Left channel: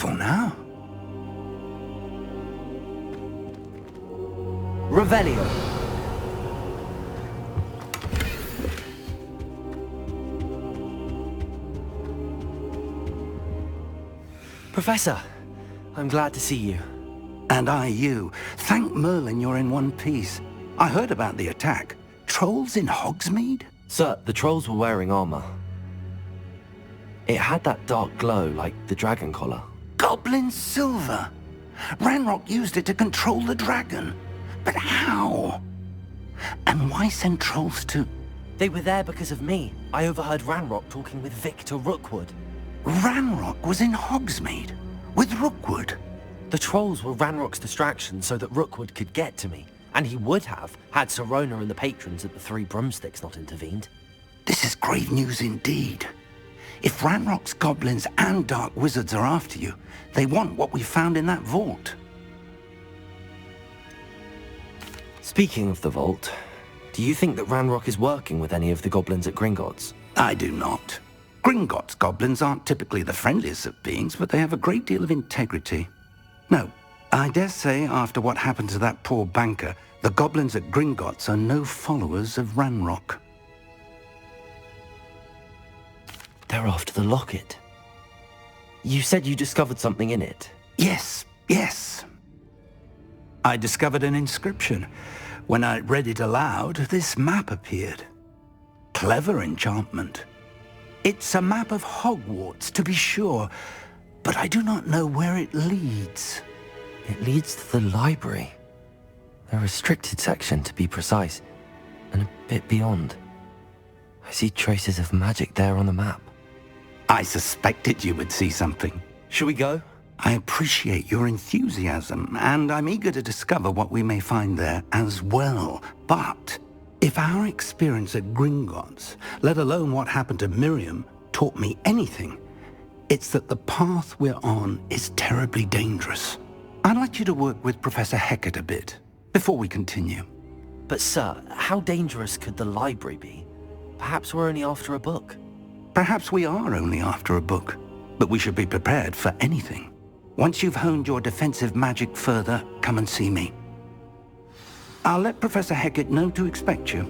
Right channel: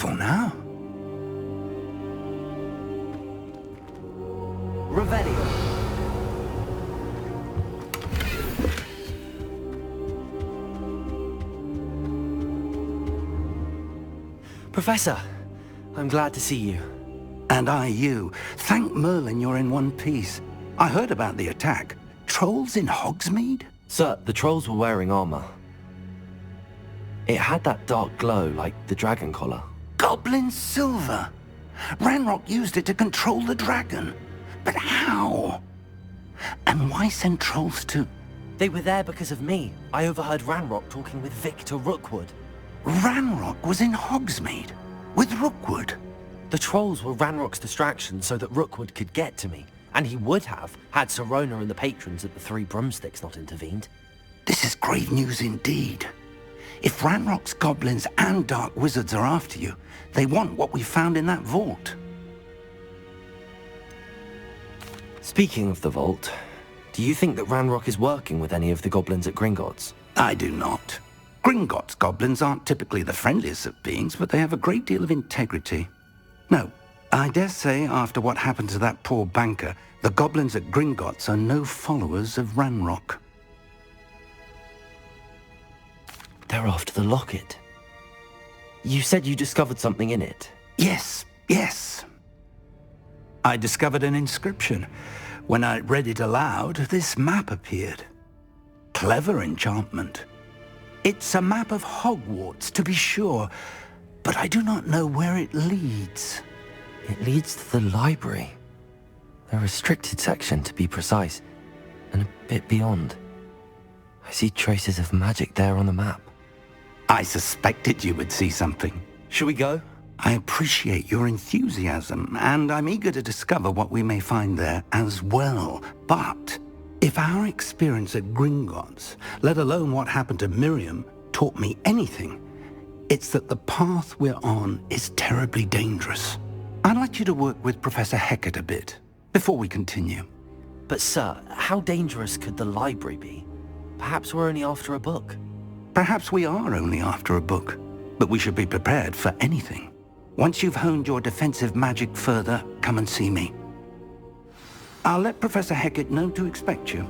careful now. Revelio. Professor, I'm glad to see you. And I you. Thank Merlin you're in one piece. I heard about the attack. Trolls in Hogsmeade? Sir, the trolls were wearing armor. It had that dark glow like the dragon collar. Goblin silver. Ranrock used it to control the dragon. But how? And why send trolls to... They were there because of me. I overheard Ranrock talking with Victor Rookwood. Ranrock was in Hogsmeade? With Rookwood? The trolls were Ranrock's distraction so that Rookwood could get to me. And he would have, had Sirona and the patrons at the Three Broomsticks not intervened. This is grave news indeed. If Ranrock's goblins and dark wizards are after you, they want what we found in that vault. Speaking of the vault, do you think that Ranrock is working with any of the goblins at Gringotts? I do not. Gringotts goblins aren't typically the friendliest of beings, but they have a great deal of integrity. No, I dare say after what happened to that poor banker, the goblins at Gringotts are no followers of Ranrock. They're after the locket. You said you discovered something in it. Yes. I discovered an inscription. When I read it aloud, this map appeared. Clever enchantment. It's a map of Hogwarts, to be sure, but I do not know where it leads. It leads to the library. A restricted section, to be precise, and a bit beyond. I see traces of magic there on the map. I suspected you would see something. Shall we go? I appreciate your enthusiasm, and I'm eager to discover what we may find there as well. But if our experience at Gringotts, let alone what happened to Miriam, taught me anything, it's that the path we're on is terribly dangerous. I'd like you to work with Professor Hecat a bit, before we continue. But sir, how dangerous could the library be? Perhaps we're only after a book. Perhaps we are only after a book, but we should be prepared for anything. Once you've honed your defensive magic further, come and see me. I'll let Professor Hecat know to expect you.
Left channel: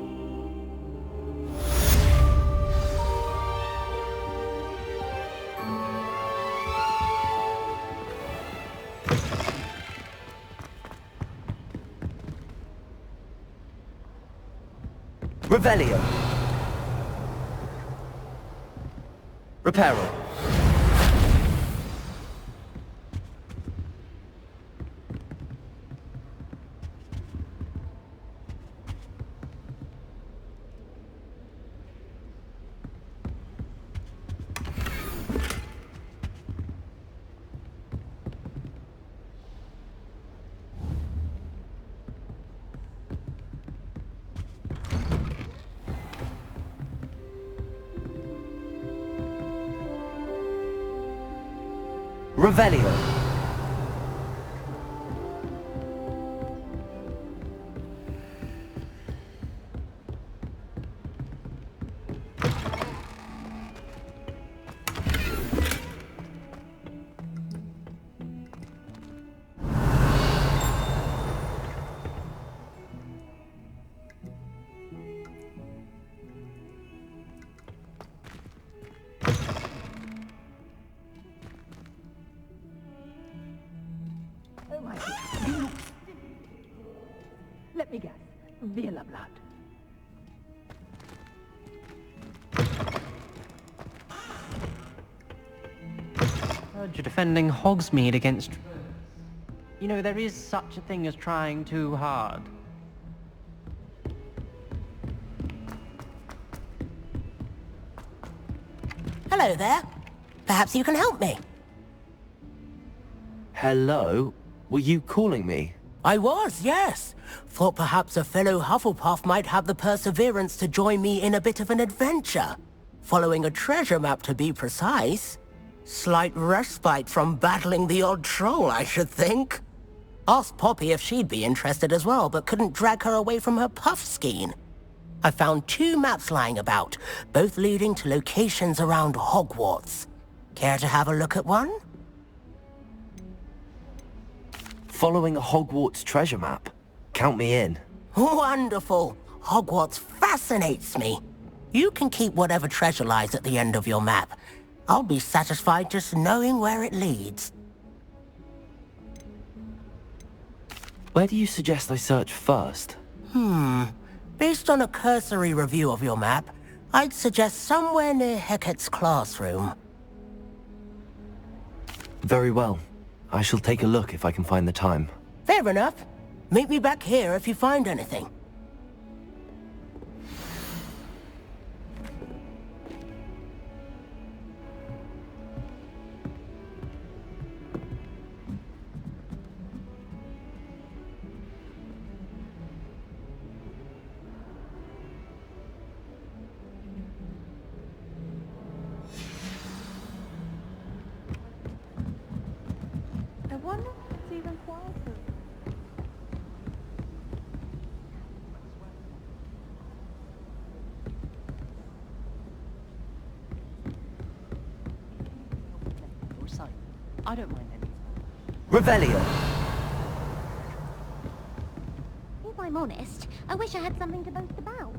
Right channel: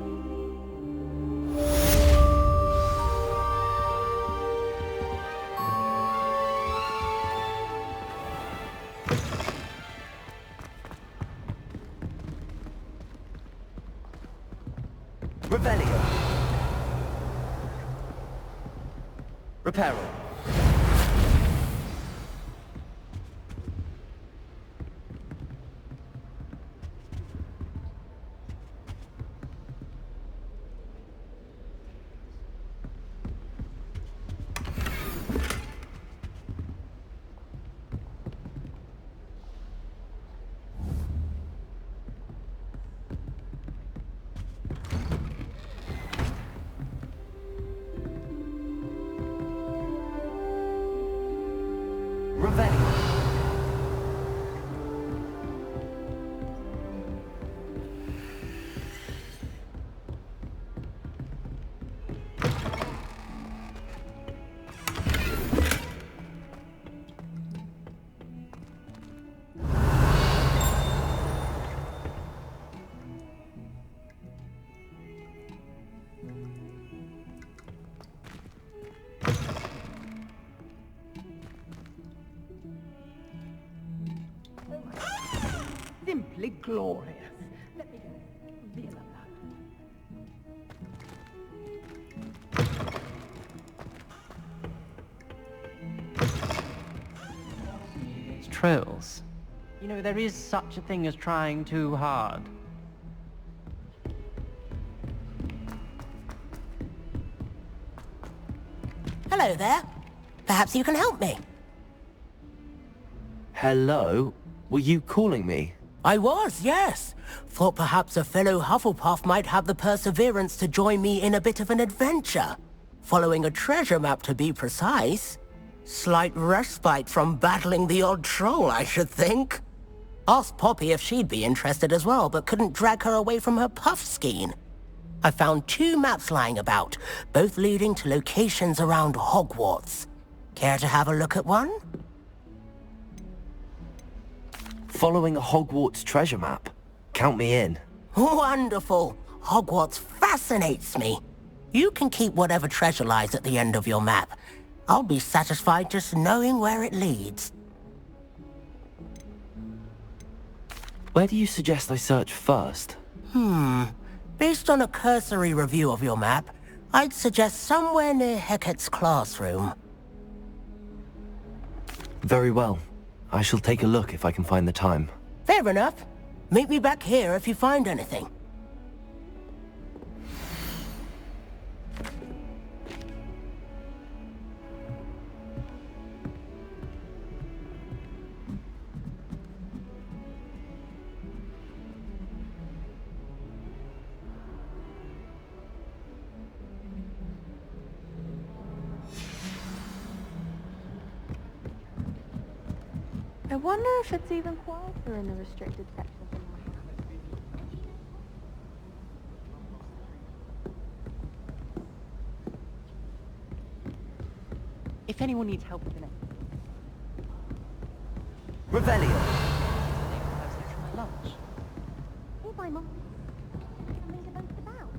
Revelio. Reparo. Revelio. Simply glorious. Let me guess. Villa blood. Heard you're defending Hogsmeade against trolls. You know, there is such a thing as trying too hard. Hello there. Perhaps you can help me. Hello? Were you calling me? I was, yes. Thought perhaps a fellow Hufflepuff might have the perseverance to join me in a bit of an adventure. Following a treasure map, to be precise. Slight respite from battling the odd troll, I should think. Asked Poppy if she'd be interested as well, but couldn't drag her away from her puff skein. I found 2 maps lying about, both leading to locations around Hogwarts. Care to have a look at one? Following a Hogwarts treasure map. Count me in. Wonderful. Hogwarts fascinates me. You can keep whatever treasure lies at the end of your map. I'll be satisfied just knowing where it leads. Where do you suggest I search first? Based on a cursory review of your map, I'd suggest somewhere near Hecat's classroom. Very well. I shall take a look if I can find the time. Fair enough. Meet me back here if you find anything. I wonder if it's even quieter in the restricted section than mine. If anyone needs help with an essay or something, I don't mind any. Revelio! If I'm honest, I wish I had something to boast about.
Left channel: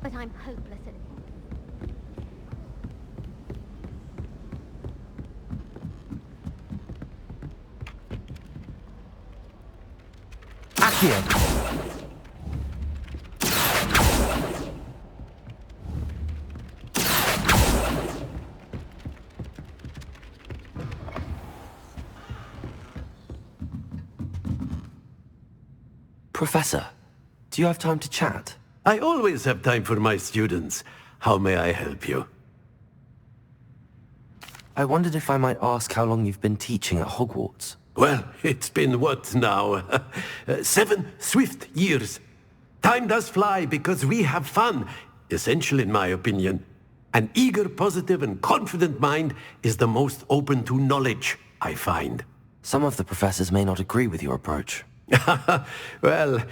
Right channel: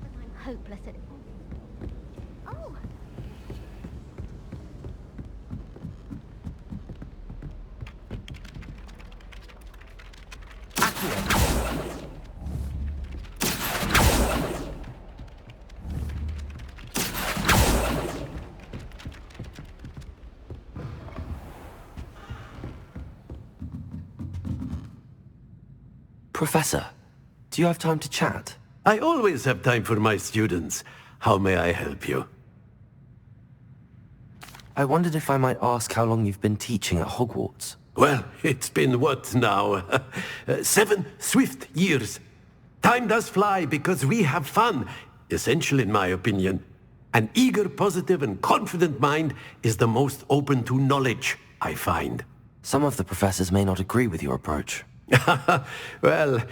But I'm hopeless at... Oh! Accio! Professor, do you have time to chat? I always have time for my students. How may I help you? I wondered if I might ask how long you've been teaching at Hogwarts. Well, it's been what now? 7 swift years. Time does fly because we have fun. Essential in my opinion. An eager, positive and confident mind is the most open to knowledge, I find. Some of the professors may not agree with your approach. Well,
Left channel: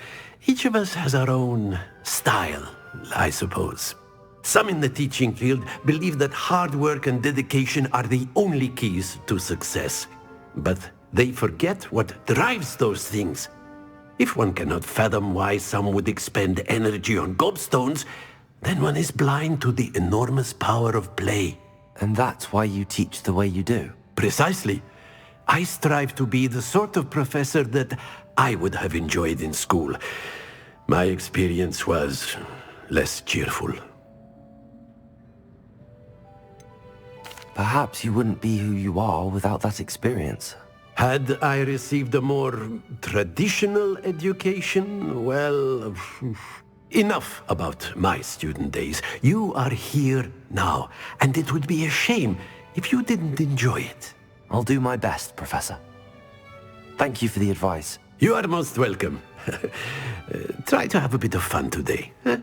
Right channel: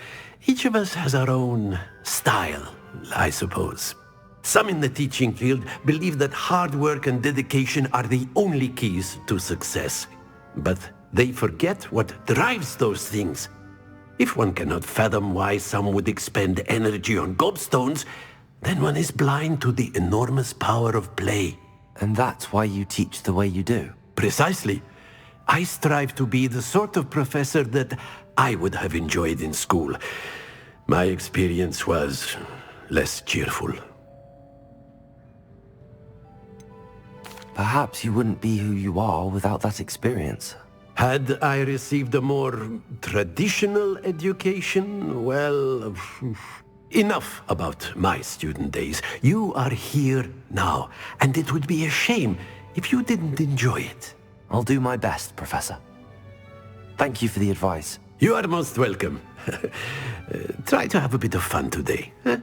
each of us has our own style, I suppose. Some in the teaching field believe that hard work and dedication are the only keys to success. But they forget what drives those things. If one cannot fathom why some would expend energy on gobstones, then one is blind to the enormous power of play. And that's why you teach the way you do? Precisely. I strive to be the sort of professor that I would have enjoyed in school. My experience was less cheerful. Perhaps you wouldn't be who you are without that experience. Had I received a more traditional education, well, enough about my student days. You are here now, and it would be a shame if you didn't enjoy it. I'll do my best, Professor. Thank you for the advice. You are most welcome. Try to have a bit of fun today. Huh?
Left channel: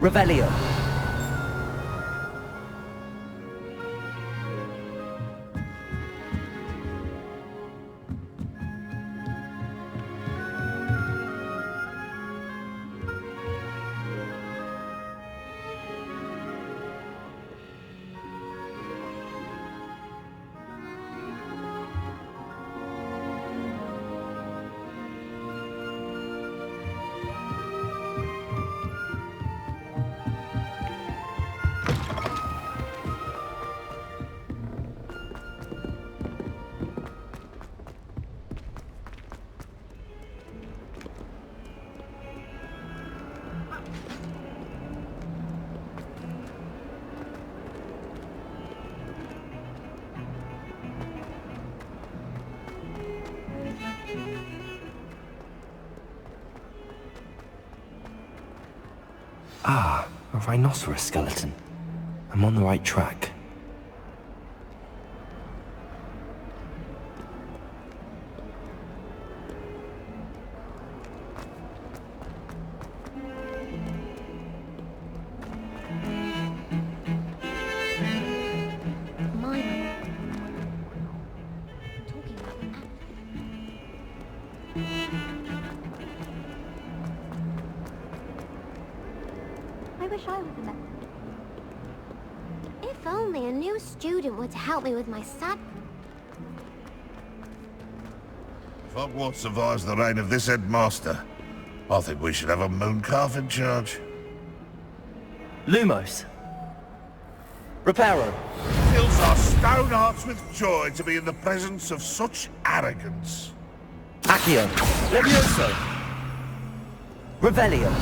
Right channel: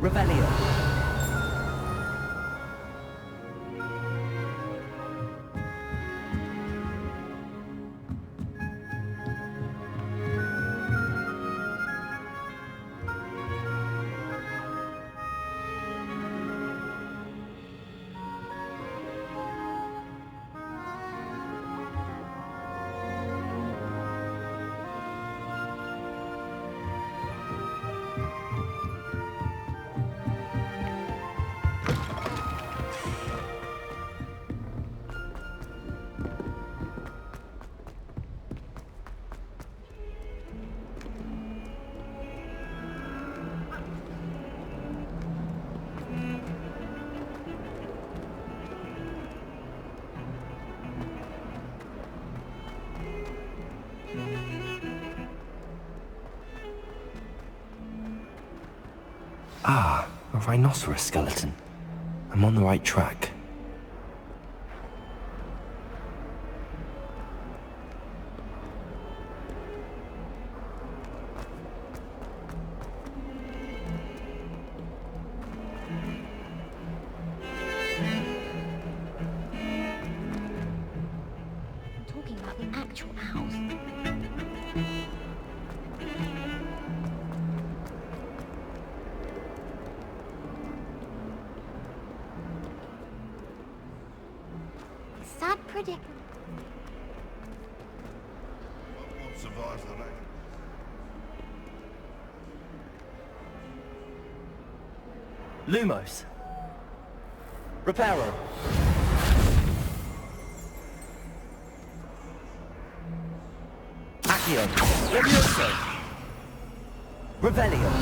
Revelio. Ah, a rhinoceros skeleton. I'm on the right track. I'm talking about the actual house. I wish I was that. If only student were to help me with my sad predicament. If Hogwarts survives the reign of this headmaster, I think we should have a mooncalf in charge. Lumos. Reparo. Fills our stone hearts with joy to be in the presence of such arrogance. Accio. Levioso. Revelio.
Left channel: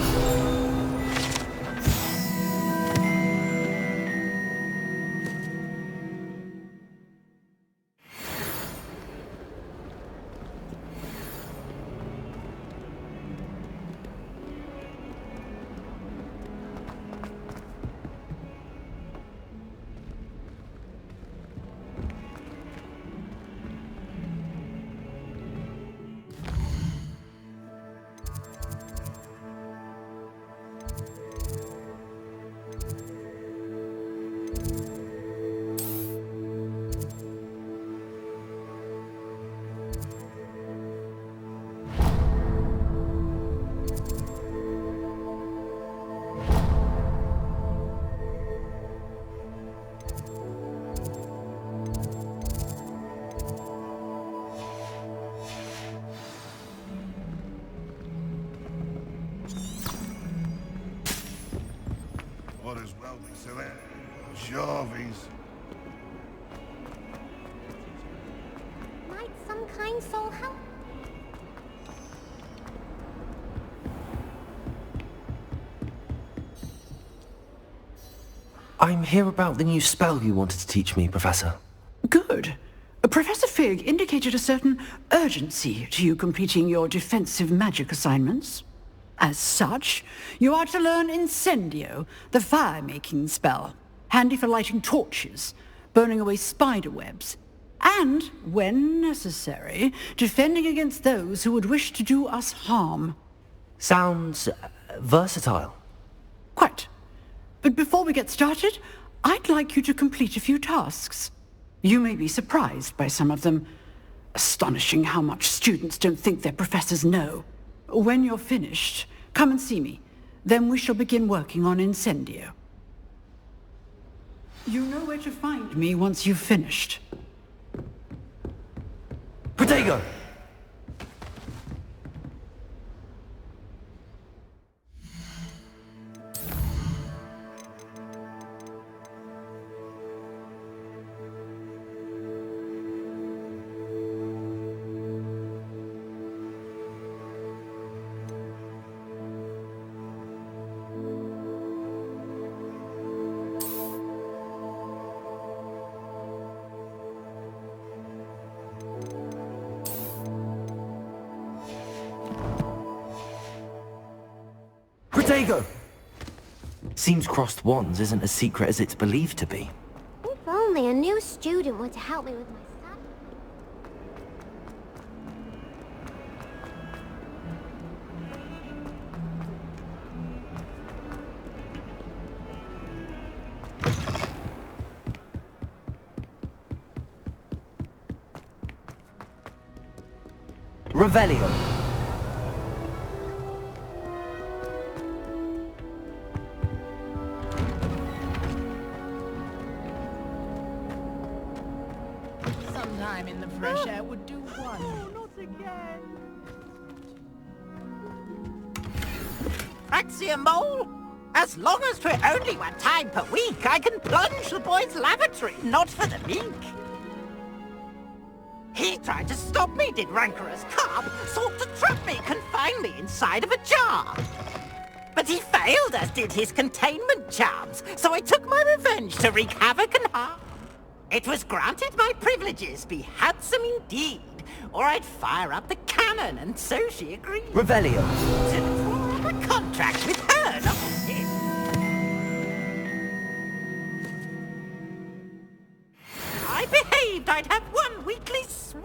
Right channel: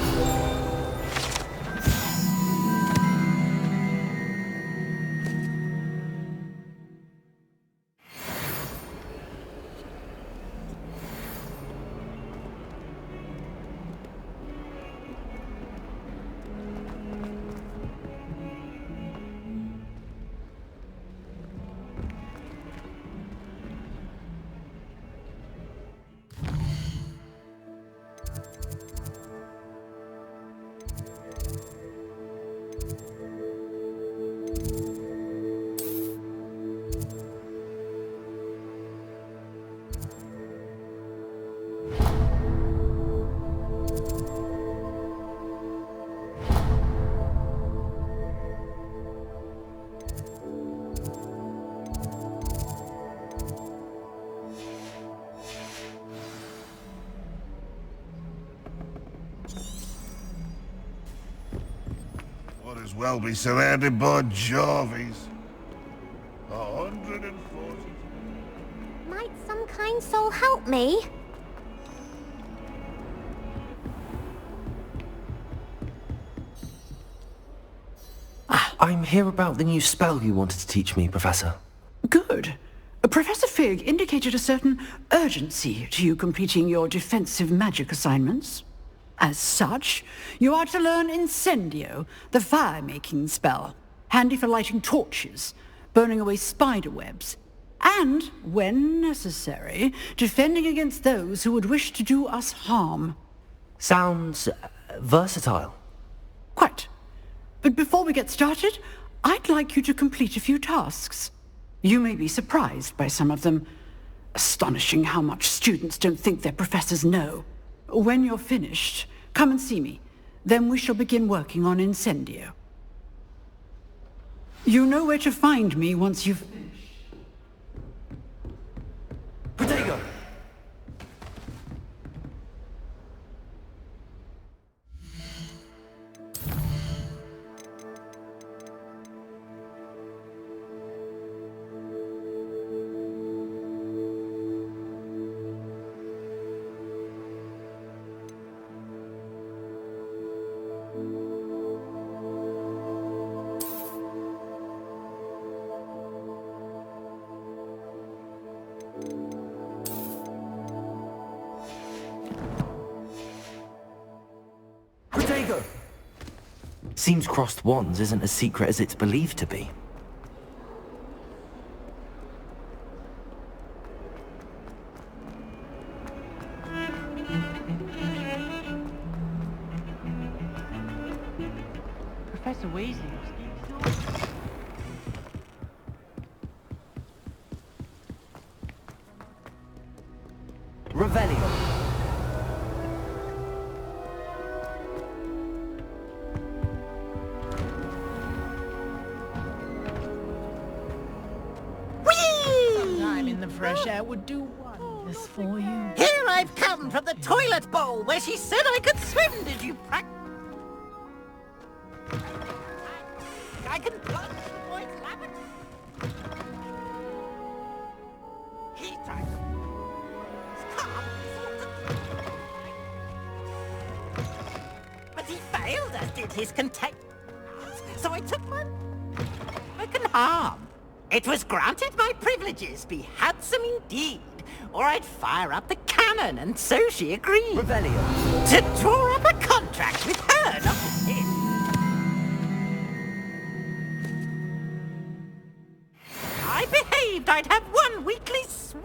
Might as well be surrounded by Jarvies. 140. Might some kind soul help me? I'm here about the new spell you wanted to teach me, Professor. Good. Professor Fig indicated a certain urgency to you completing your defensive magic assignments. As such, you are to learn Incendio, the fire-making spell, handy for lighting torches, burning away spider webs, and, when necessary, defending against those who would wish to do us harm. Sounds versatile. Quite. But before we get started, I'd like you to complete a few tasks. You may be surprised by some of them. Astonishing how much students don't think their professors know. When you're finished, come and see me. Then we shall begin working on Incendio. You know where to find me once you've finished. Protego! Protego! Seems crossed wands isn't as secret as it's believed to be. If only a new student were to help me with my Professor Weasley. Revelio. Sometime in the fresh air would do wonders for you. Here I've come from the toilet bowl where she said I could swim, did you praxia mole? As long as 'twere only 1 time per week, I can plunge the boy's lavatory, not for the mink. He tried to stop me, did rancorous carp, sought to trap me, confine me inside of a jar. But he failed, as did his containment charms, so I took my revenge to wreak havoc and harm. It was granted my privileges be handsome indeed, or I'd fire up the cannon, and so she agreed. Revelio. To draw up a contract with her, not with him. I behaved I'd have 1 weekly swim!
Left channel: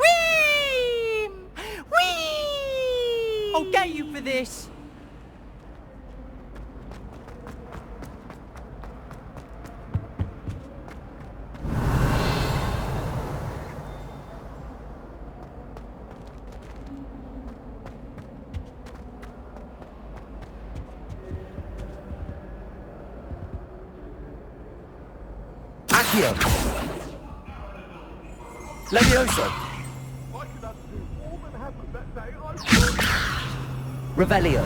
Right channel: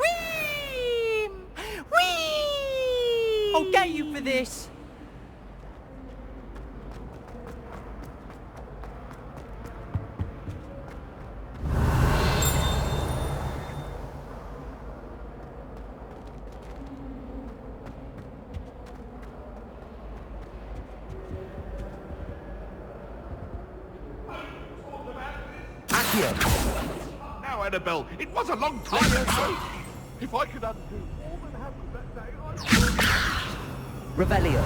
Whee! I'll get you for this. Accio. Annabelle. It was a long time Levioso! ago. If I could undo all that happened that day, I would. Revelio!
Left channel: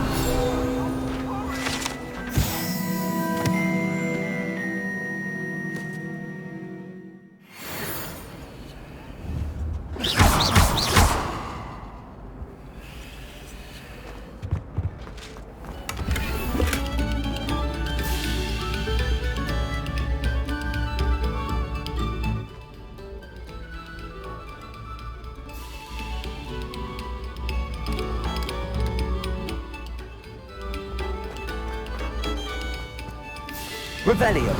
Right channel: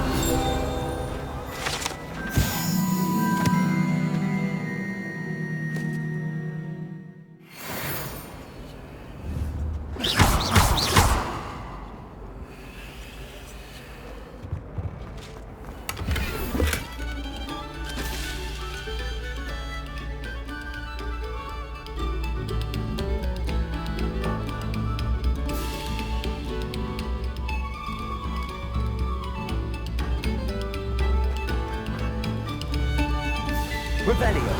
Revelio!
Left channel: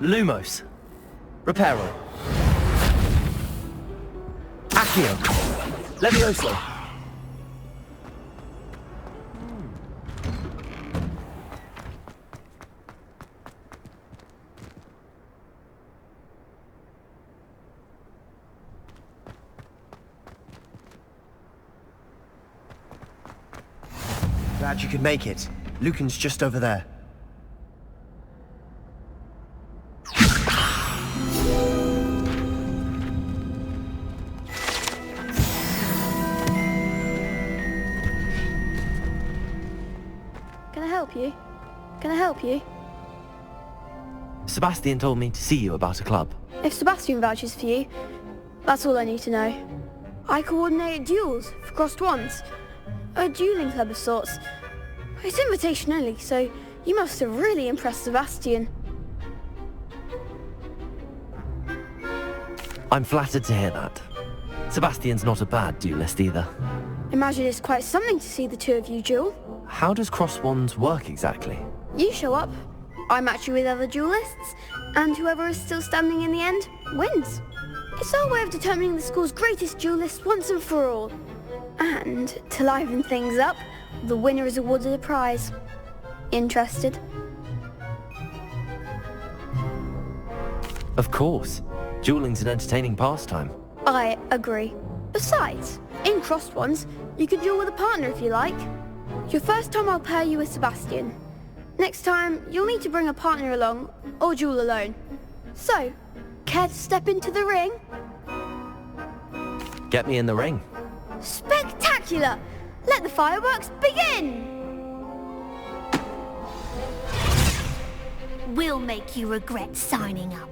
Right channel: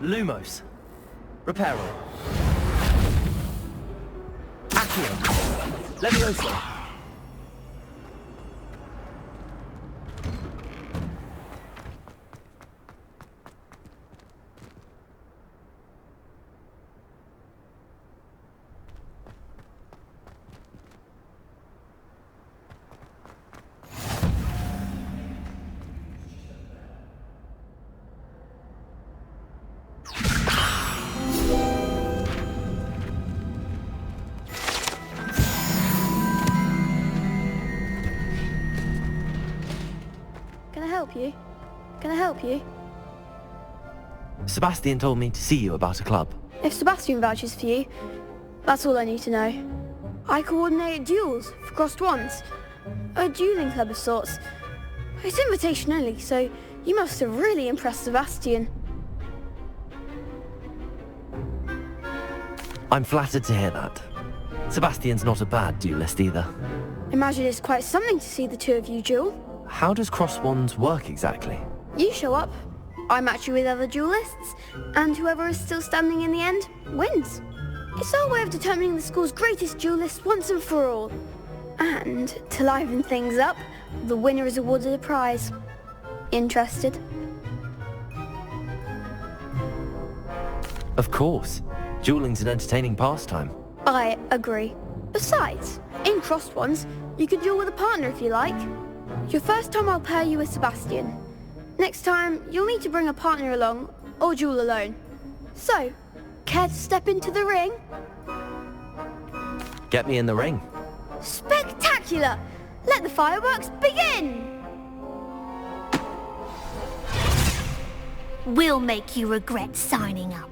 Lumos. Reparo. Accio. Levioso. Glad you could make it. Lucan's just over there. Can I help you? Can I help you? Sebastian told me to see you about a club. If Sebastian vouches for you, that's all I need to know. I coordinate duels for crossed wands. A dueling club of sorts. It's invitation only, so you must have really impressed Sebastian. I'm flattered to hear that. Sebastian's not a bad duelist either. Imagine it's quite something to see the two of you duel. How does cross wands work exactly? You show up, I match you with other duelists, and whoever is still standing in the end wins. It's our way of determining the school's greatest duelist once and for all. And to liven things up, the winner is awarded a prize. Interested? Of course. Dueling's an entertaining pastime. I agree. Besides, in crossed ones, you can duel with a partner if you like. Your first time I'll pair you with Sebastian. Next time, you'll need to bring a partner along, or duel alone. So, care to step into the ring? Get me in the ring. Spectacular! Let the fireworks begin! We'll make you regret signing up.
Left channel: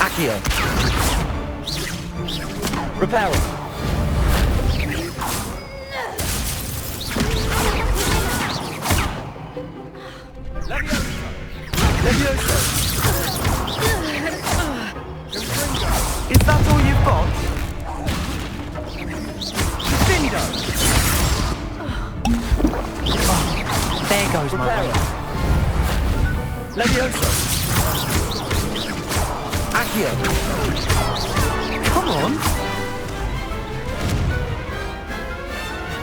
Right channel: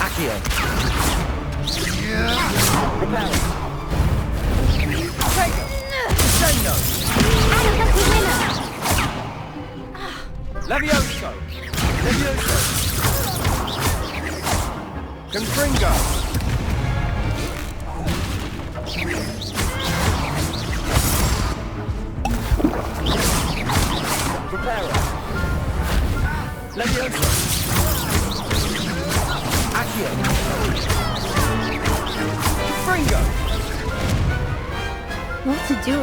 Accio. Reparo. Levioso! Levioso! Confringo! Is that all you've got? There goes Reparo. Levioso. Accio. Confringo! What to do?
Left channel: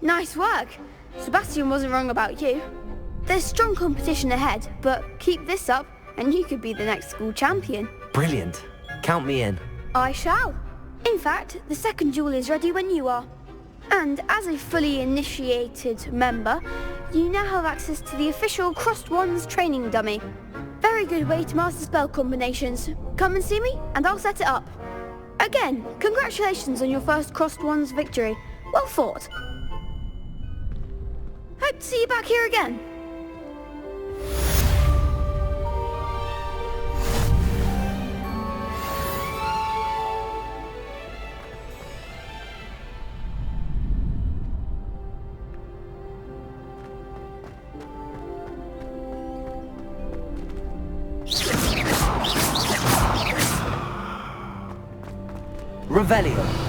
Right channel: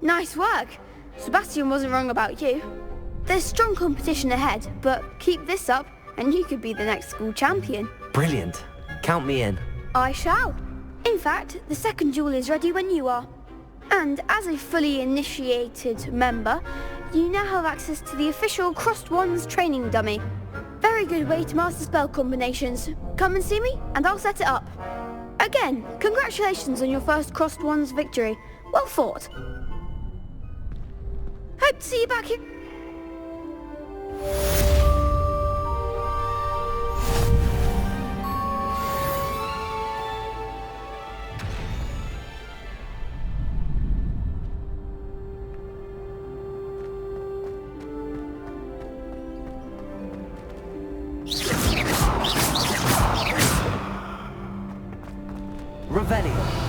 Nice work! Sebastian wasn't wrong about you. There's strong competition ahead, but keep this up and you could be the next school champion. Brilliant. Count me in. I shall. In fact, the second duel is ready when you are. And as a fully initiated member, you now have access to the official Crossed Wands training dummy. Very good way to master spell combinations. Come and see me and I'll set it up. Again, congratulations on your first Crossed Wands victory. Well fought. Hope to see you back here again. Revelio.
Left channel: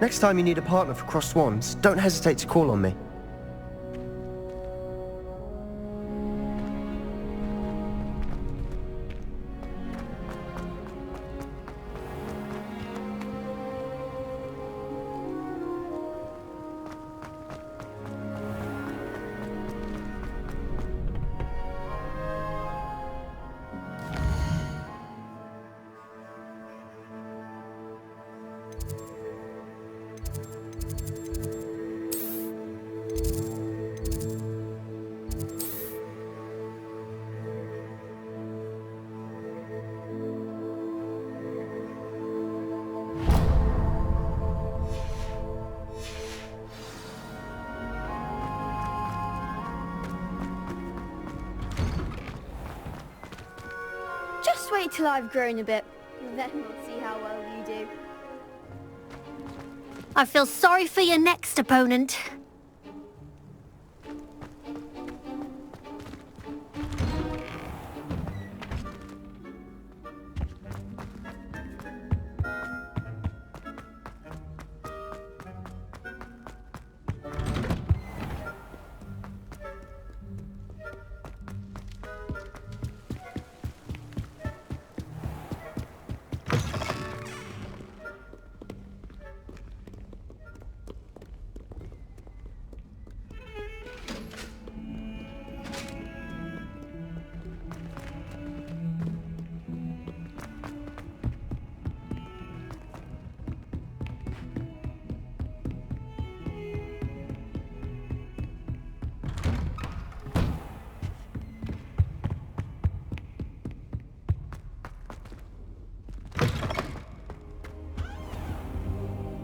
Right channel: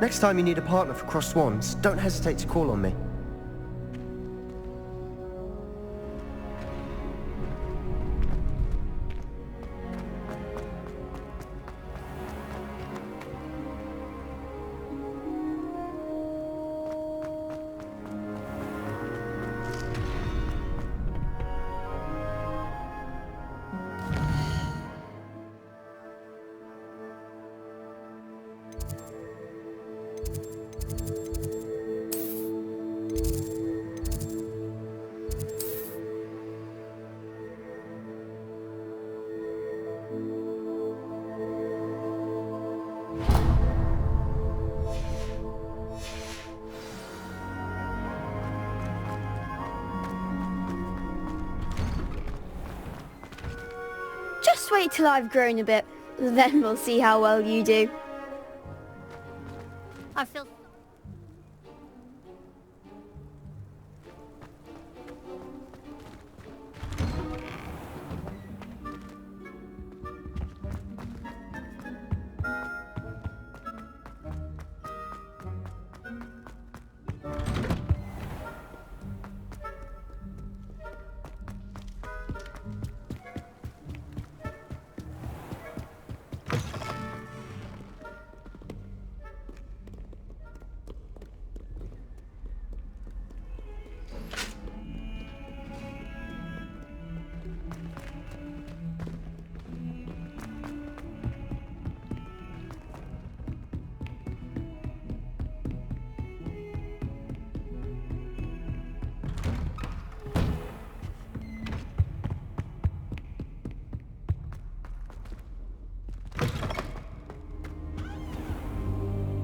Next time you need a partner for Crossed Swans, don't hesitate to call on me. Just wait till I've grown a bit, then we'll see how well you do. I feel sorry for your next opponent.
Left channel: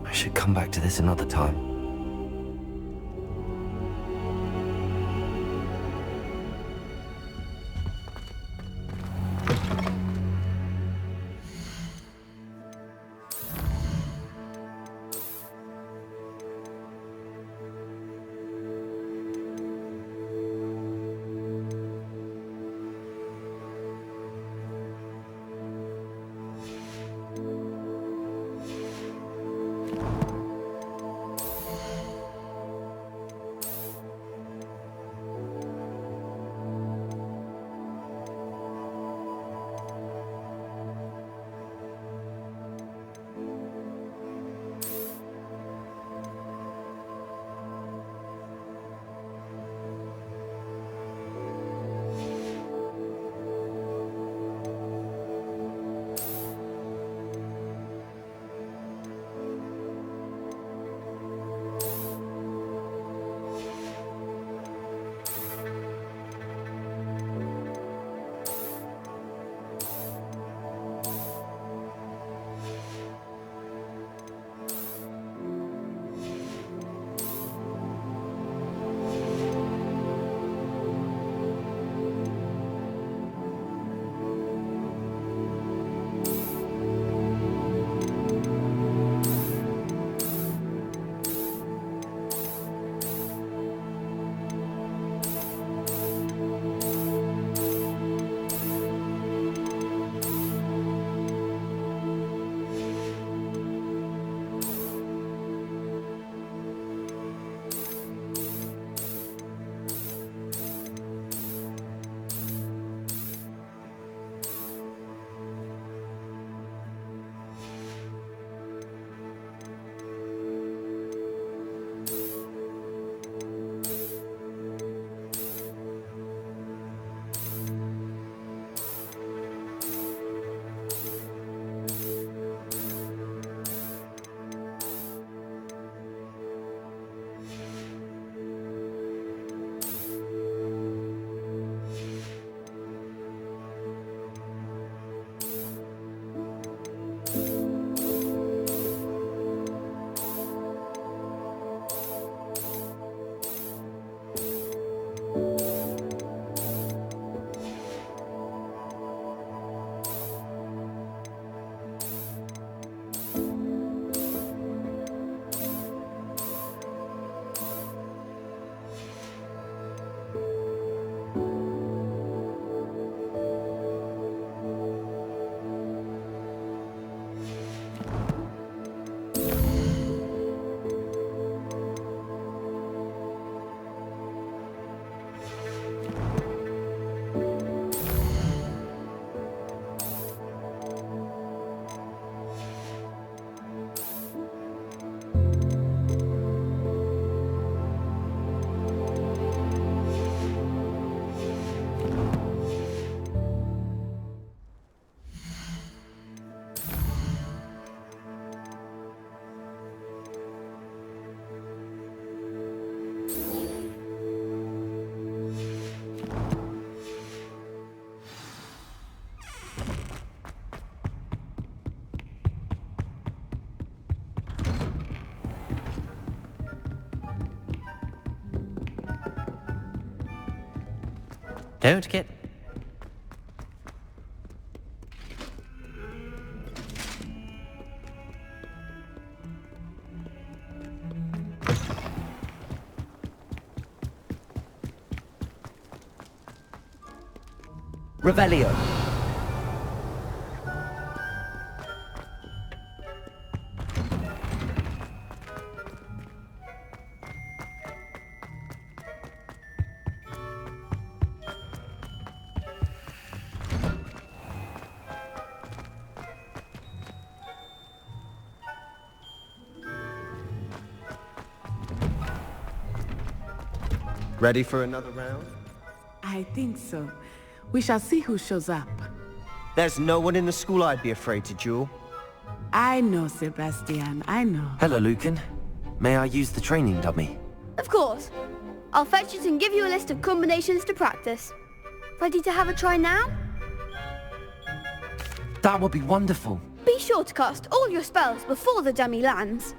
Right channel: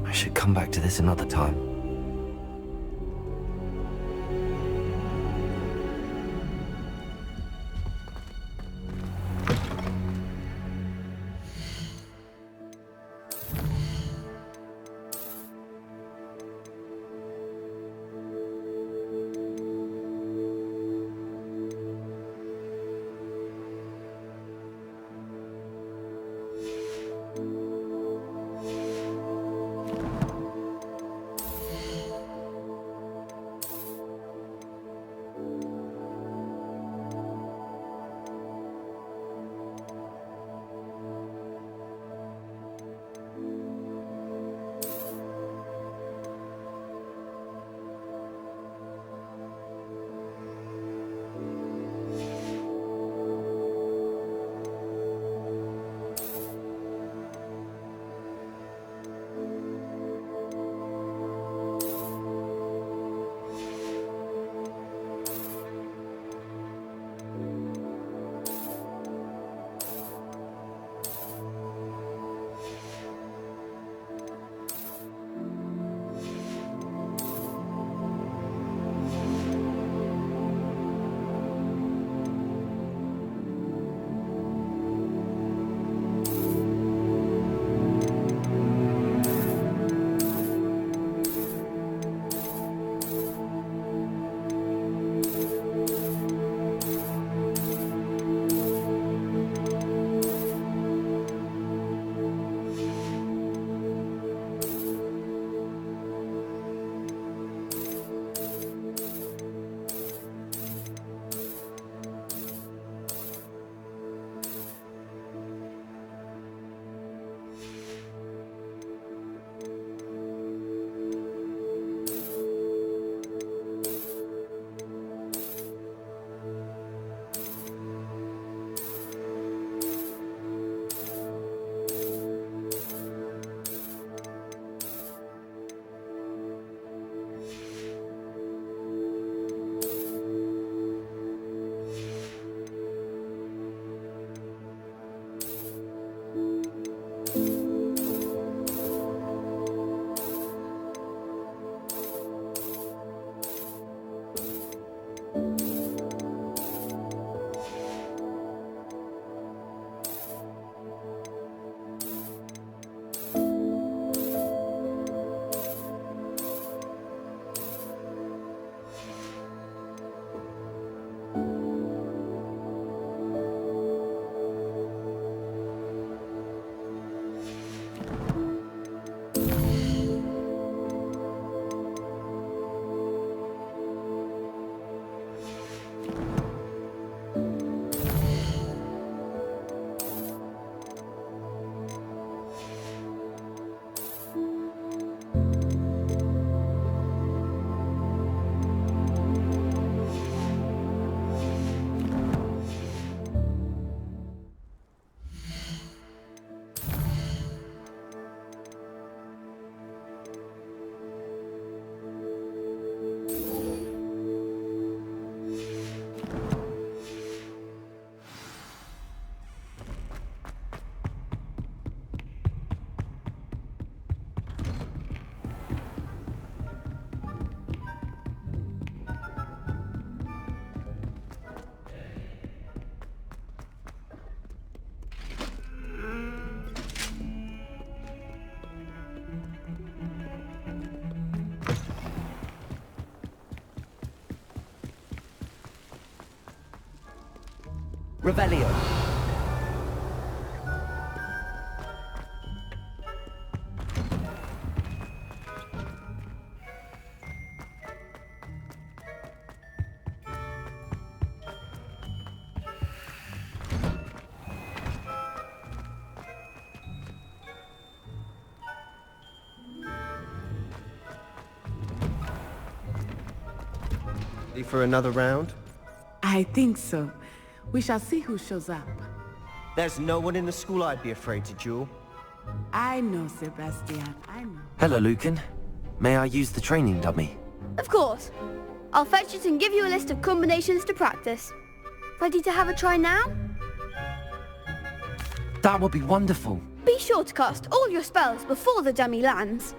I should come back to this another time. Don't get... Revelio. Ready for another round? I think so. We shall see who shows up. There's no one in the school I'd be afraid to duel. I know, Sebastian, I know. Hello, Lucan. May I use the training dummy? Of course. I'll fetch it and give you a list of combinations to practice. Ready to have a try now? That would be wonderful. Be sure to cast all your spells before the dummy lands.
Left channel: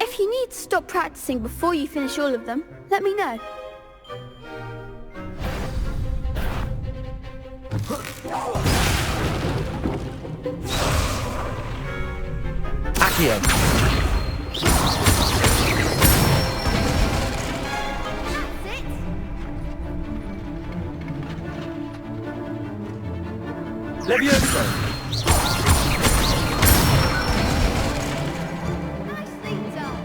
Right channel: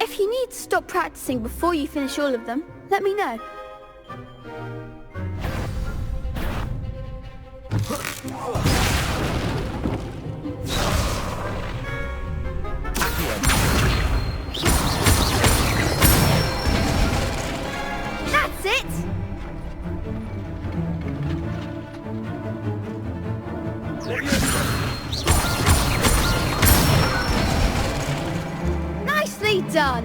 If you need to stop practicing before you finish all of them, let me know. Accio. That's it! Levioso. Nicely done!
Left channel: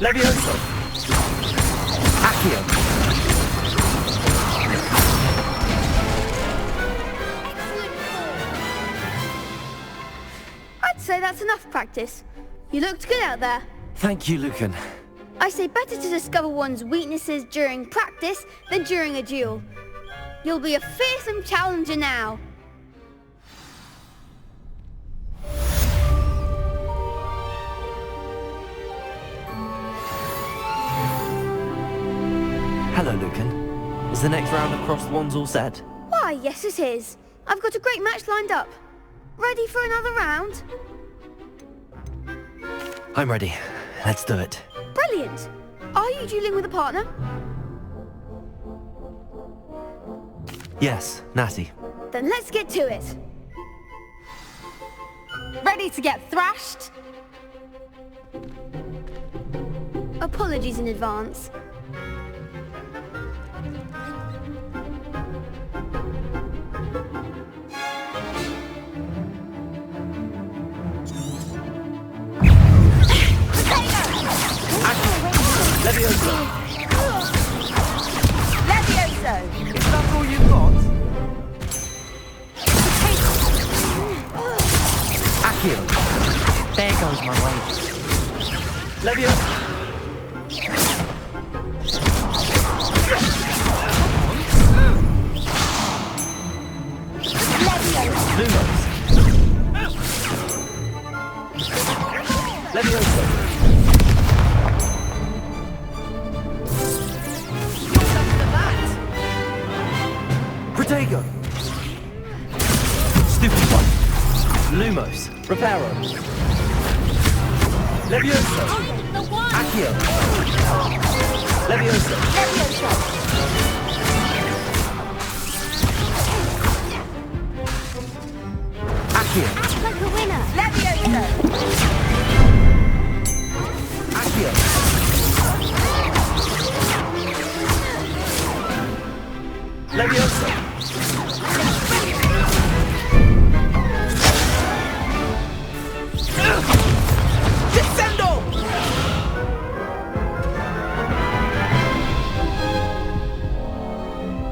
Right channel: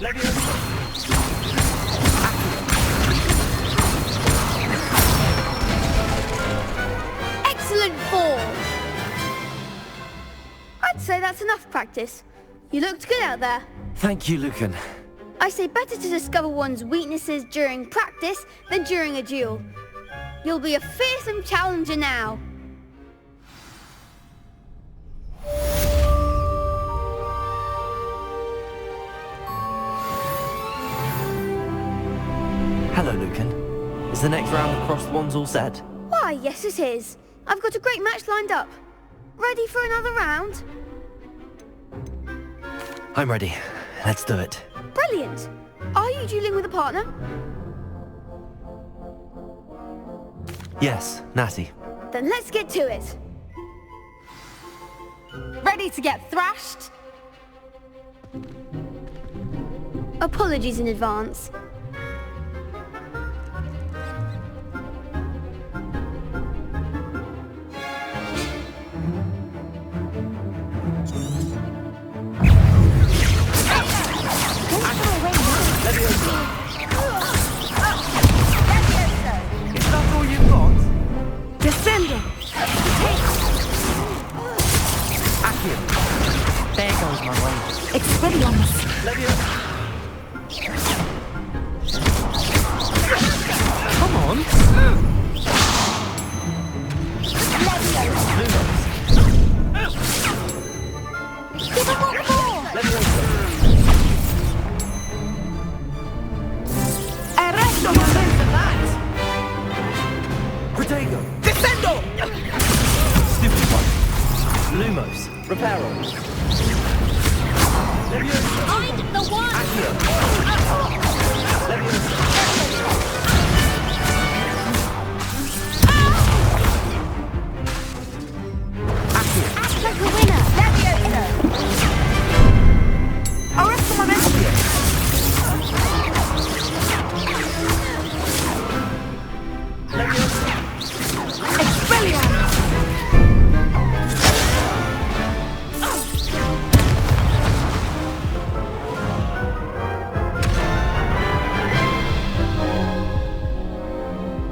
Levioso. Accio. Excellent form! I'd say that's enough practice. You looked good out there. Thank you, Lucan. I say better to discover one's weaknesses during practice than during a duel. You'll be a fearsome challenger now. Hello, Lucan. Is the next round of crossed wands all set? Why, yes it is. I've got a great match lined up. Ready for another round? I'm ready. Let's do it. Brilliant. Are you dueling with a partner? Yes, Natty. Then let's get to it. Ready to get thrashed? Apologies in advance. Levioso. Levioso! Is that all you've got? Descending! Accio. There goes my way. Expelliarmus! Levioso. Come on. Lumos. Levioso. Protego! Defendo! Stupid one! Lumos! Reparo! Levioso! I'm the one! Accio! Levioso! Accio! Act like a winner! Levioso! Accio! Levioso!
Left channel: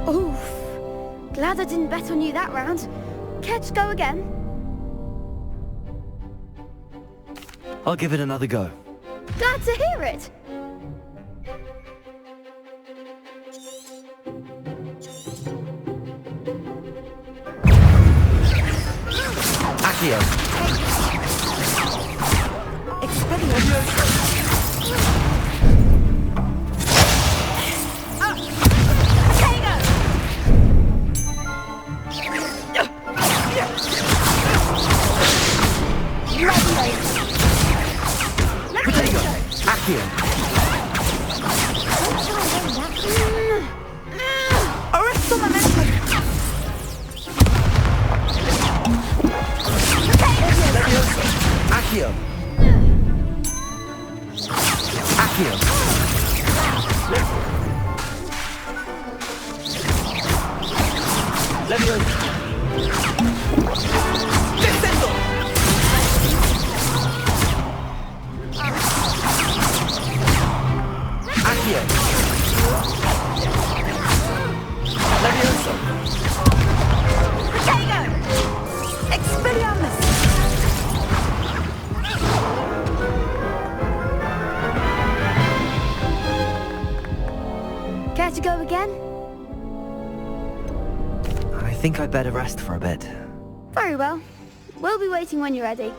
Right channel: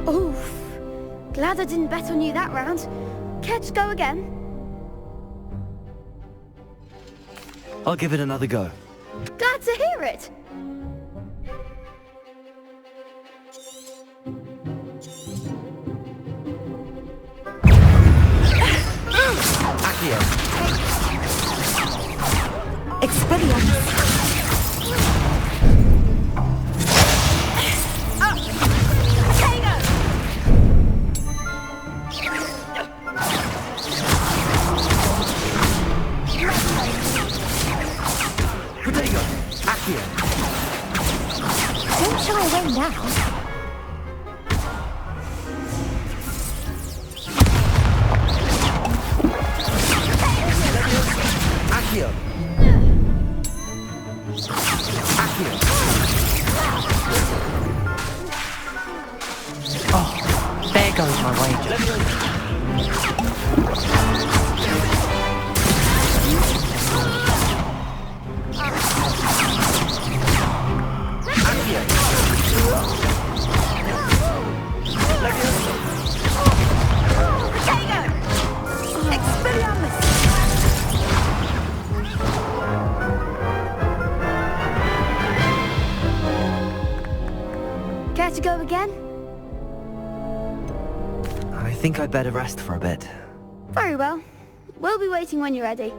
Oof. Glad I didn't bet on you that round. Care to go again? I'll give it another go. Glad to hear it. Accio! Expelliarmus! Protego! Accio! Don't shy away now. Accio! Accio! There goes my way. Leviosa! Accio! Leviosa! Protego! Expelliarmus! Care to go again? I think I'd better rest for a bit. Very well. We'll be waiting when you're ready.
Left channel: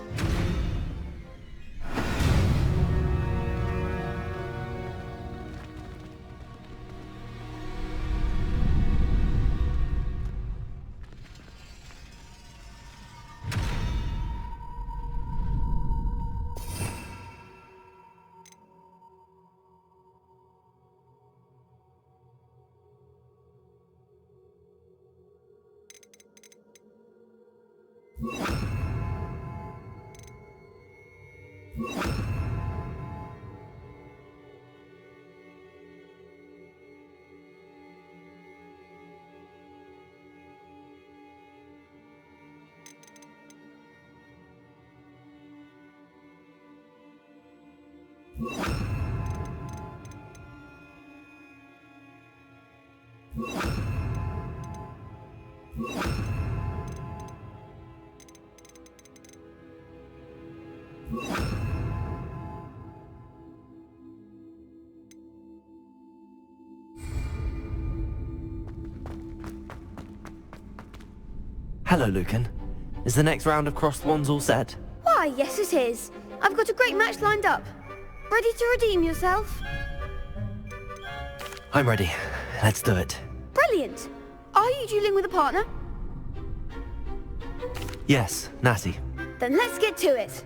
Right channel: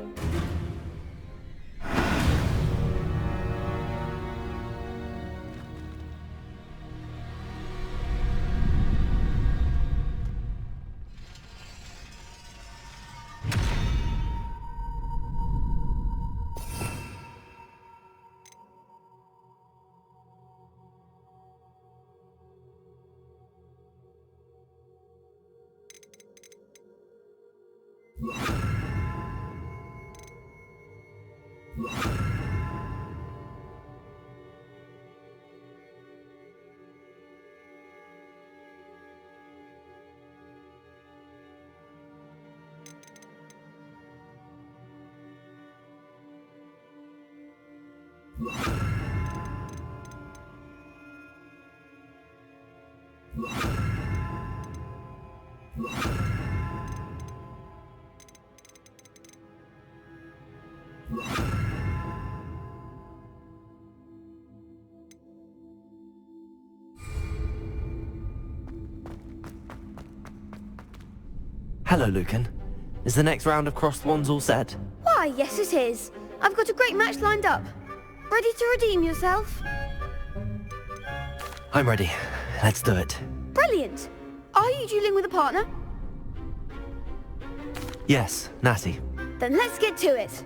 Hello, Lucan. Is the next round of crossed wands all set? Why, yes it is. I've got a great match lined up. Ready to redeem yourself? I'm ready. Let's do it. Brilliant. Are you dueling with a partner? Yes, Natty. Then let's get to it.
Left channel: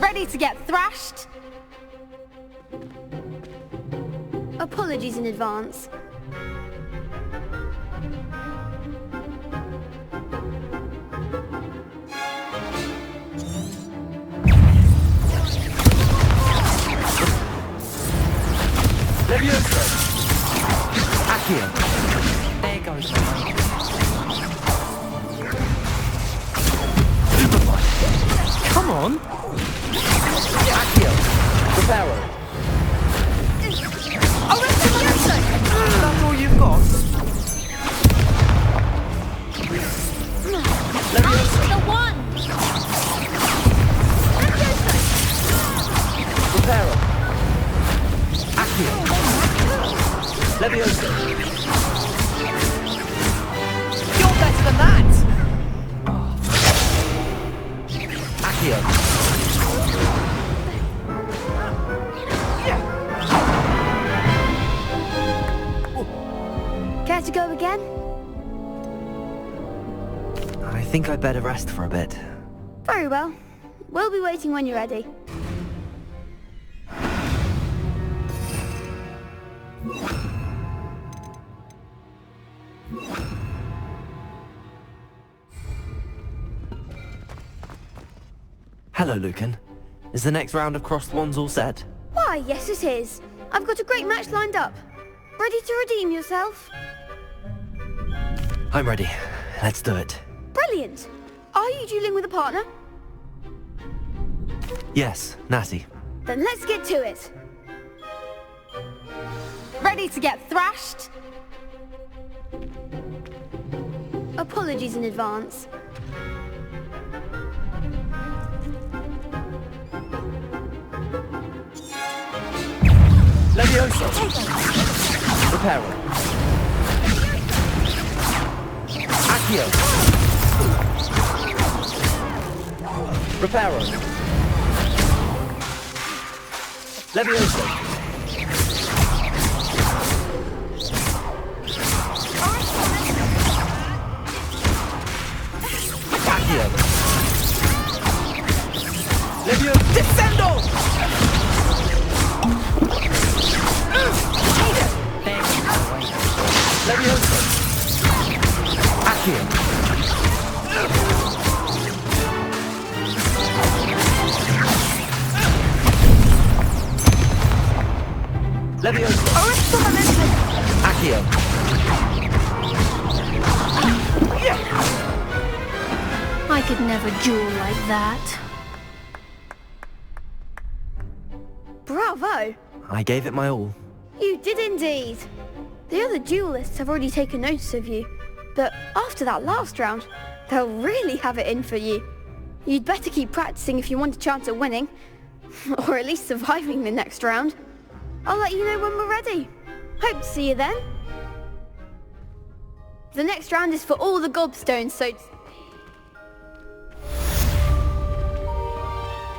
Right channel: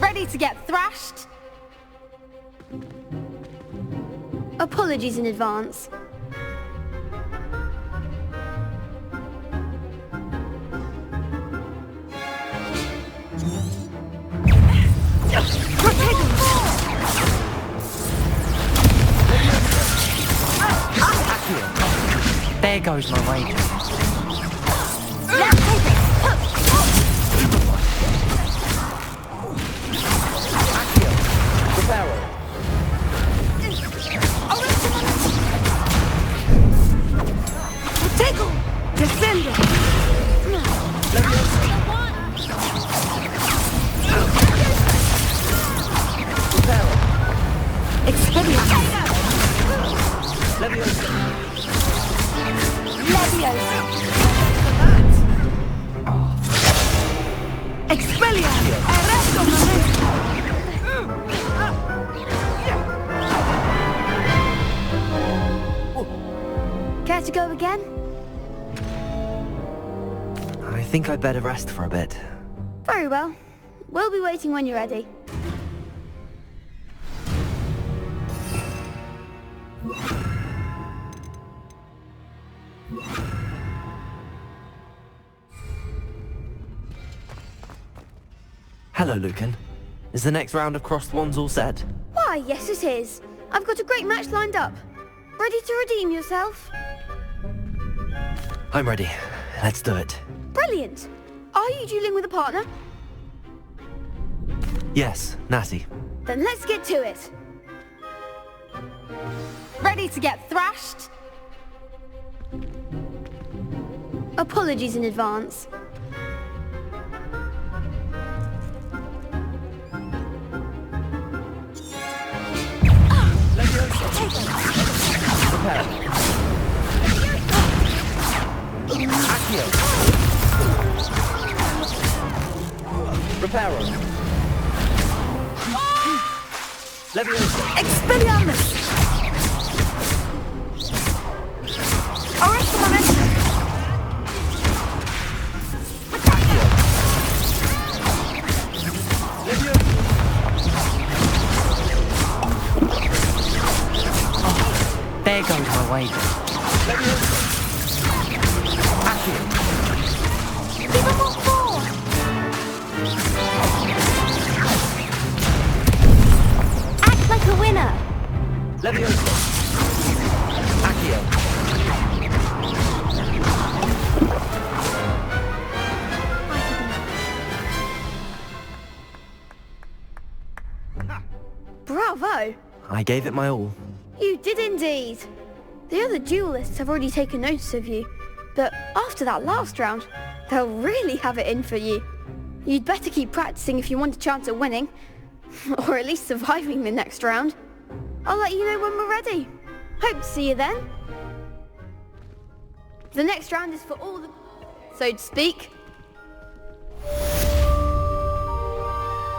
Ready to get thrashed? Apologies in advance. There goes my way. Come on! Accio! Reparo! The one! Reparo! Accio! Leviosa! You're better than that! Accio! Care to go again? I think I'd better rest for a bit. Very well. We'll be waiting when you're ready. Hello, Lucan. Is the next round of crossed wands all set? Why, yes it is. I've got a great match lined up. Ready to redeem yourself? I'm ready. Let's do it. Brilliant. Are you dueling with a partner? Yes, Natty. Then let's get to it. Ready to get thrashed? Apologies in advance. Leviosa! Reparo! Accio! Reparo! Leviosa! Expelliarmus! Accio! Leviosa! Descendo! There goes my way. Leviosa! Accio! go. I gave it my all. You did indeed. The other duelists have already taken notice of you, but after that last round, they'll really have it in for you. You'd better keep practicing if you want a chance at winning, or at least surviving the next round. I'll let you know when we're ready. Hope to see you then. The next round is for all the gobstones, so to speak.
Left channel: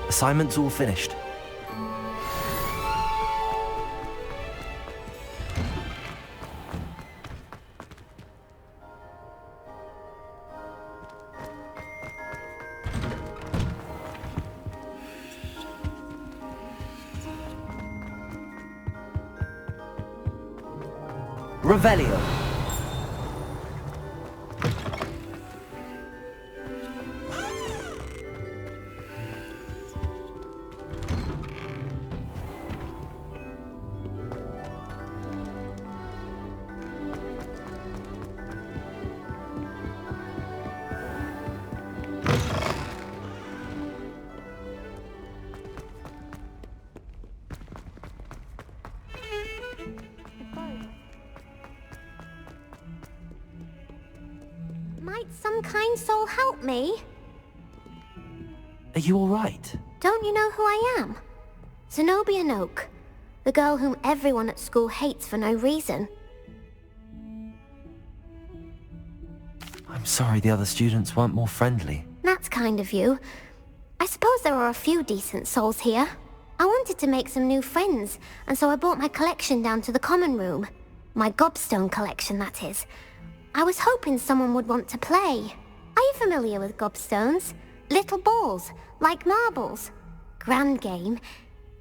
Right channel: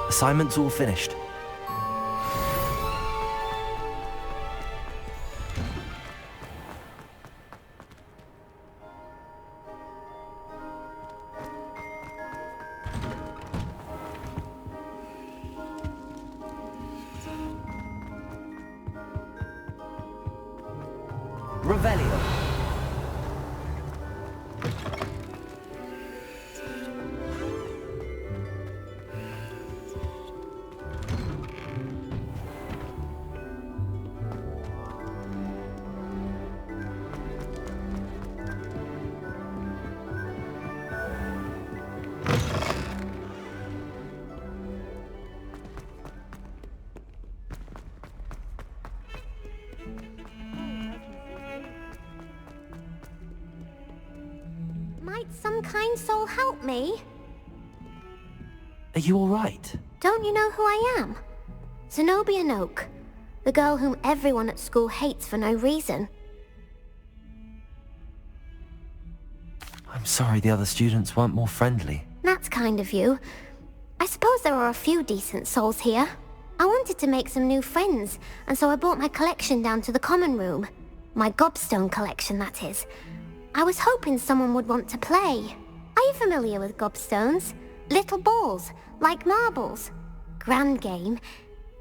Assignment's all finished. Revelio. Might some kind soul help me? Are you all right? Don't you know who I am? Zenobia Noak, the girl whom everyone at school hates for no reason. I'm sorry the other students weren't more friendly. That's kind of you. I suppose there are a few decent souls here. I wanted to make some new friends, and so I brought my collection down to the common room. My gobstone collection, that is. I was hoping someone would want to play. Are you familiar with gobstones? Little balls, like marbles. Grand game.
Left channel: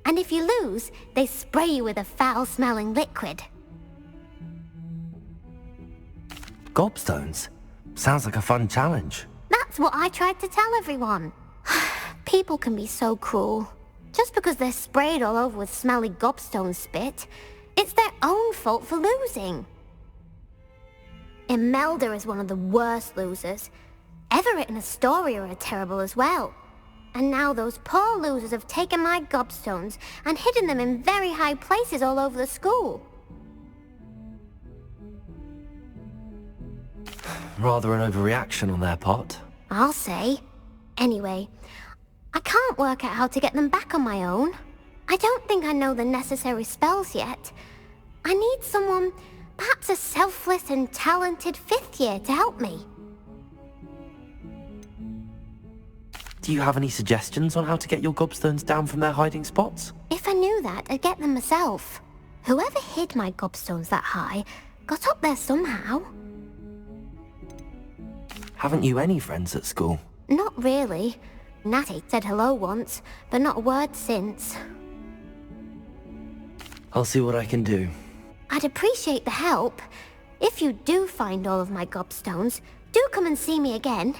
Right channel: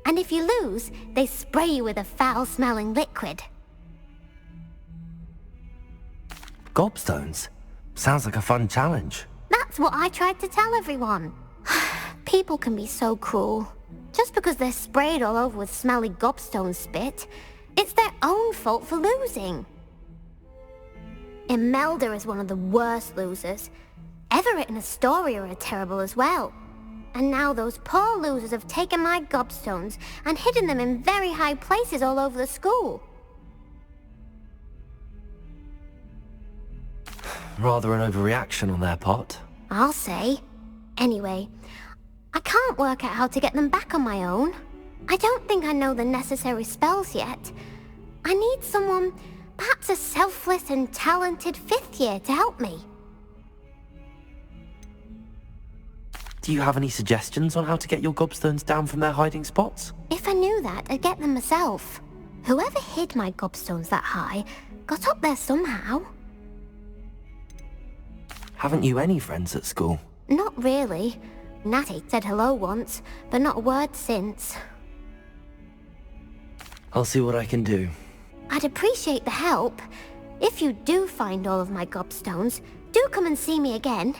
And if you lose, they spray you with a foul-smelling liquid. Gobstones? Sounds like a fun challenge. That's what I tried to tell everyone. People can be so cruel. Just because they're sprayed all over with smelly gobstone spit, it's their own fault for losing. Imelda is one of the worst losers. Everett and Astoria are terrible as well. And now those poor losers have taken my gobstones and hidden them in very high places all over the school. Rather an overreaction on their part. I'll say. Anyway, I can't work out how to get them back on my own. I don't think I know the necessary spells yet. I need someone, perhaps a selfless and talented 5th year to help me. Do you have any suggestions on how to get your gobstones down from their hiding spots? If I knew that, I'd get them myself. Whoever hid my gobstones that high got up there somehow. Haven't you any friends at school? Not really. Natty said hello once, but not a word since. I'll see what I can do. I'd appreciate the help. If you do find all of my gobstones, do come and see me again.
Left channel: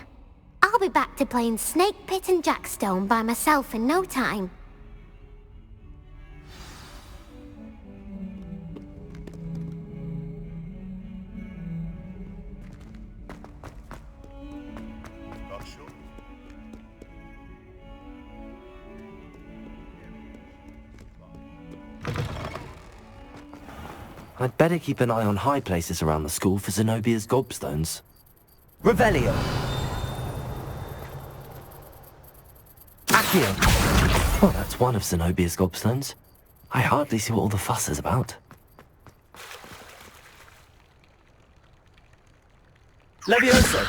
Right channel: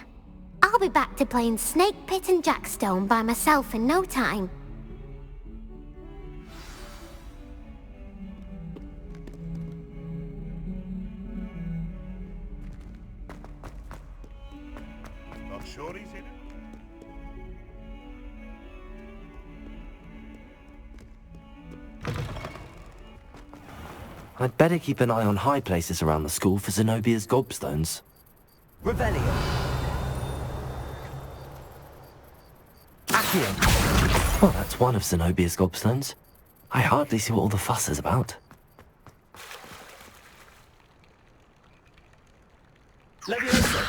I'll be back to playing Snake Pit and Jackstone by myself in no time. Not sure he's in it. I'd better keep an eye on high places around the school for Zenobia's gobstones. Revelio! Accio! Well, that's one of Zenobia's gobstones. I hardly see what all the fuss is about. Levioso!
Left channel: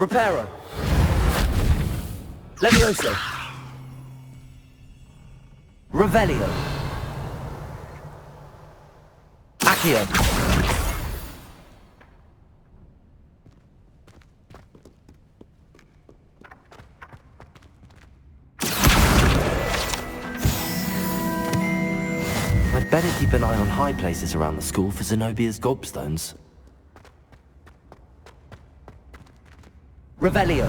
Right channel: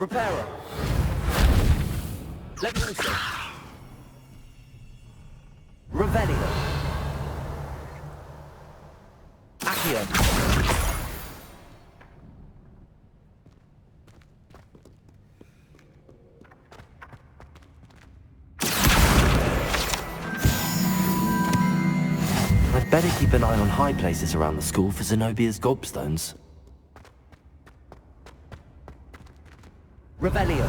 Reparo. Levioso. Revelio. Accio. I'd better keep an eye on high places around the school for Zenobia's gobstones. Revelio.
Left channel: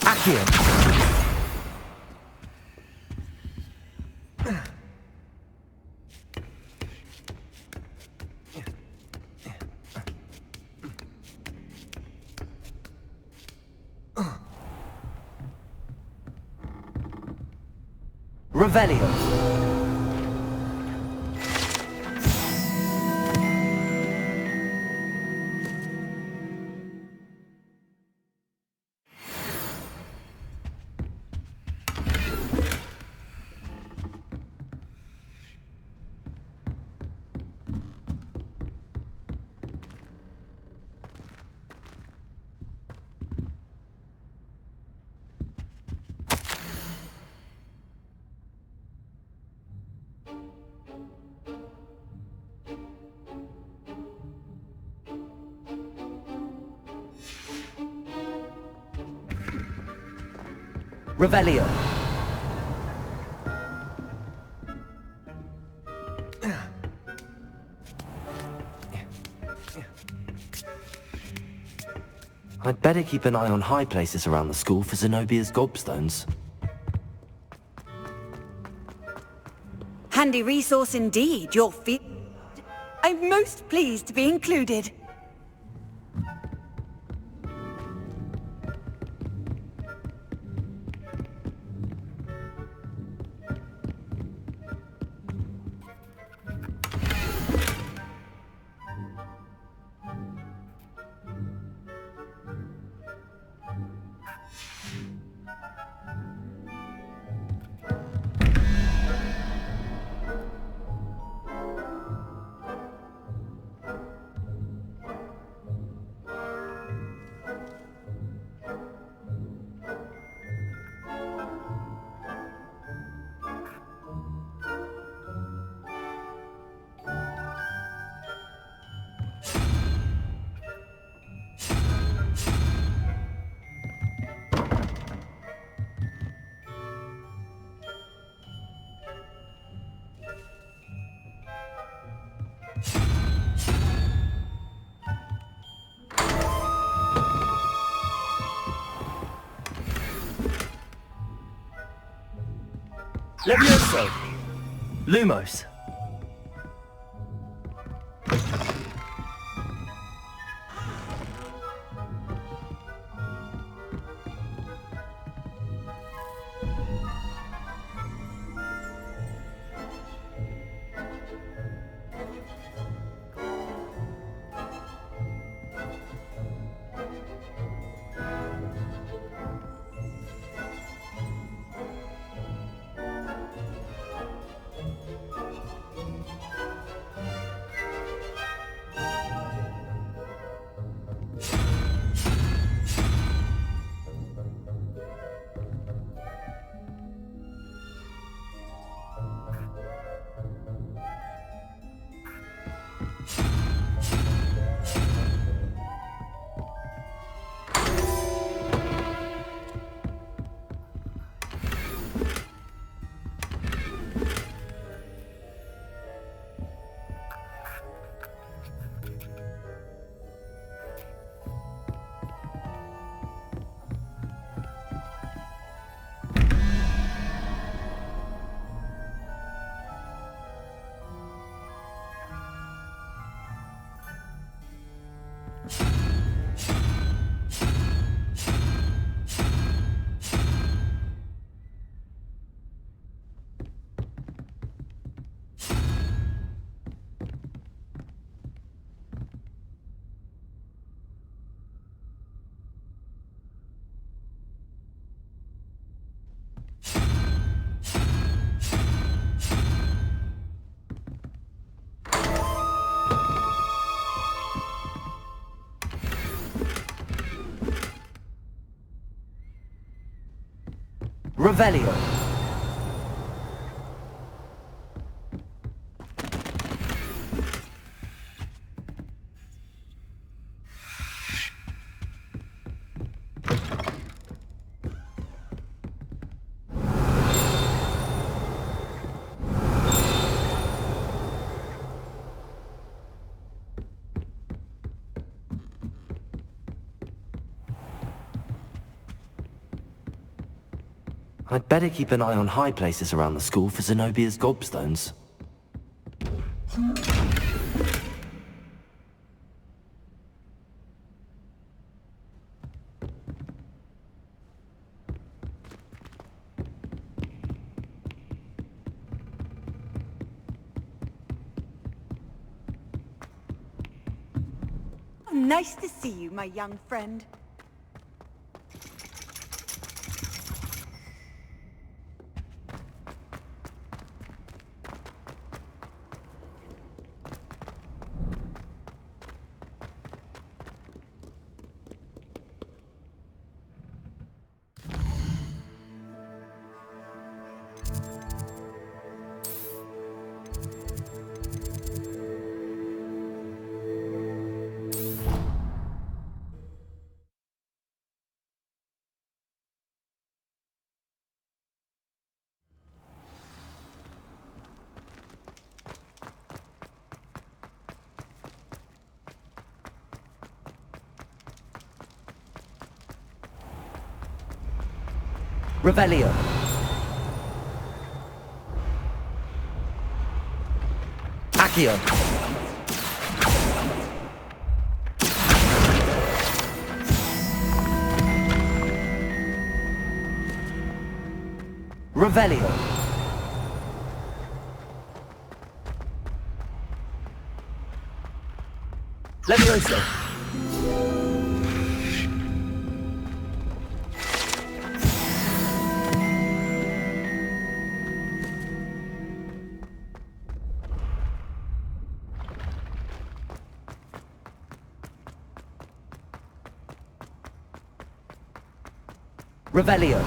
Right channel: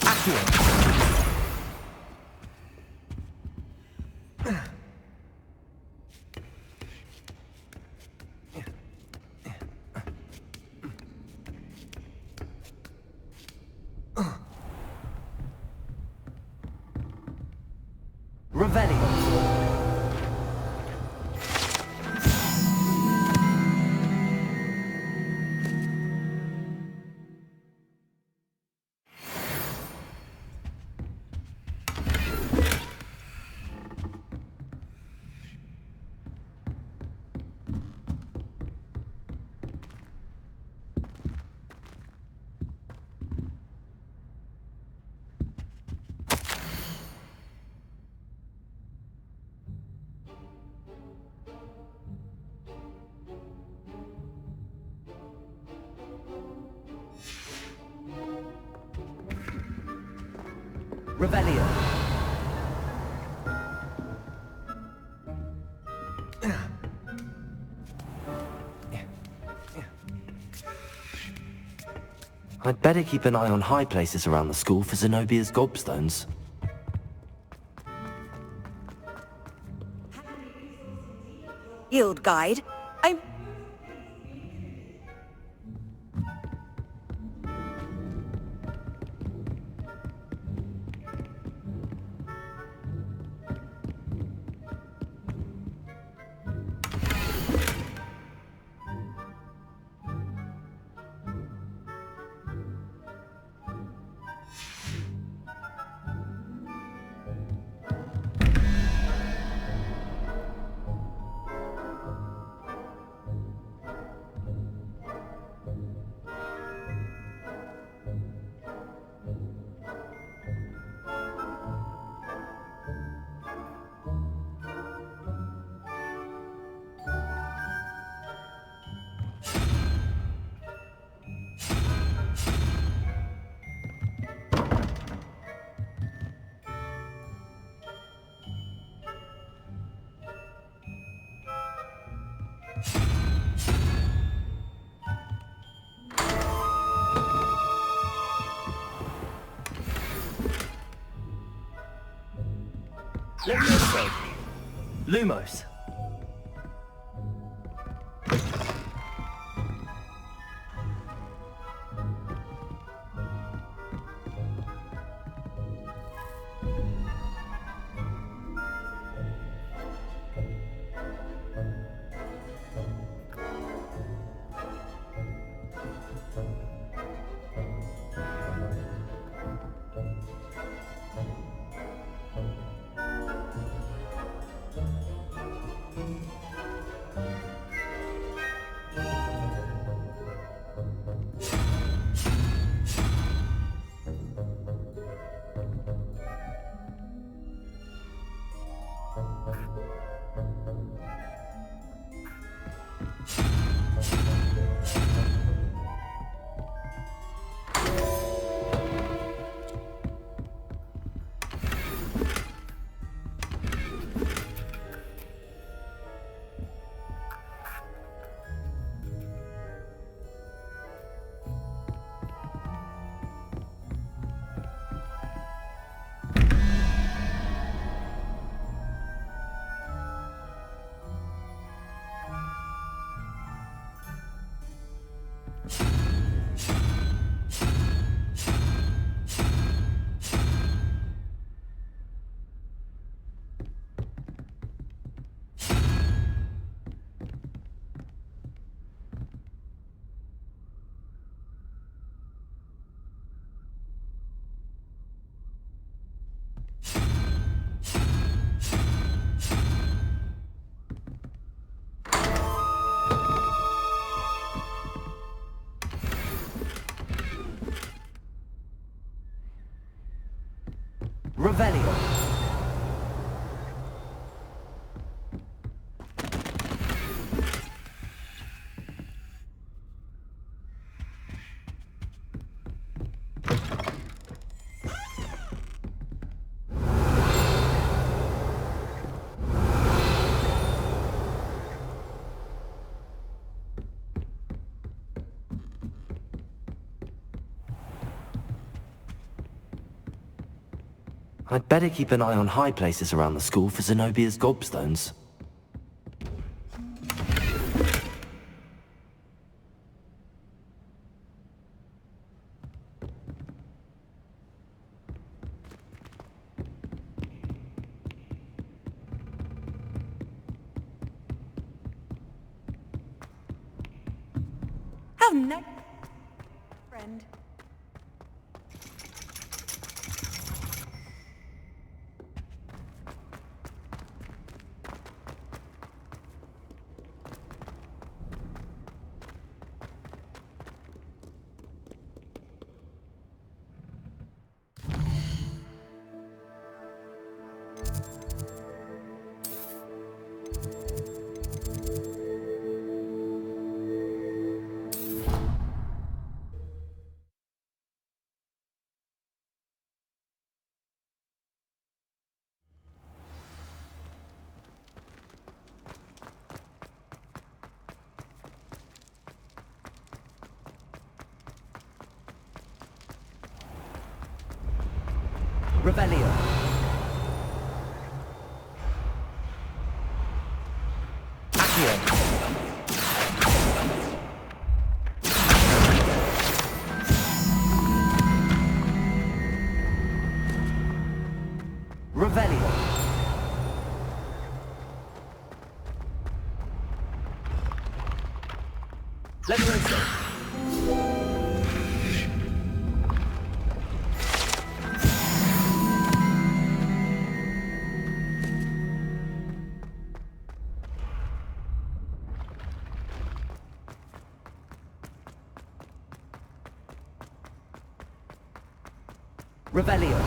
Accio. Revelio. Revelio. I'd better keep an eye on high places around the school for Zenobia's gobstones. Handy resource indeed, your field guide. I'm most pleased to be included. Levioso! Lumos! Revelio. I'd better keep an eye on high places around the school for Zenobia's gobstones. How nice to see you, my young friend. Revelio. Accio. Revelio. Levioso. Revelio.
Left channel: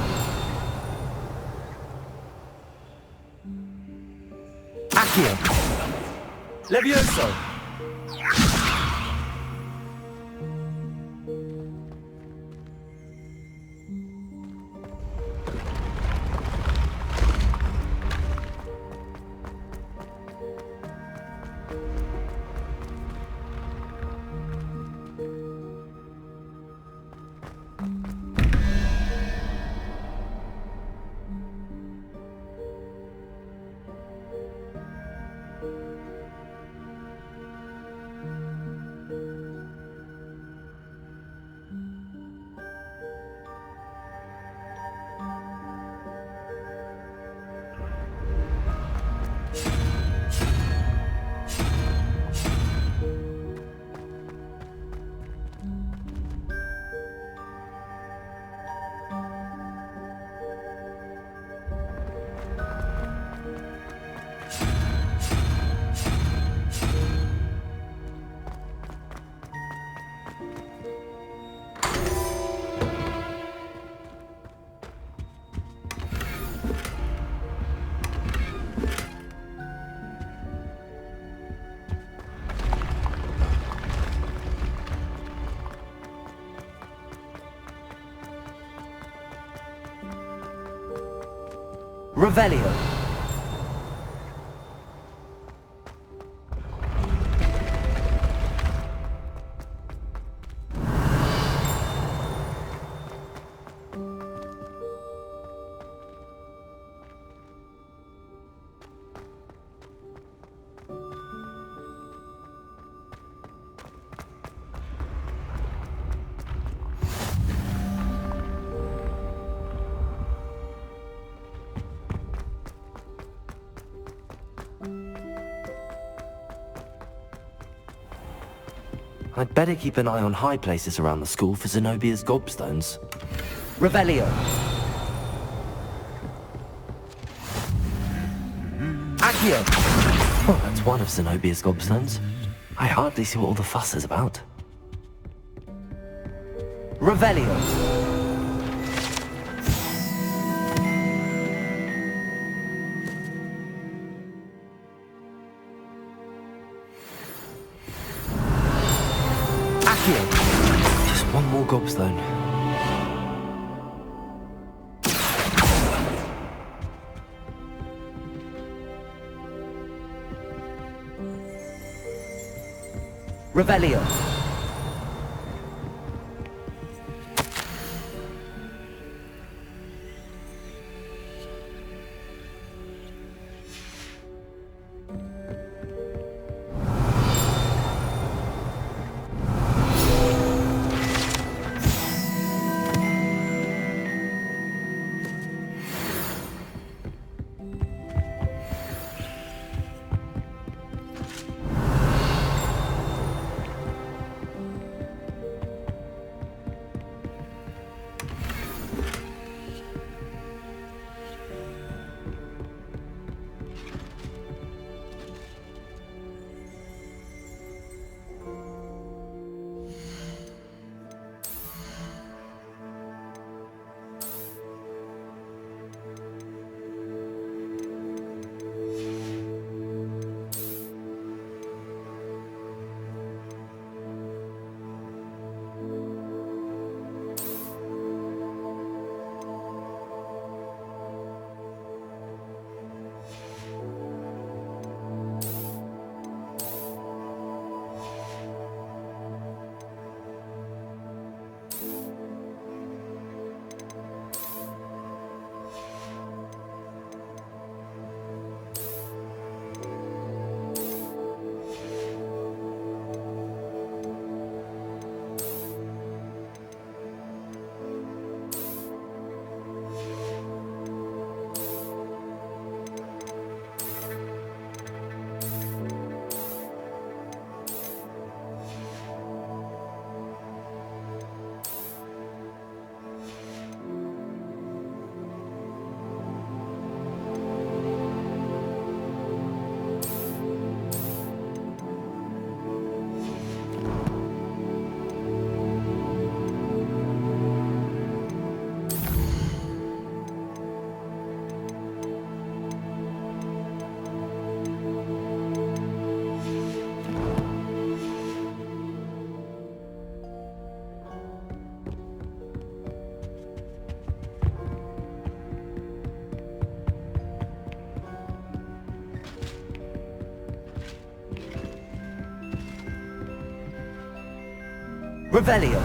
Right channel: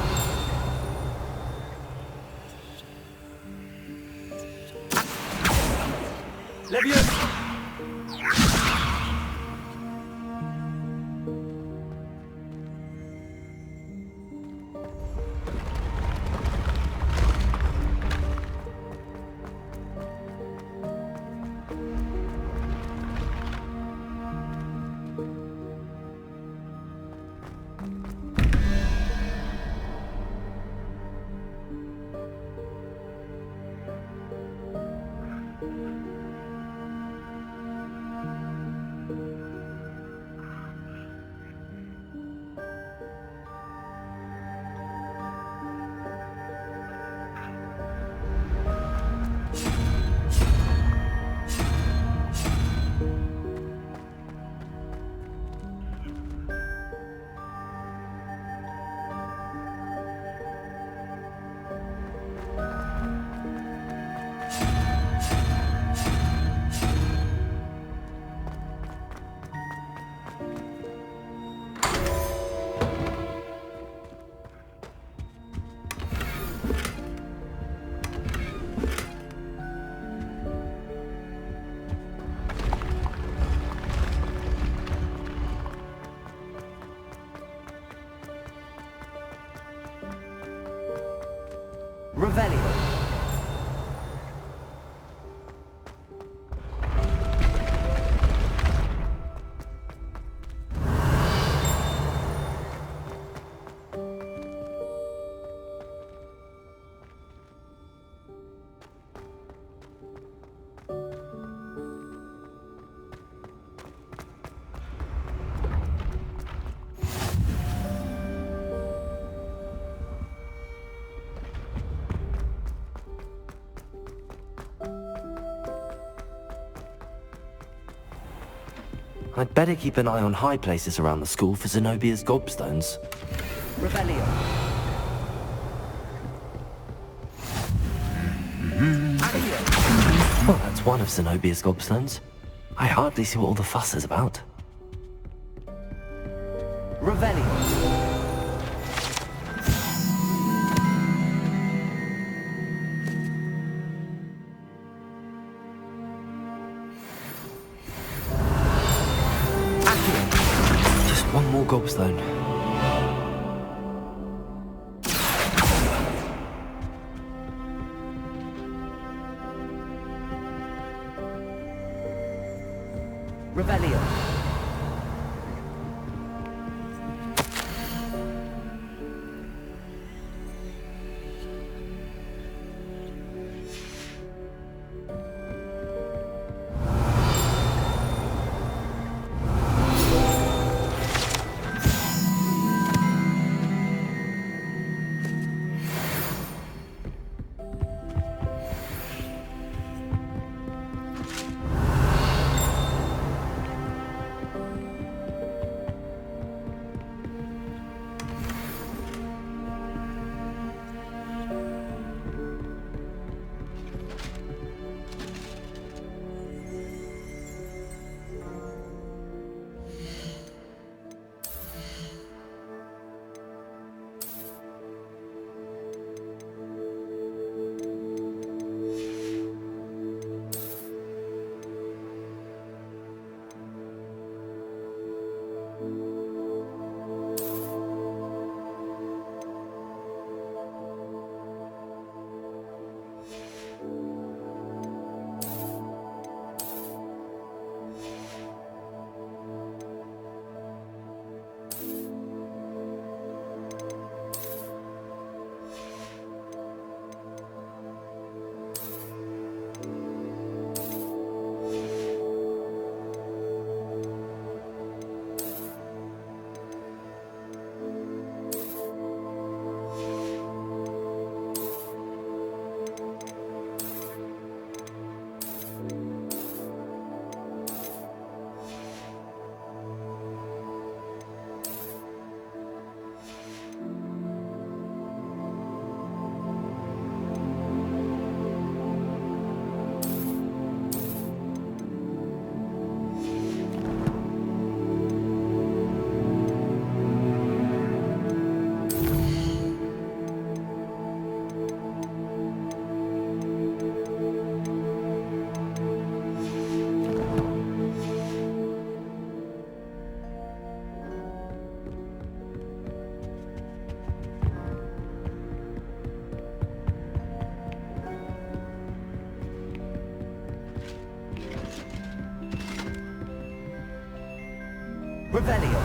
Accio. Levioso. Revelio. I'd better keep an eye on high places around the school for Zenobia's gobstones. Revelio. Accio. Well, that's one of Zenobia's gobstones. I hardly see what all the fuss is about. Revelio. Just one more gobstone. Revelio. Revelio.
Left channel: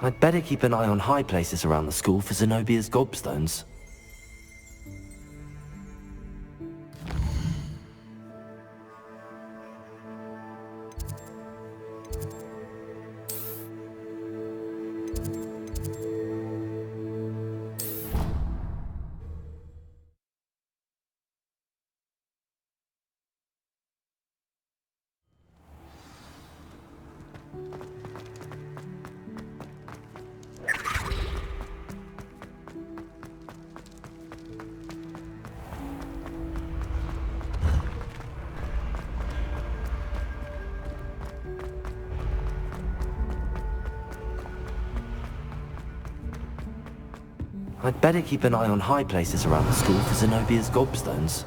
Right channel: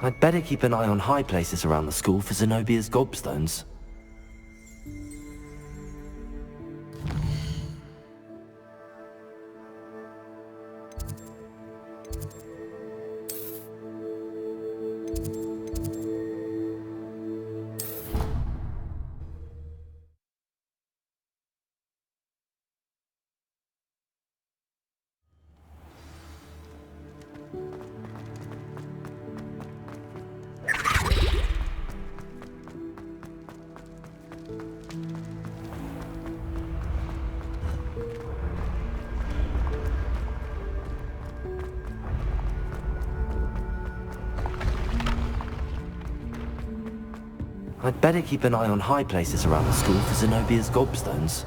I'd better keep an eye on high places around the school for Zenobia's gobstones. I'd better keep an eye on high places around the school for Zenobia's gobstones.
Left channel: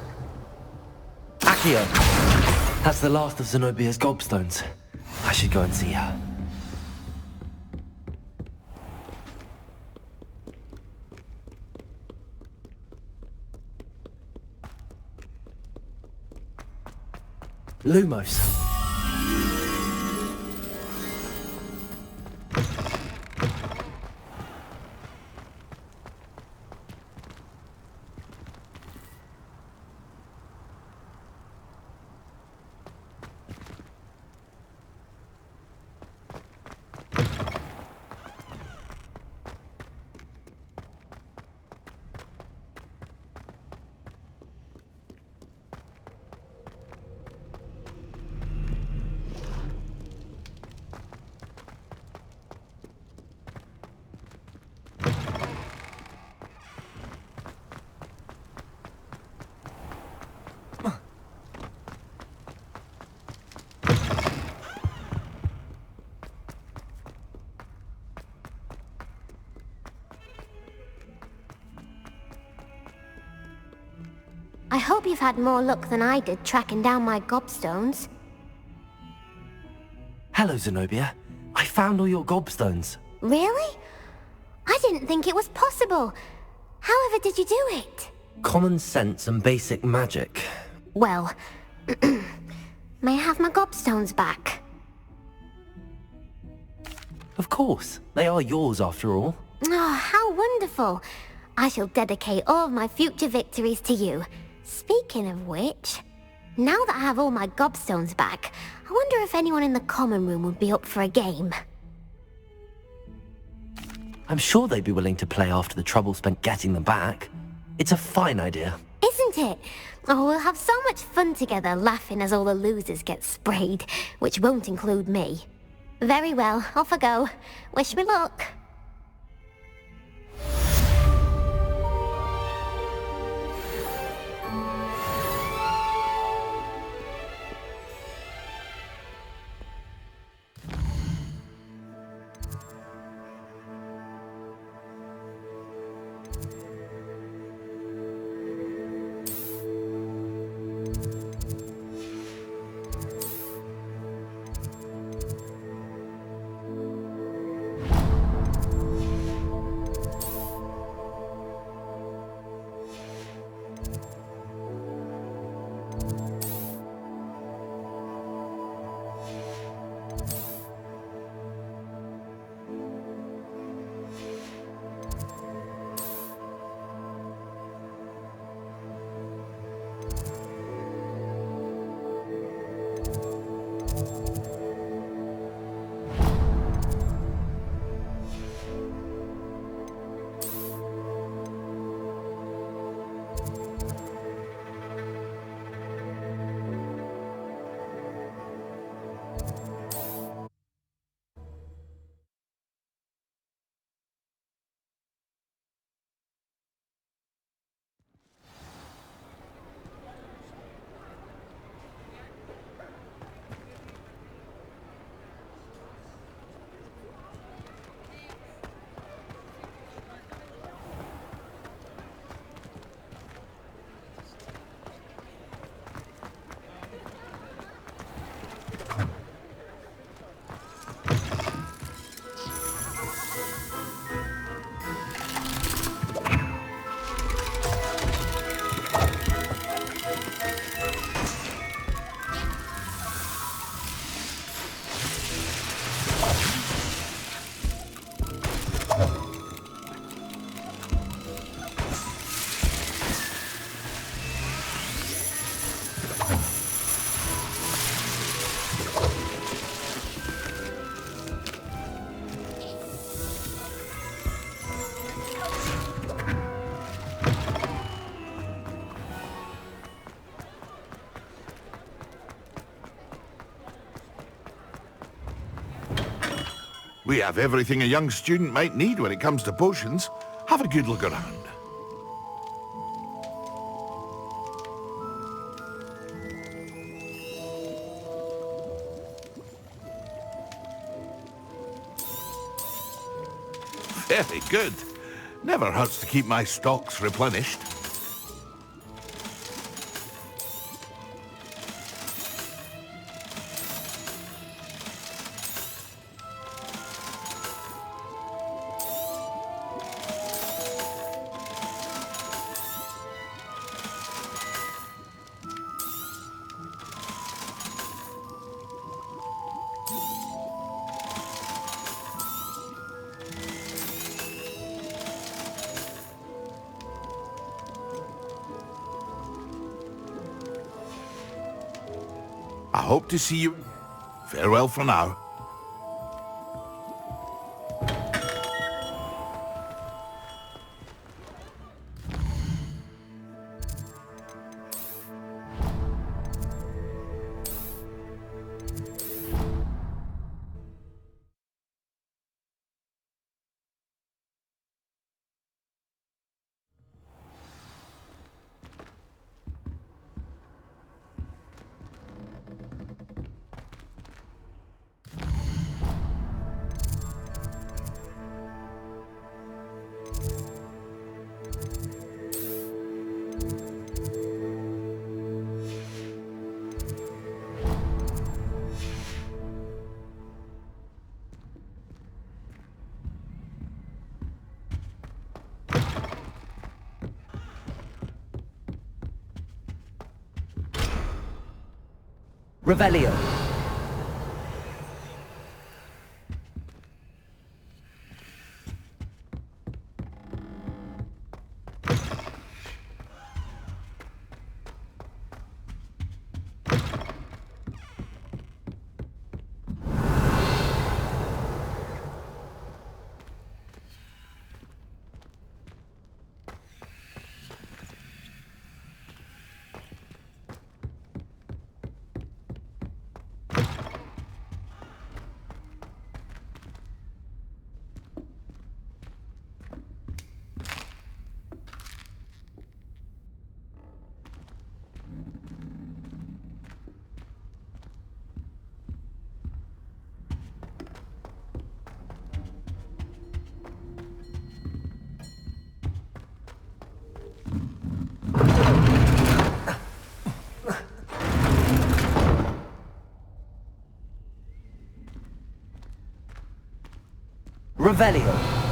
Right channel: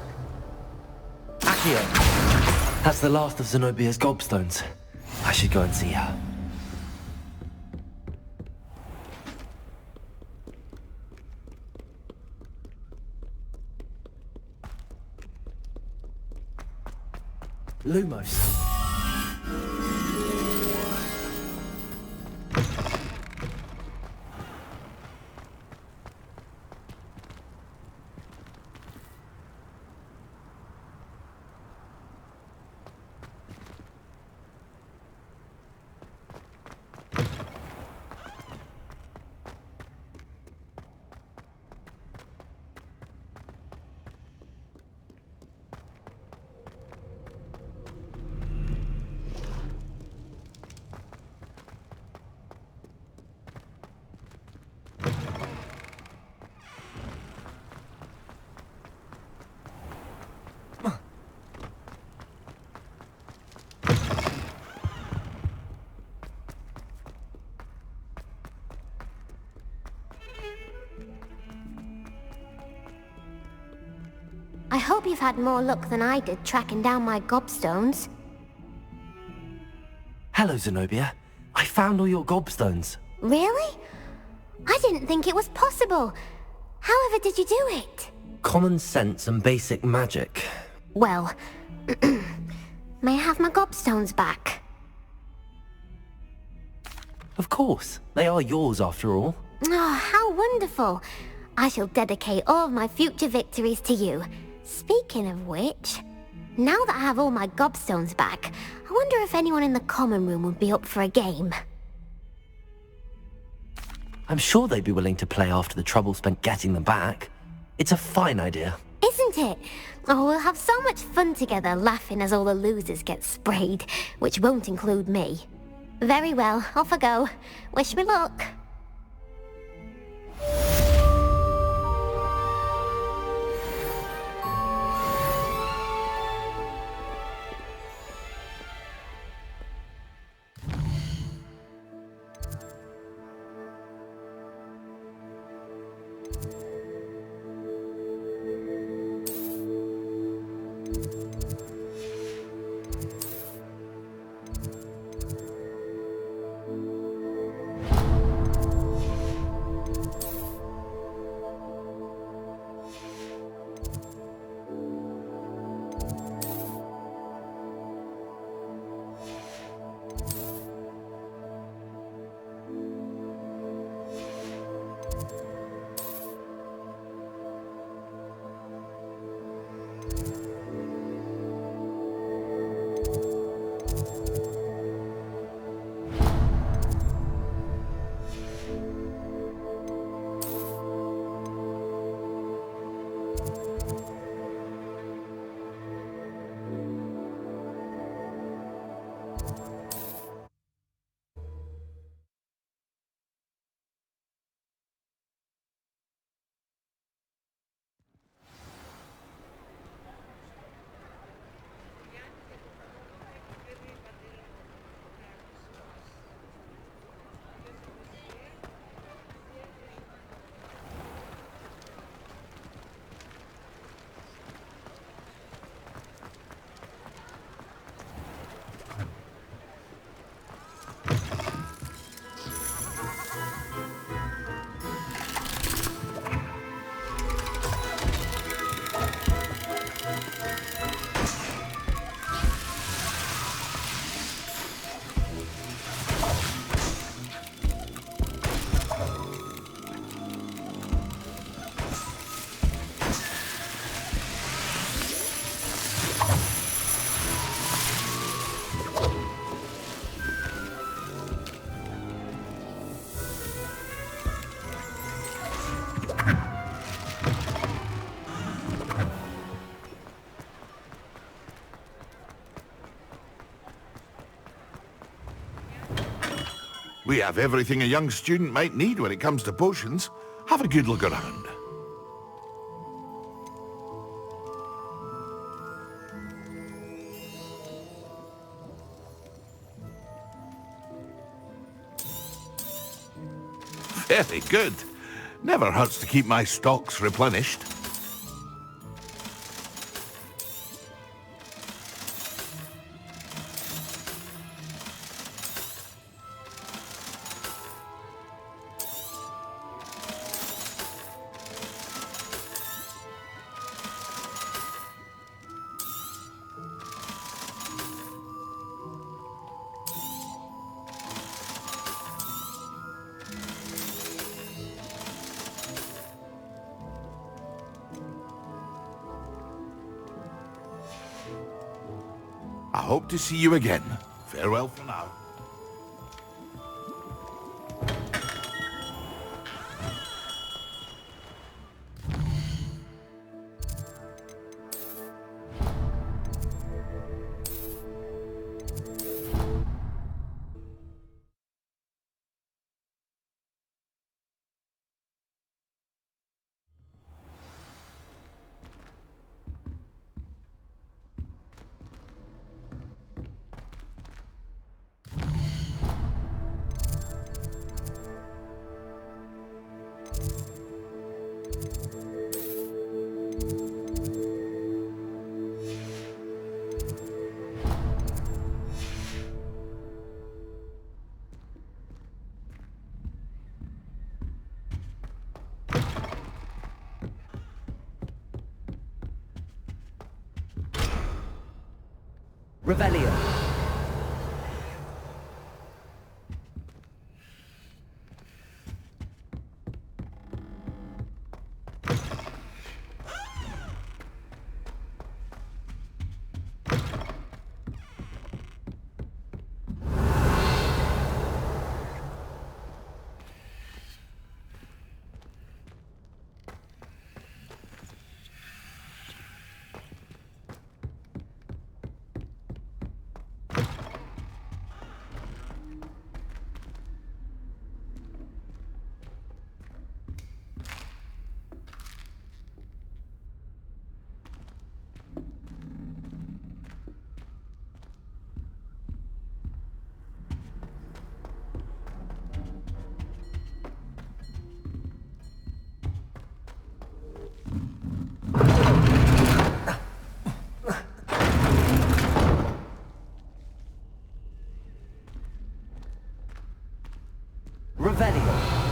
Accio! That's the last of Zenobia's gobstones. I should go and see her. Lumos. I hope you've had more luck than I did tracking down my gobstones. Hello, Zenobia. I found all your gobstones. Really? I didn't think it was possible. However did you do it? Common sense and basic magic. Well, may I have my gobstones back? Of course. They are yours after all. Oh, how wonderful. I shall dedicate all of my future victories to you. Speaking of which, now that I have all my gobstones back, I wonder if anyone in the common room would be up for a game. I'm sure they'd be willing to play after the trouble spent getting them back. It's a fine idea. Isn't it? Oh, we'll have so much fun together laughing as all the losers get sprayed, which won't include me. Very well, off I go. Wish me luck. We have everything a young student might need when it comes to potions. Have a good look around. Very good. Never hurts to keep my stocks replenished. I hope to see you again. Farewell for now. Revelio. Revelio.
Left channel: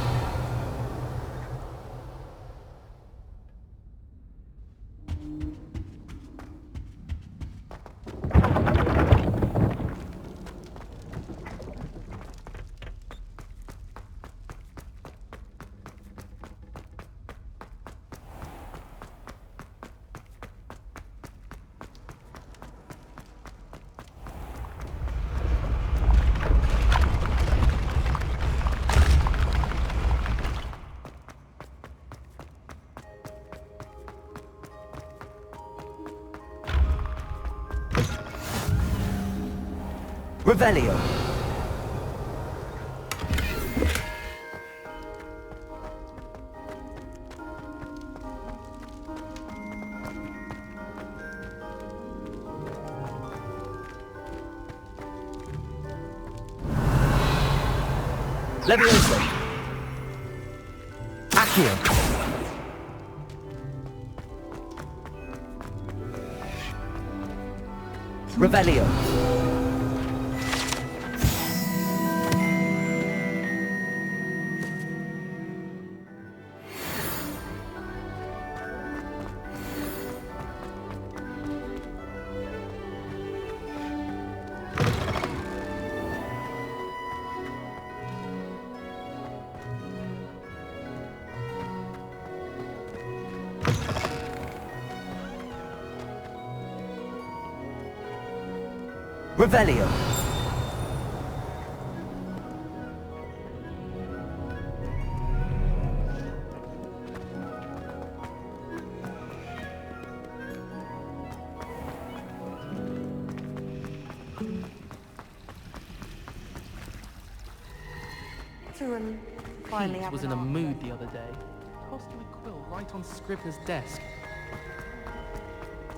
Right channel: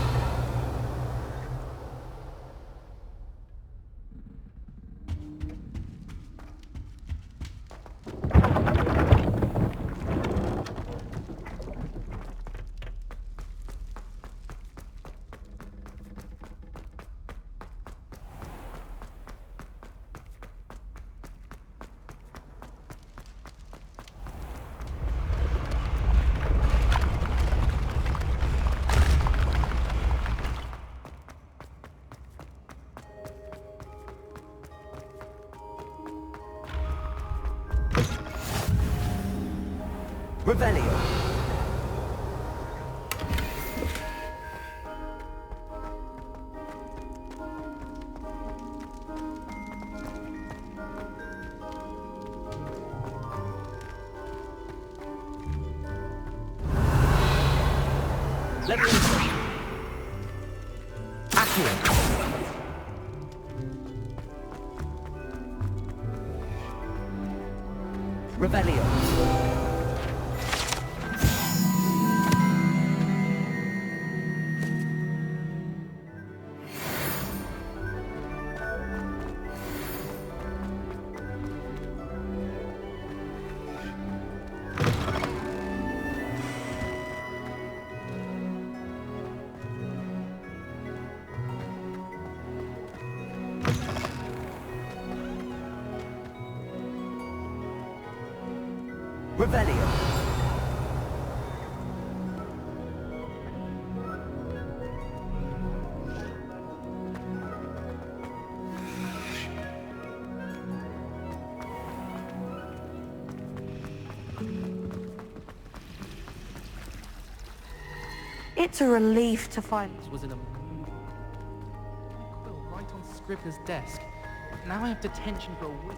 Revelio. Levioso. Accio. Revelio. Revelio. It's a relief to finally Pete was in a mood the other day. Tossed my quill right on Scribner's desk. Now I have detention for a week.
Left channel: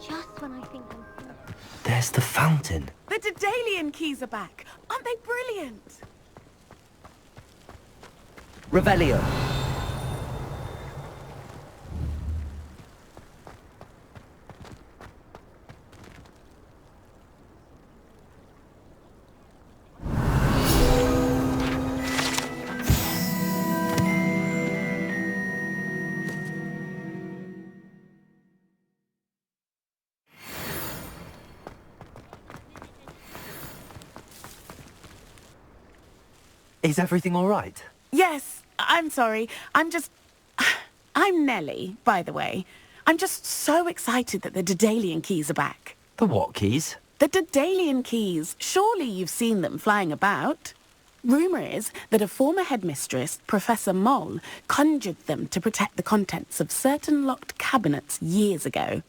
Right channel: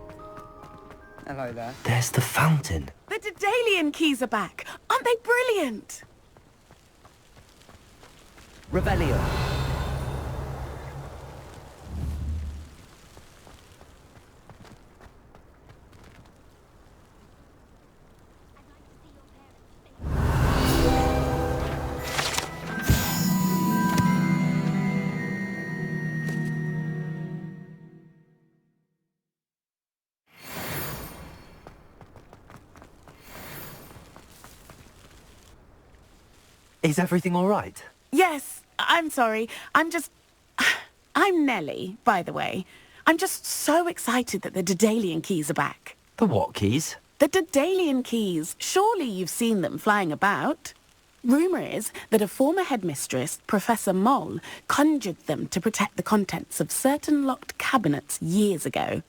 Just when I think Hello there. There's the fountain. The Daedalian keys are back. Aren't they brilliant? Revelio. Is everything all right? Yes, I'm sorry. I'm Nellie, by the way. I'm just so excited that the Daedalian keys are back. The what keys? The Daedalian keys. Surely you've seen them flying about. Rumour is that a former headmistress, Professor Mole, conjured them to protect the contents of certain locked cabinets years ago.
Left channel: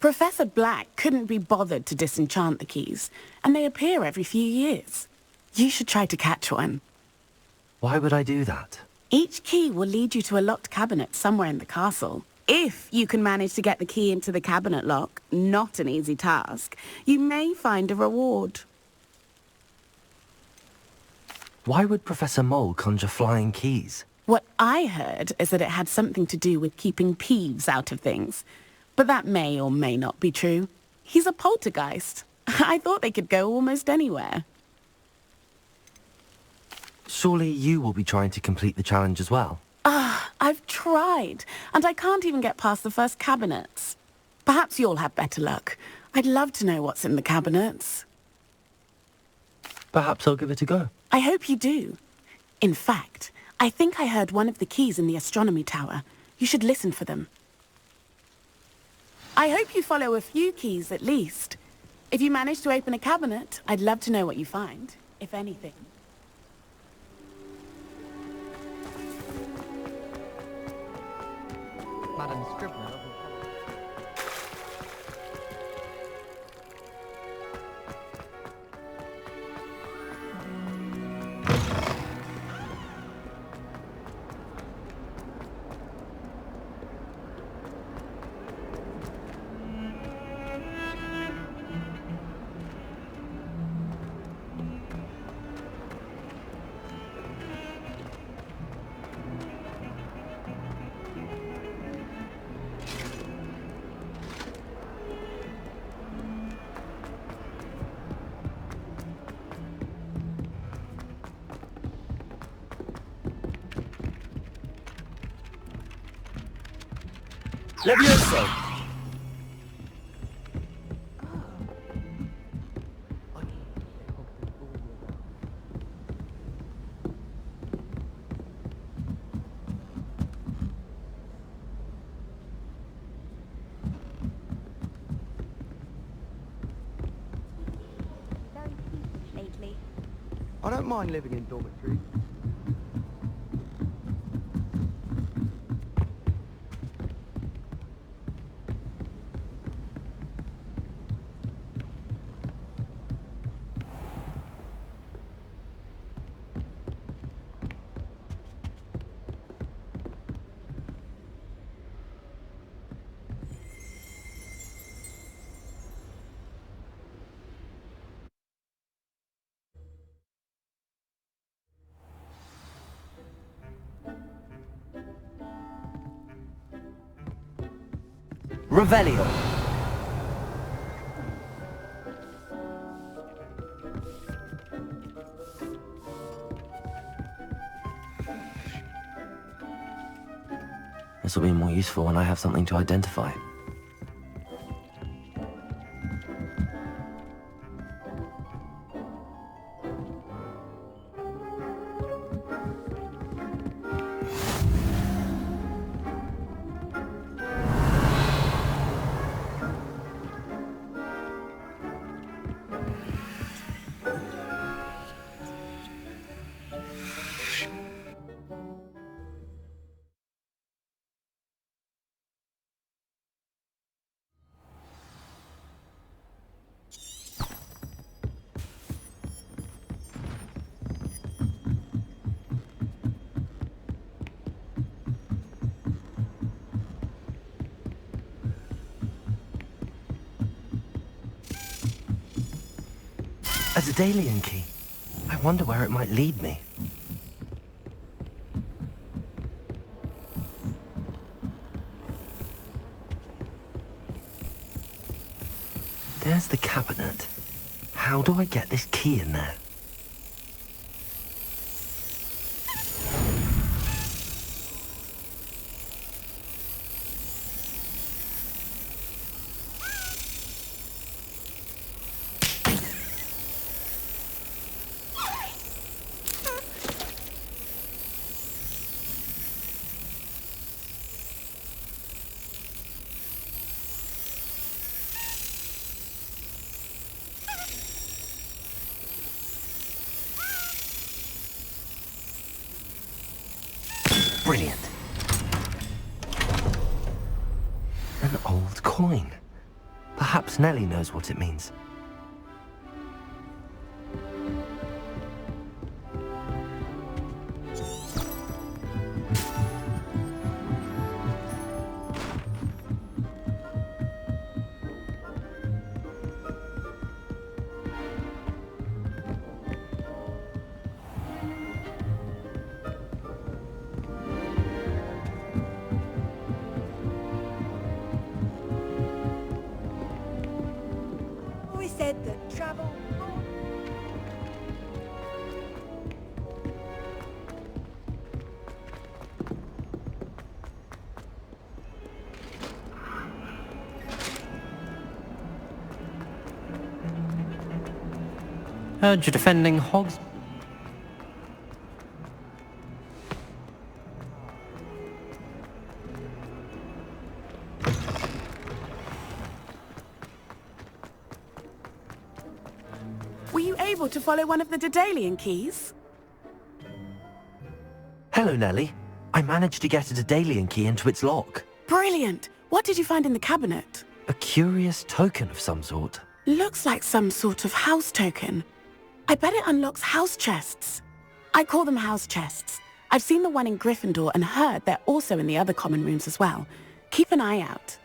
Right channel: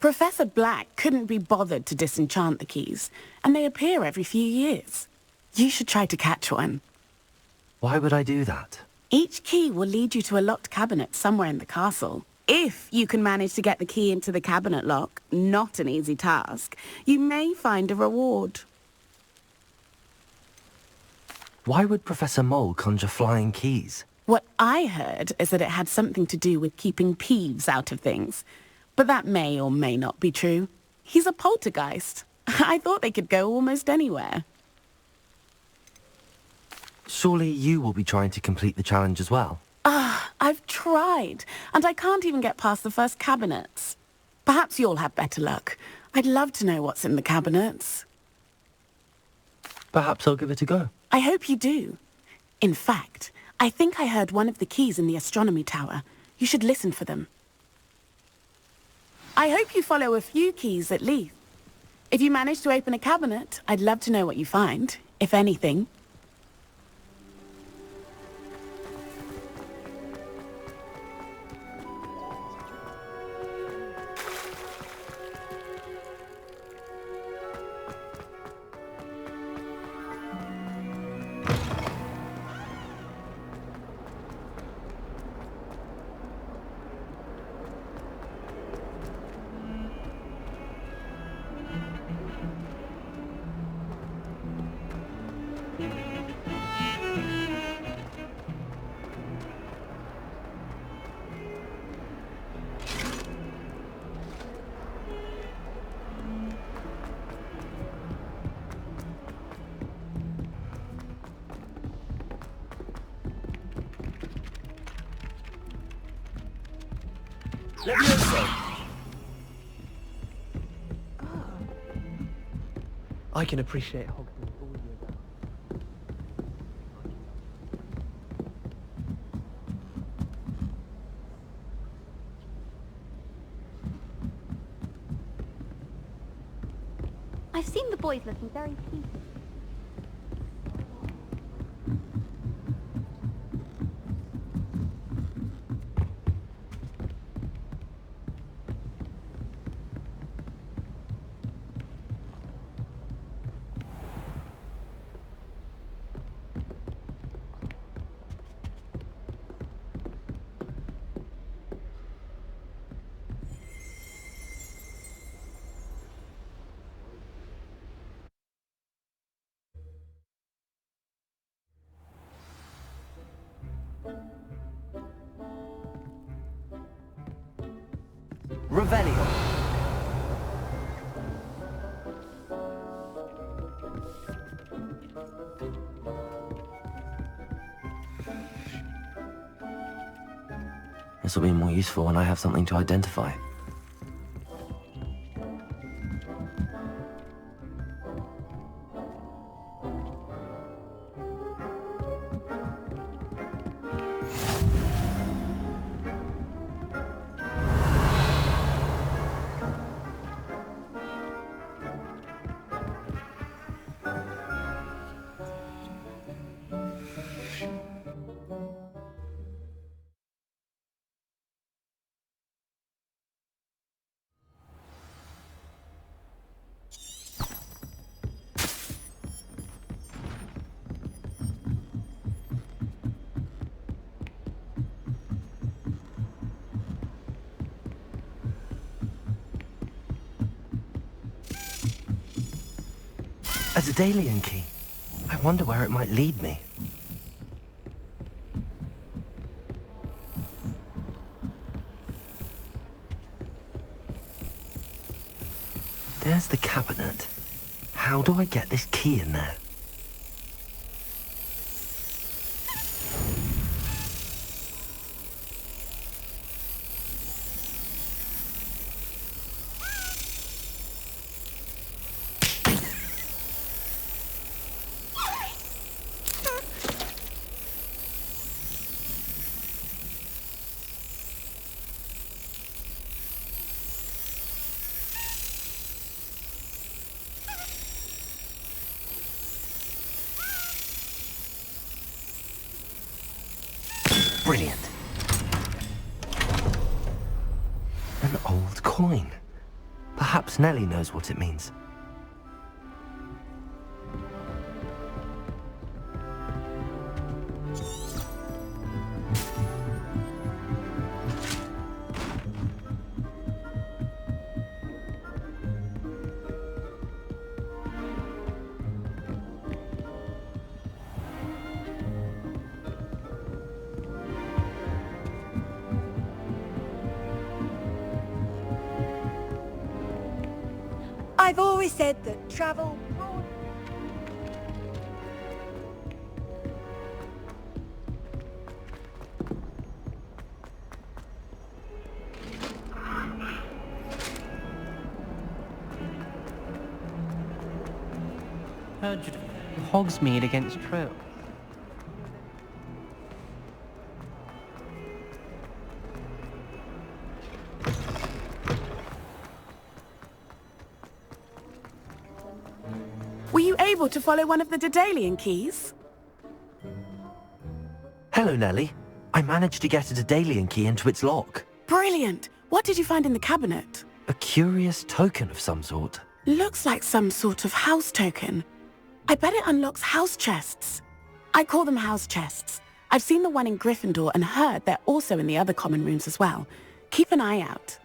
Professor Black couldn't be bothered to disenchant the keys, and they appear every few years. You should try to catch one. Why would I do that? Each key will lead you to a locked cabinet somewhere in the castle. If you can manage to get the key into the cabinet lock, not an easy task, you may find a reward. Why would Professor Mole conjure flying keys? What I heard is that it had something to do with keeping Peeves out of things. But that may or may not be true. He's a poltergeist. I thought they could go almost anywhere. Surely you will be trying to complete the challenge as well. I've tried, and I can't even get past the first cabinets. Perhaps you'll have better luck. I'd love to know what's in the cabinets. Perhaps I'll give it a go. I hope you do. In fact, I think I heard one of the keys in the astronomy tower. You should listen for them. I hope you follow a few keys at least. If you manage to open a cabinet, I'd love to know what you find, if anything. Madam Scribner. Levioso! I can appreciate Hogwarts all year round. I've seen the boys looking very peevish lately. I don't mind living in dormitories. Revelio. This will be more useful when I have something to identify. Daedalian key. I wonder where it might lead me. There's the cabinet. How do I get this key in there? Brilliant. An old coin. Perhaps Nellie knows what it means. I've always said that travel... Heard you're defending Hogsmeade against Trolls. Were you able to follow one of the Daedalian keys? Hello, Nellie. I managed to get a Daedalian key into its lock. Brilliant! What did you find in the cabinet? A curious token of some sort. Looks like some sort of house token. I bet it unlocks house chests. I call them house chests. I've seen the one in Gryffindor and heard they're also in the other common rooms as well. Keep an eye out.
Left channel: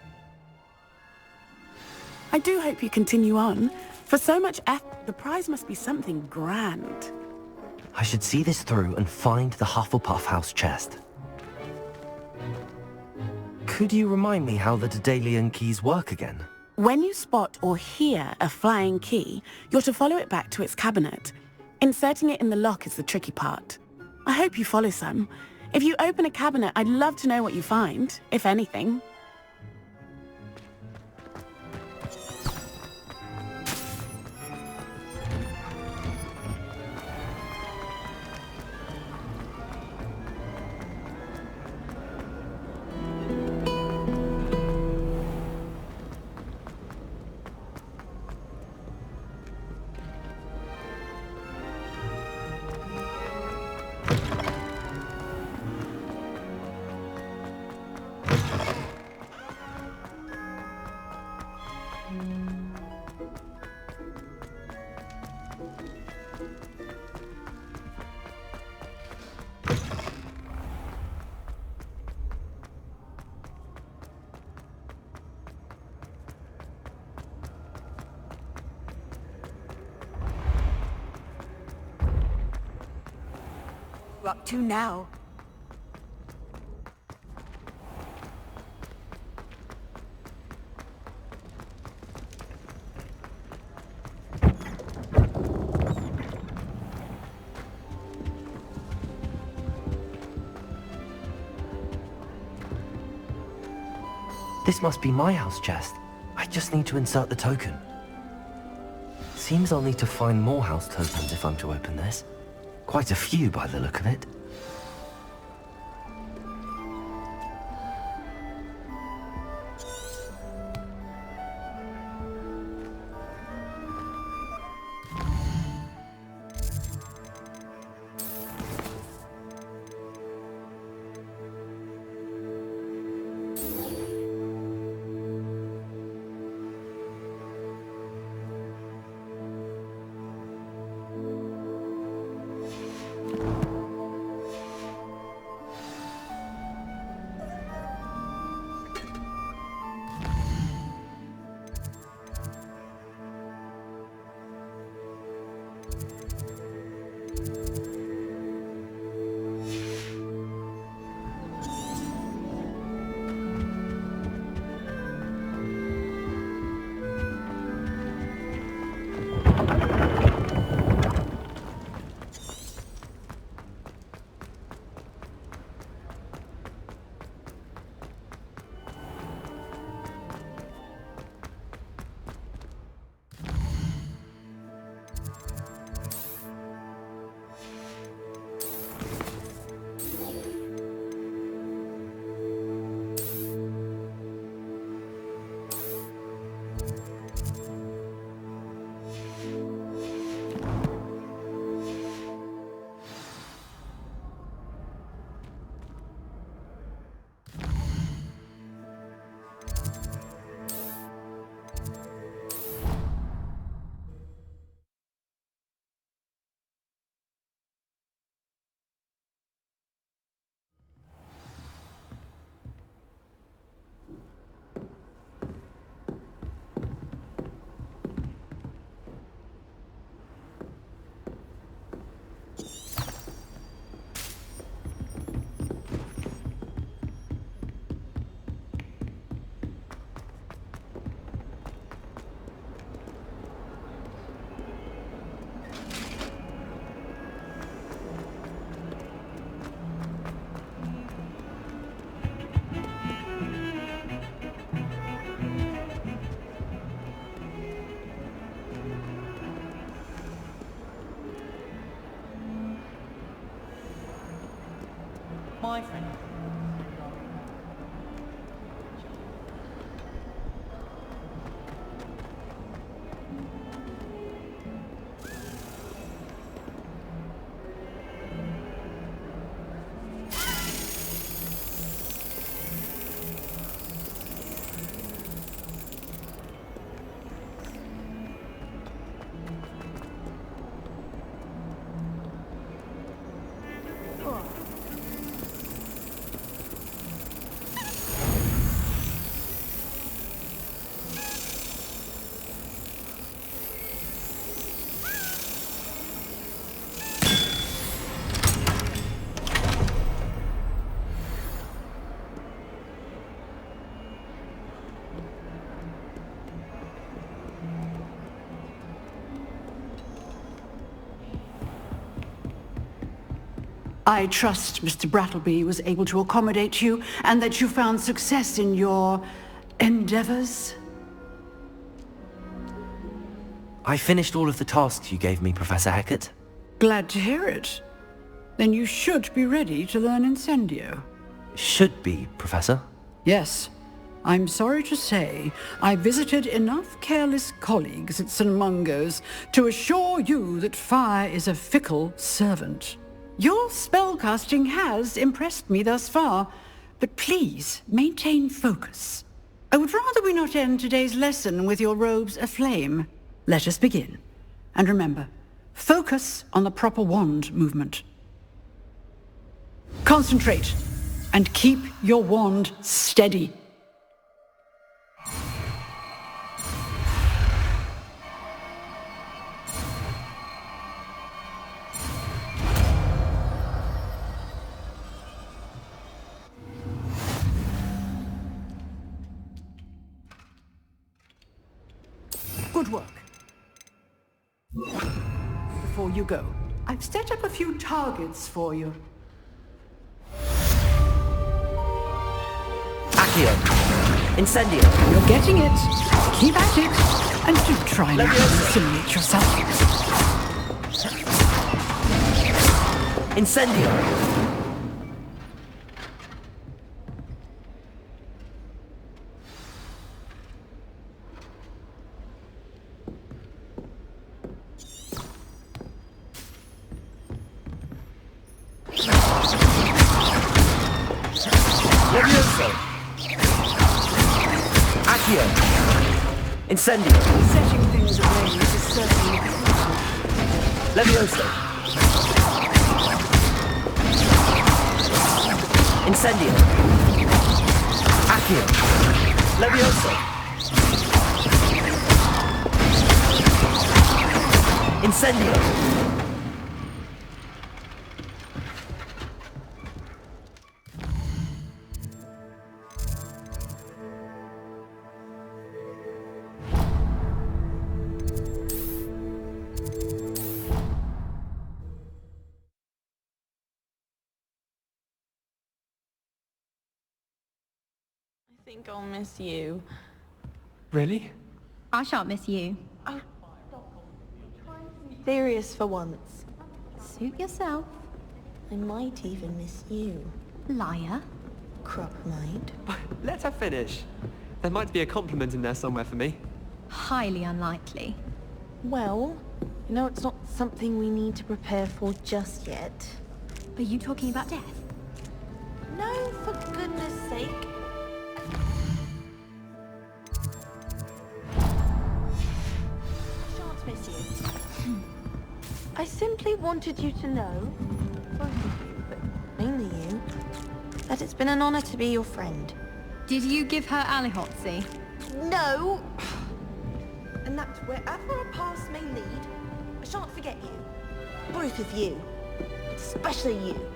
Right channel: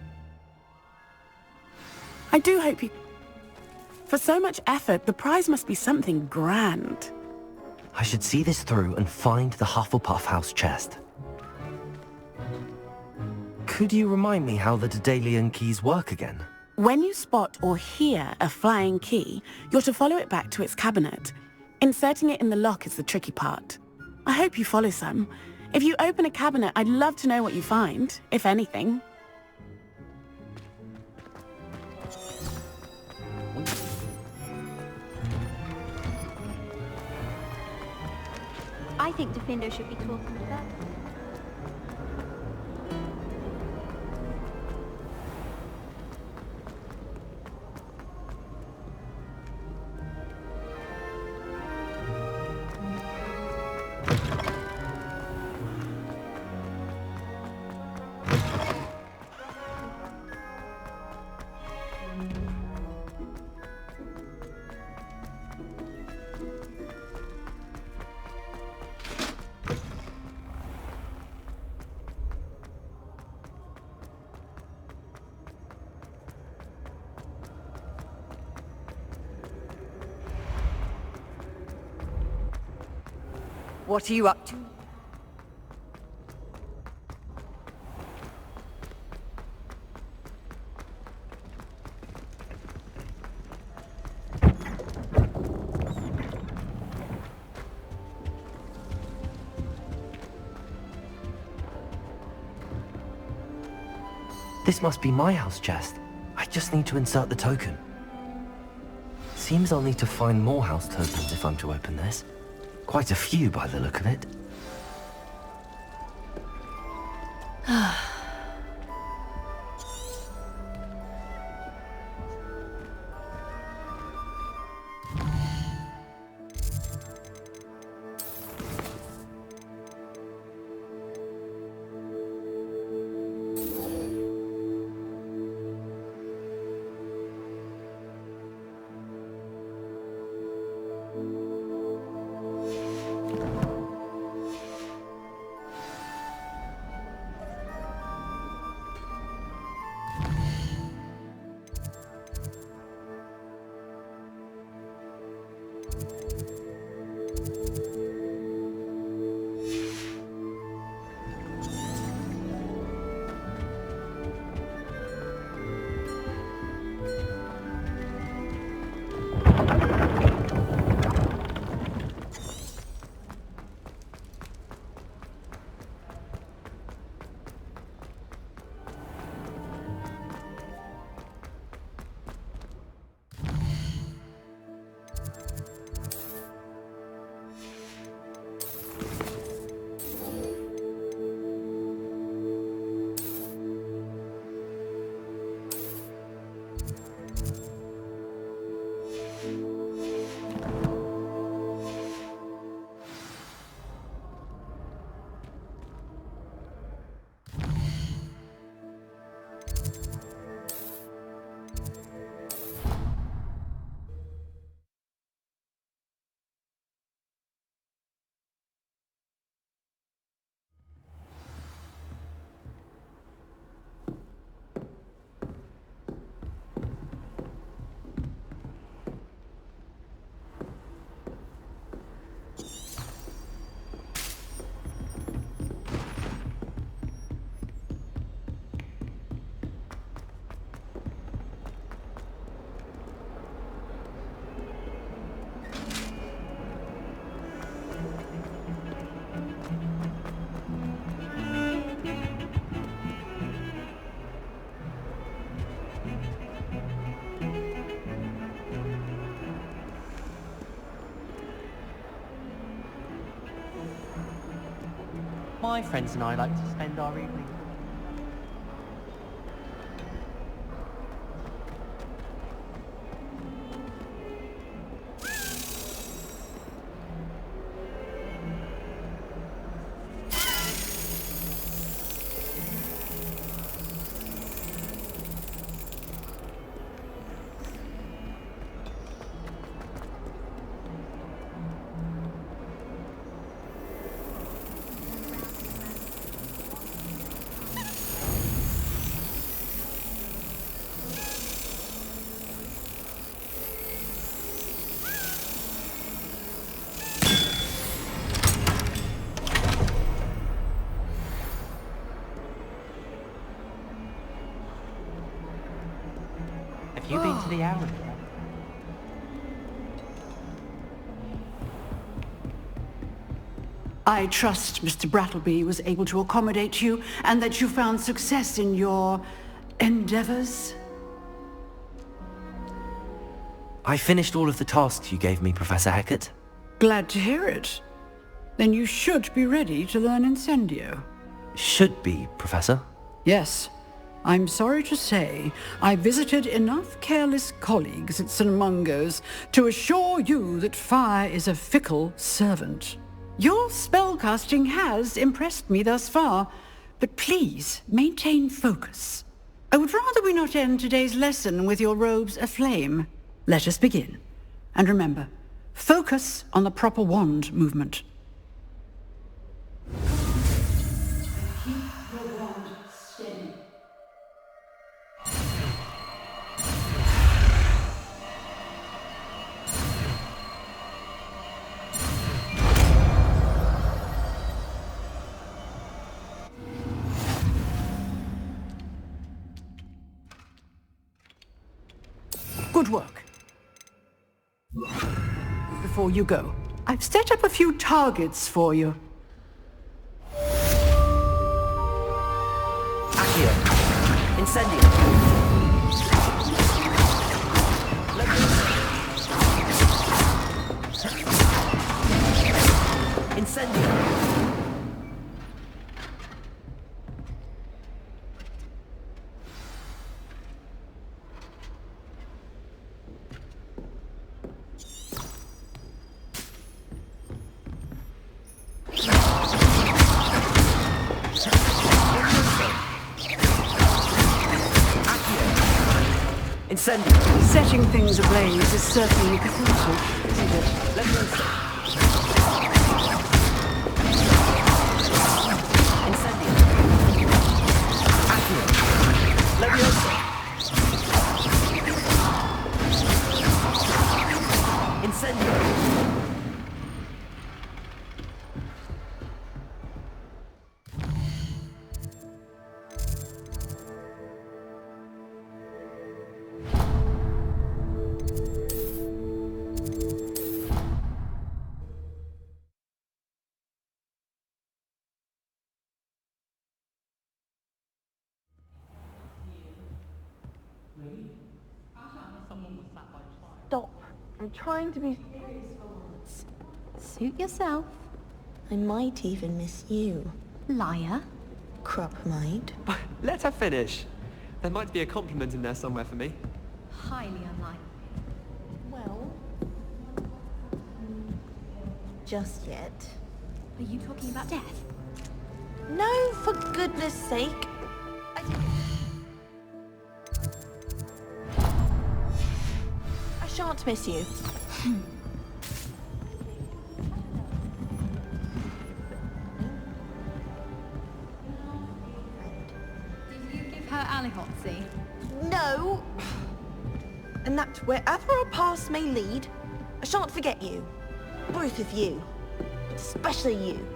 I do hope you continue on. For so much effort, the prize must be something grand. I should see this through and find the Hufflepuff house chest. Could you remind me how the Daedalian keys work again? When you spot or hear a flying key, you're to follow it back to its cabinet. Inserting it in the lock is the tricky part. I hope you follow some. If you open a cabinet, I'd love to know what you find, if anything. I think Defender should be cool. What are you up to now? This must be my house chest. I just need to insert the token. Seems I'll need to find more house tokens if I'm to open this. Quite a few by the look of it. My friends and I like to spend our evening. Have you been to the Arrow yet? I trust Mr. Brattleby was able to accommodate you and that you found success in your endeavors. I finished all of the tasks you gave me, Professor Hecat. Glad to hear it. Then you should be ready to learn Incendio. Should be, Professor. Yes. I'm sorry to say, I visited enough careless colleagues at St. Mungo's to assure you that fire is a fickle servant. Your spellcasting has impressed me thus far, but please maintain focus. I would rather we not end today's lesson with your robes aflame. Let us begin. And remember, focus on the proper wand movement. Concentrate, and keep your wand steady. Good work. Before you go, I've set up a few targets for you. Accio. Incendio. You're getting it. Keep at it. And keep trying to simulate yourself. Incendio. Incendio. Setting things ablaze is certainly crucial. Levioso. Incendio. Accio. Levioso. Incendio. I think I'll miss you. Really? I shan't miss you. Oh, stop. I'm trying to be serious for once. Suit yourself. I might even miss you. Liar. Crop might. Let her finish. There might be a compliment in there somewhere for me. Highly unlikely. Well, you know, it's not something we need to prepare for just yet. Are you talking about death? No, for goodness sake. I shan't miss you. I simply wanted you to know, both of you, but mainly you, that it's been an honor to be your friend. Did you give her Alihotzi? No! And that wherever our paths may lead, I shan't forget you. Both of you. But especially you.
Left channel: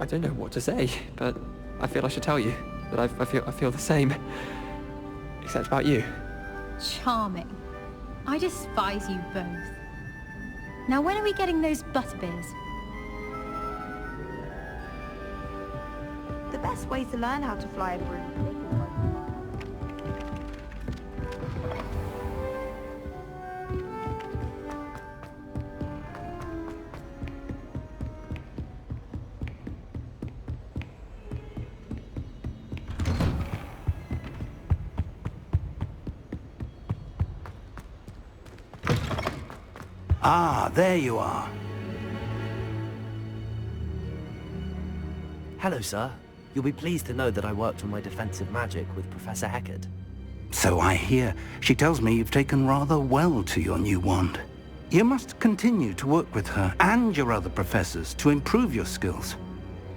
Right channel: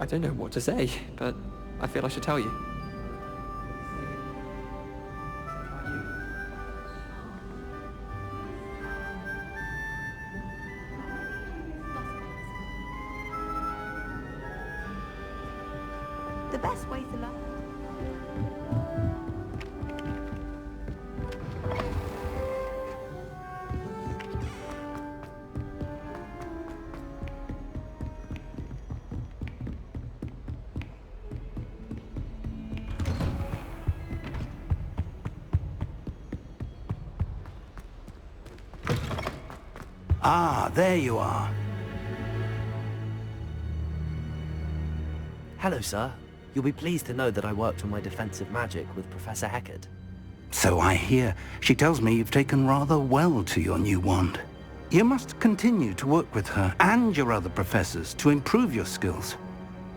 I don't know what to say, but I feel I should tell you that I feel the same. Except about you. Charming. I despise you both. Now when are we getting those butterbeers? The best way to learn how to fly a broom is take one. Ah, there you are. Hello, sir. You'll be pleased to know that I worked on my defensive magic with Professor Heckard. So I hear. She tells me you've taken rather well to your new wand. You must continue to work with her and your other professors to improve your skills.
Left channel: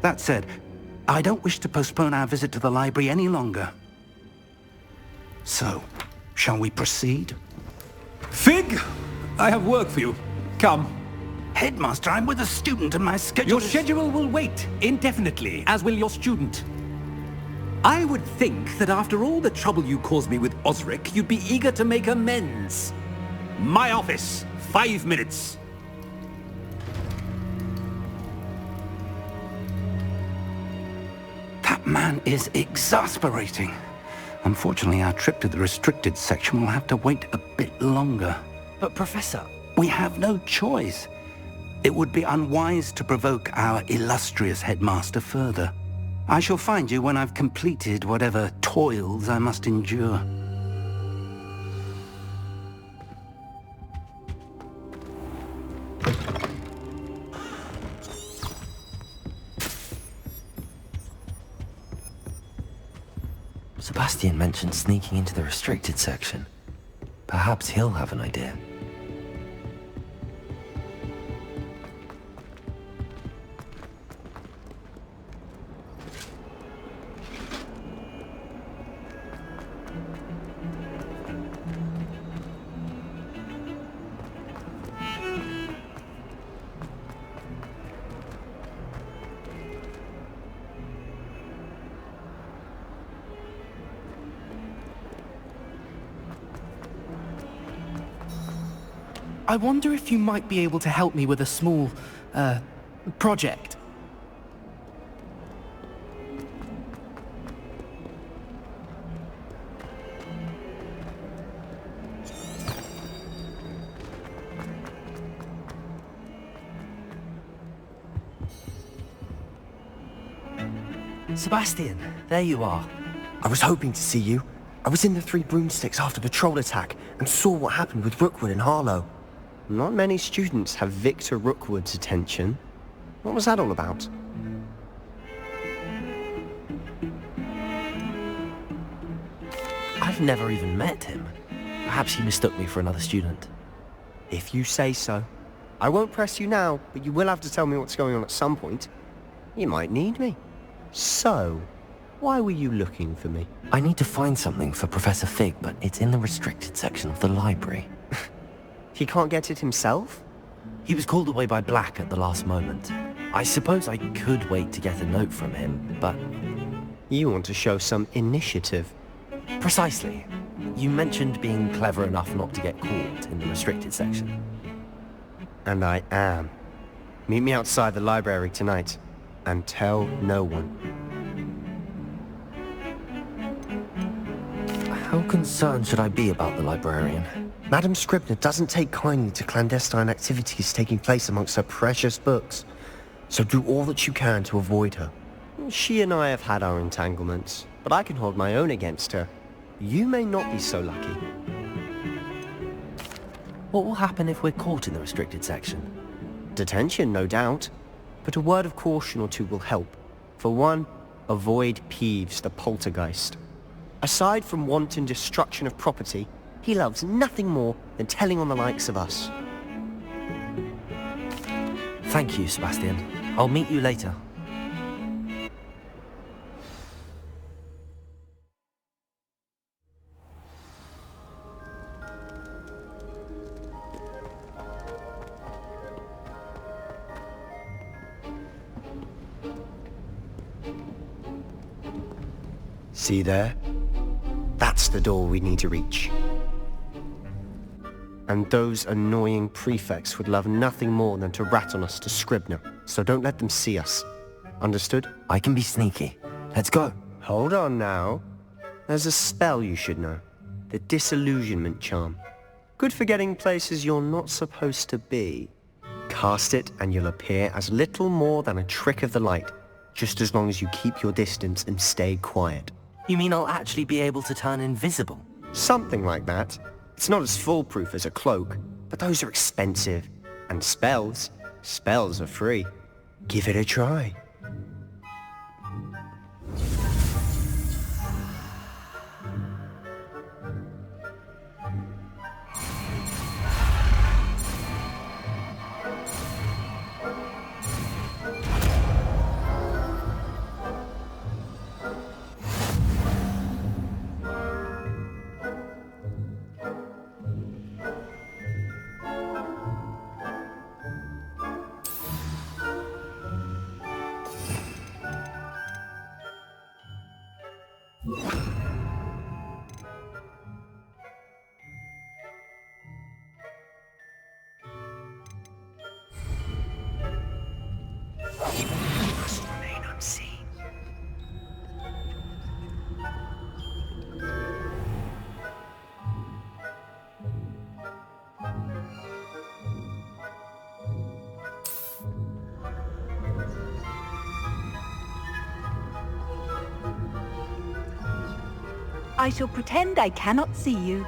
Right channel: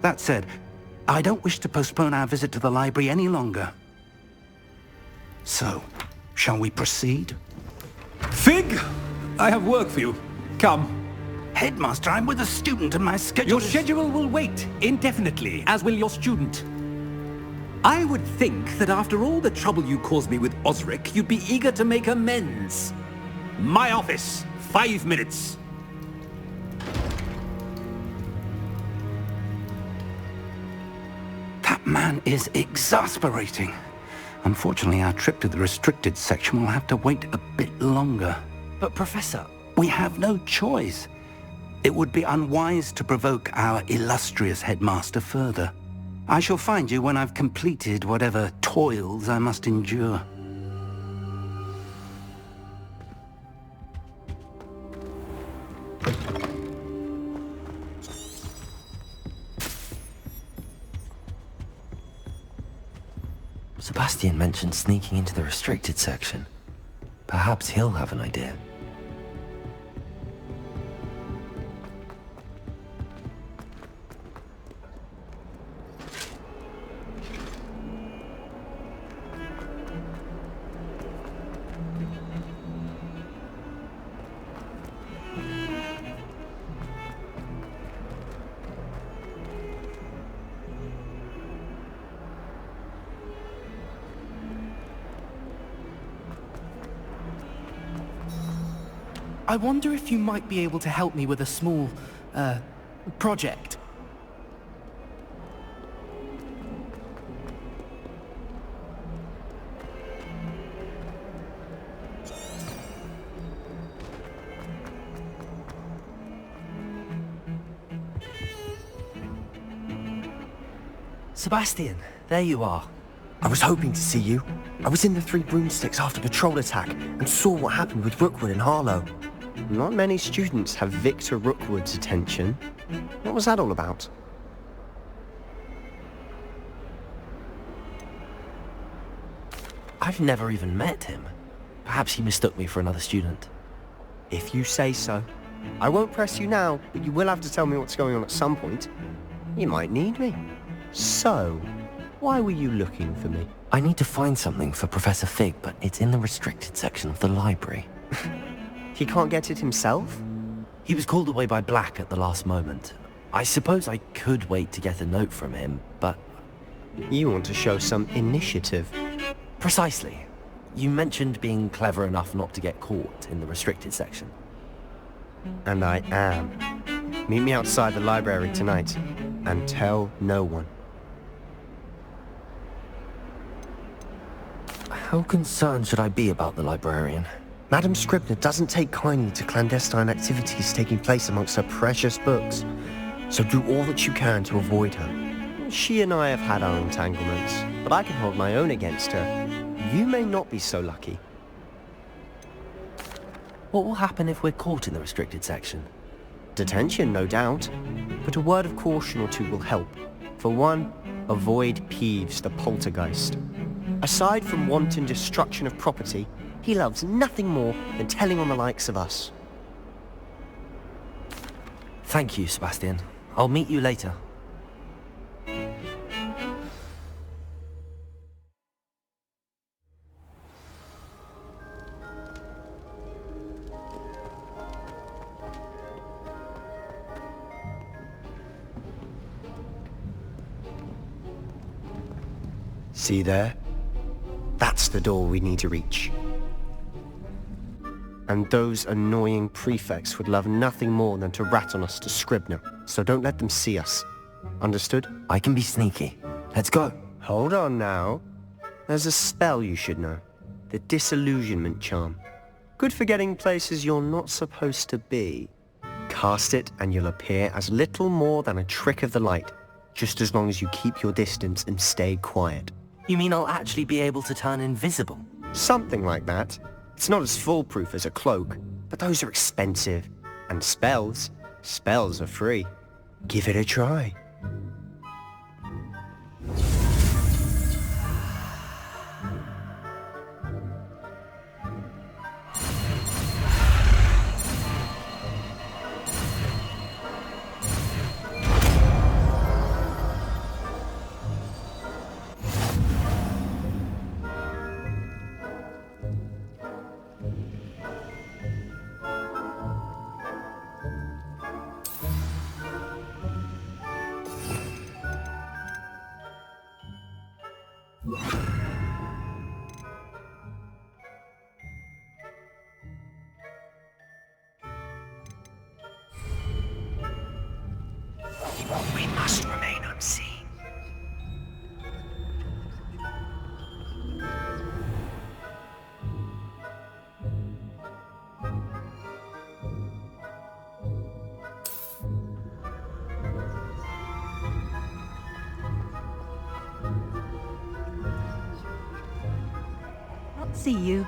That said, I don't wish to postpone our visit to the library any longer. So, shall we proceed? Fig! I have work for you. Come. Headmaster, I'm with a student and my schedule Your schedule will wait indefinitely, as will your student. I would think that after all the trouble you caused me with Osric, you'd be eager to make amends. My office, 5 minutes. That man is exasperating. Unfortunately, our trip to the restricted section will have to wait a bit longer. But Professor... We have no choice. It would be unwise to provoke our illustrious headmaster further. I shall find you when I've completed whatever toils I must endure. Sebastian mentioned sneaking into the restricted section. Perhaps he'll have an idea. I wonder if you might be able to help me with a small, project. Sebastian, there you are. I was hoping to see you. I was in the Three Broomsticks after the troll attack and saw what happened with Rookwood and Harlow. Not many students have Victor Rookwood's attention. What was that all about? I've never even met him. Perhaps he mistook me for another student. If you say so. I won't press you now, but you will have to tell me what's going on at some point. You might need me. So, why were you looking for me? I need to find something for Professor Fig, but it's in the restricted section of the library. He can't get it himself? He was called away by Black at the last moment. I suppose I could wait to get a note from him, but... You want to show some initiative. Precisely. You mentioned being clever enough not to get caught in the restricted section. And I am. Meet me outside the library tonight, and tell no one. How concerned should I be about the librarian? Madam Scribner doesn't take kindly to clandestine activities taking place amongst her precious books, so do all that you can to avoid her. She and I have had our entanglements, but I can hold my own against her. You may not be so lucky. What will happen if we're caught in the restricted section? Detention, no doubt, but a word of caution or two will help. For one, avoid Peeves, the poltergeist. Aside from wanton destruction of property, he loves nothing more than telling on the likes of us. Thank you, Sebastian. I'll meet you later. See there? That's the door we need to reach. And those annoying prefects would love nothing more than to rat on us to Scribner, so don't let them see us. Understood? I can be sneaky. Let's go. Hold on now. There's a spell you should know. The Disillusionment Charm. Good for getting places you're not supposed to be. Cast it and you'll appear as little more than a trick of the light, just as long as you keep your distance and stay quiet. You mean I'll actually be able to turn invisible? Something like that. It's not as foolproof as a cloak, but those are expensive. And spells are free. Give it a try. We must remain unseen. I shall pretend I cannot see you.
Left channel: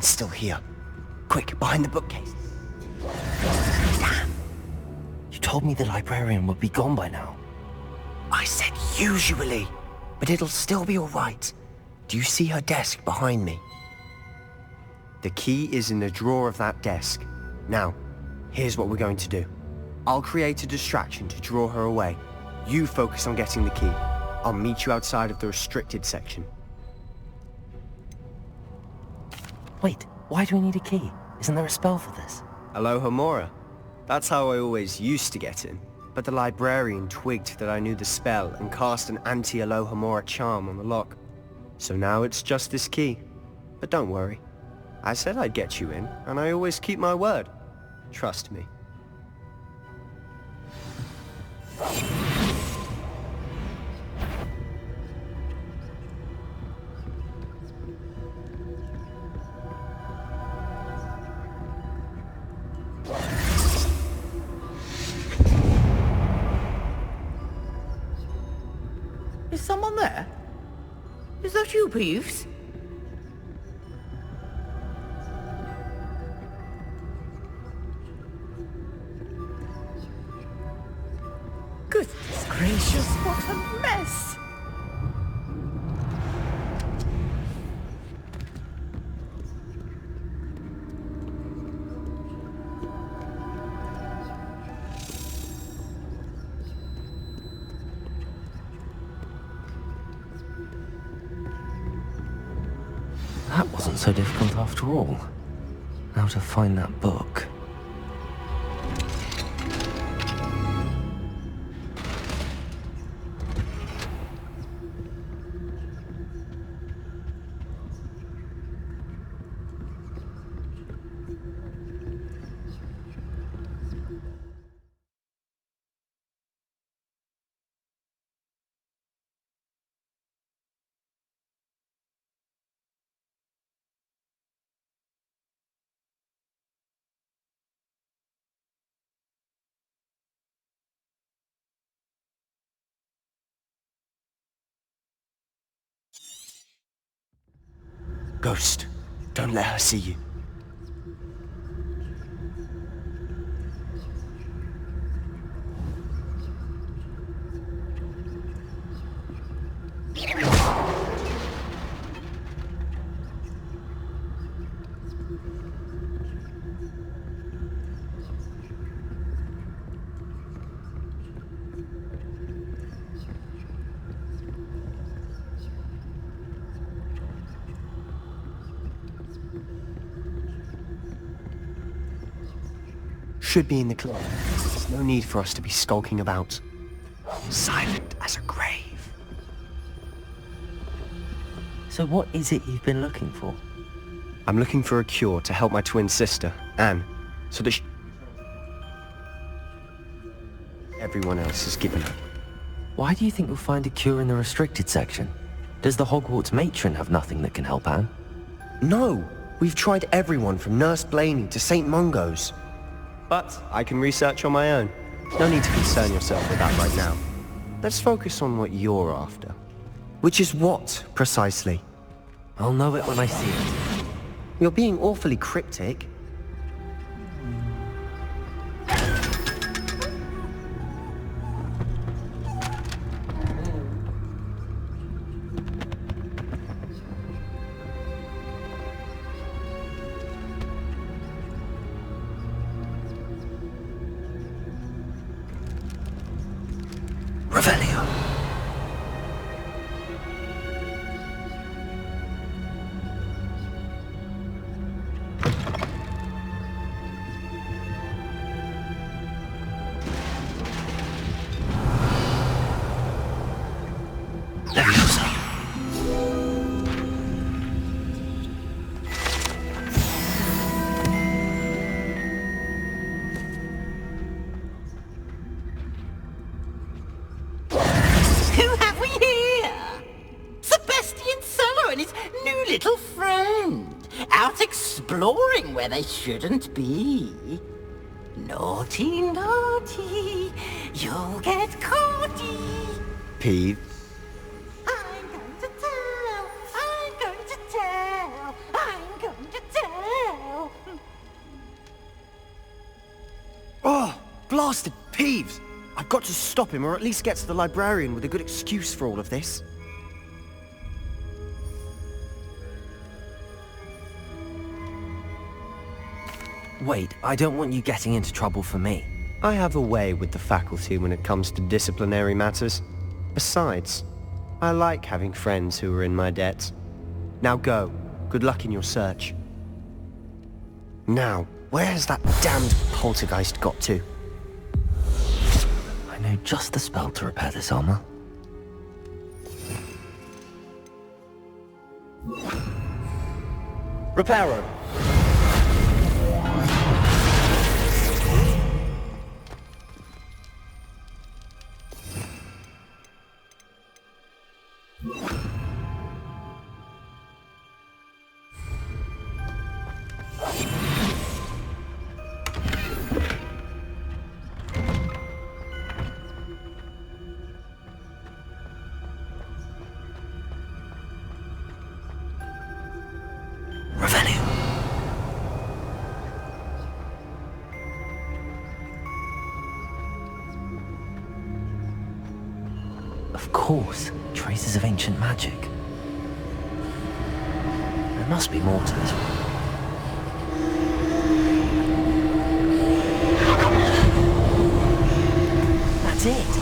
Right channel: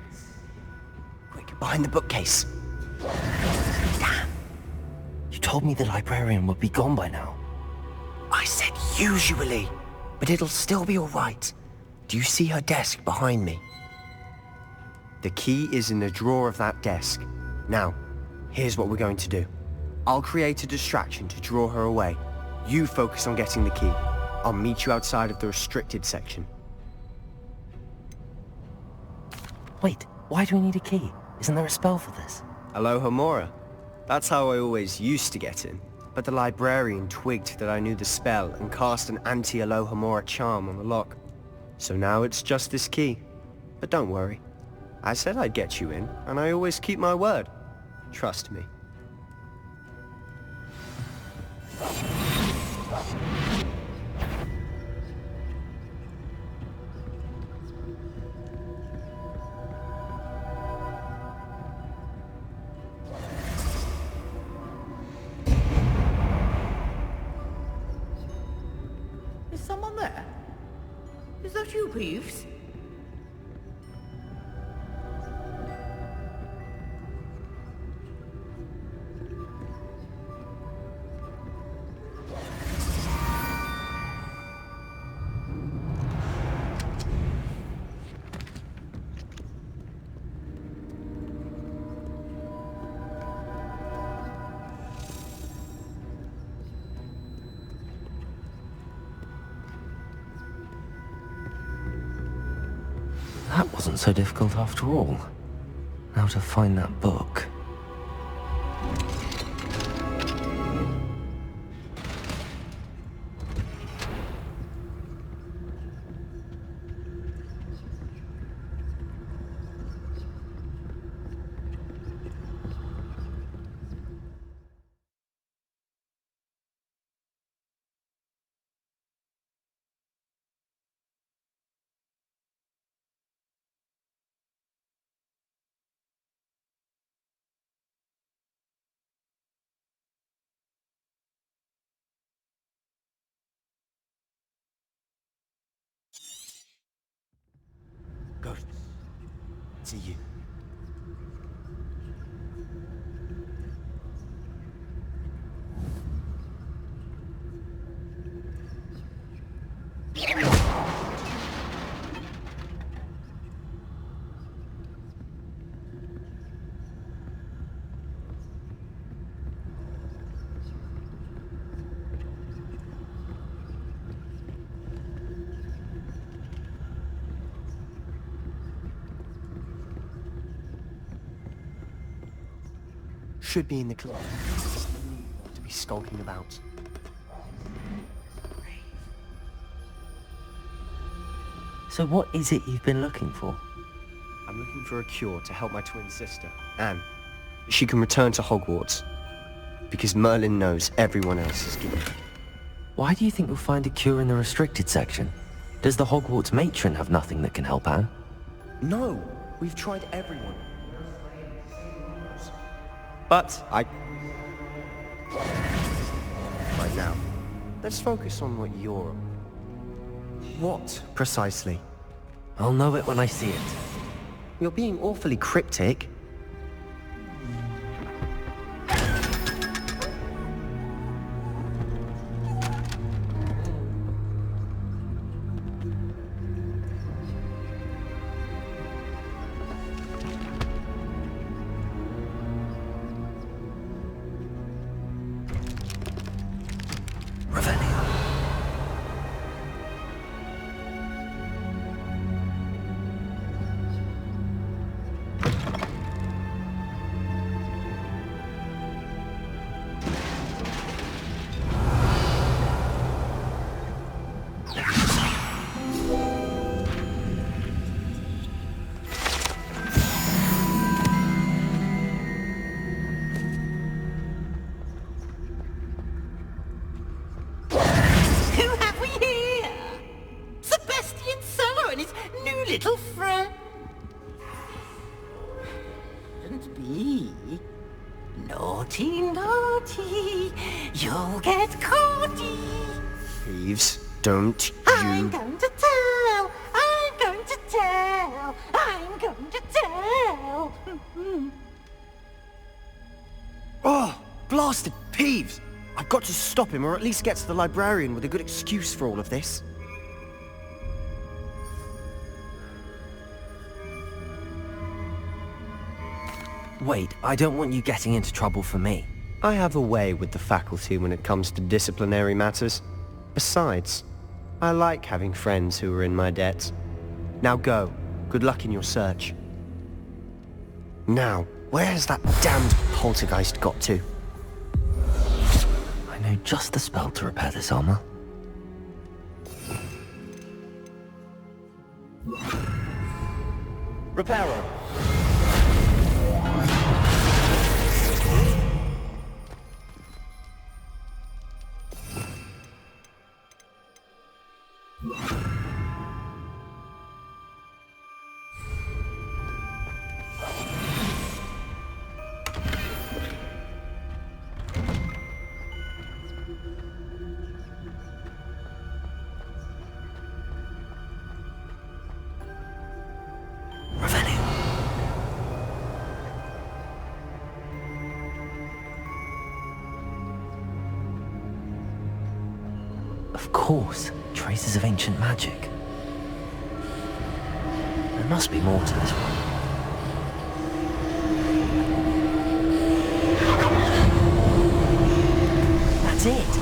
Still here. Quick, behind the bookcase. Damn. You told me the librarian would be gone by now. I said usually, but it'll still be all right. Do you see her desk behind me? The key is in the drawer of that desk. Now, here's what we're going to do. I'll create a distraction to draw her away. You focus on getting the key. I'll meet you outside of the restricted section. Wait, why do we need a key? Isn't there a spell for this? Alohomora. That's how I always used to get in. But the librarian twigged that I knew the spell and cast an anti-Alohomora charm on the lock. So now it's just this key. But don't worry. I said I'd get you in, and I always keep my word. Trust me. Is someone there? Is that you, Peeves? Goodness gracious, what a mess! That wasn't so difficult after all. Now to find that book. Ghost, don't let her see you. should be in the club. There's no need for us to be skulking about. Silent as a grave. So what is it you've been looking for? I'm looking for a cure to help my twin sister, Anne, so that she can return to Hogwarts. Because Merlin knows everyone else is given her. Why do you think you'll find a cure in the restricted section? Does the Hogwarts matron have nothing that can help Anne? No! We've tried everyone from Nurse Blaney to St. Mungo's. But I can research on my own. No need to concern yourself with that right now. Let's focus on what you're after. Which is what, precisely? I'll know it when I see it. You're being awfully cryptic. They shouldn't be. Naughty, naughty, you'll get caughty. Peeves, don't I'm going to tell, I'm going to tell, I'm going to tell. Oh, blasted Peeves! I've got to stop him, or at least get to the librarian with a good excuse for all of this. Wait, I don't want you getting into trouble for me. I have a way with the faculty when it comes to disciplinary matters. Besides, I like having friends who are in my debt. Now go. Good luck in your search. Now, where has that damned poltergeist got to? I know just the spell to repair this armor. Reparo! Of course, traces of ancient magic. There must be more to this one. That's it!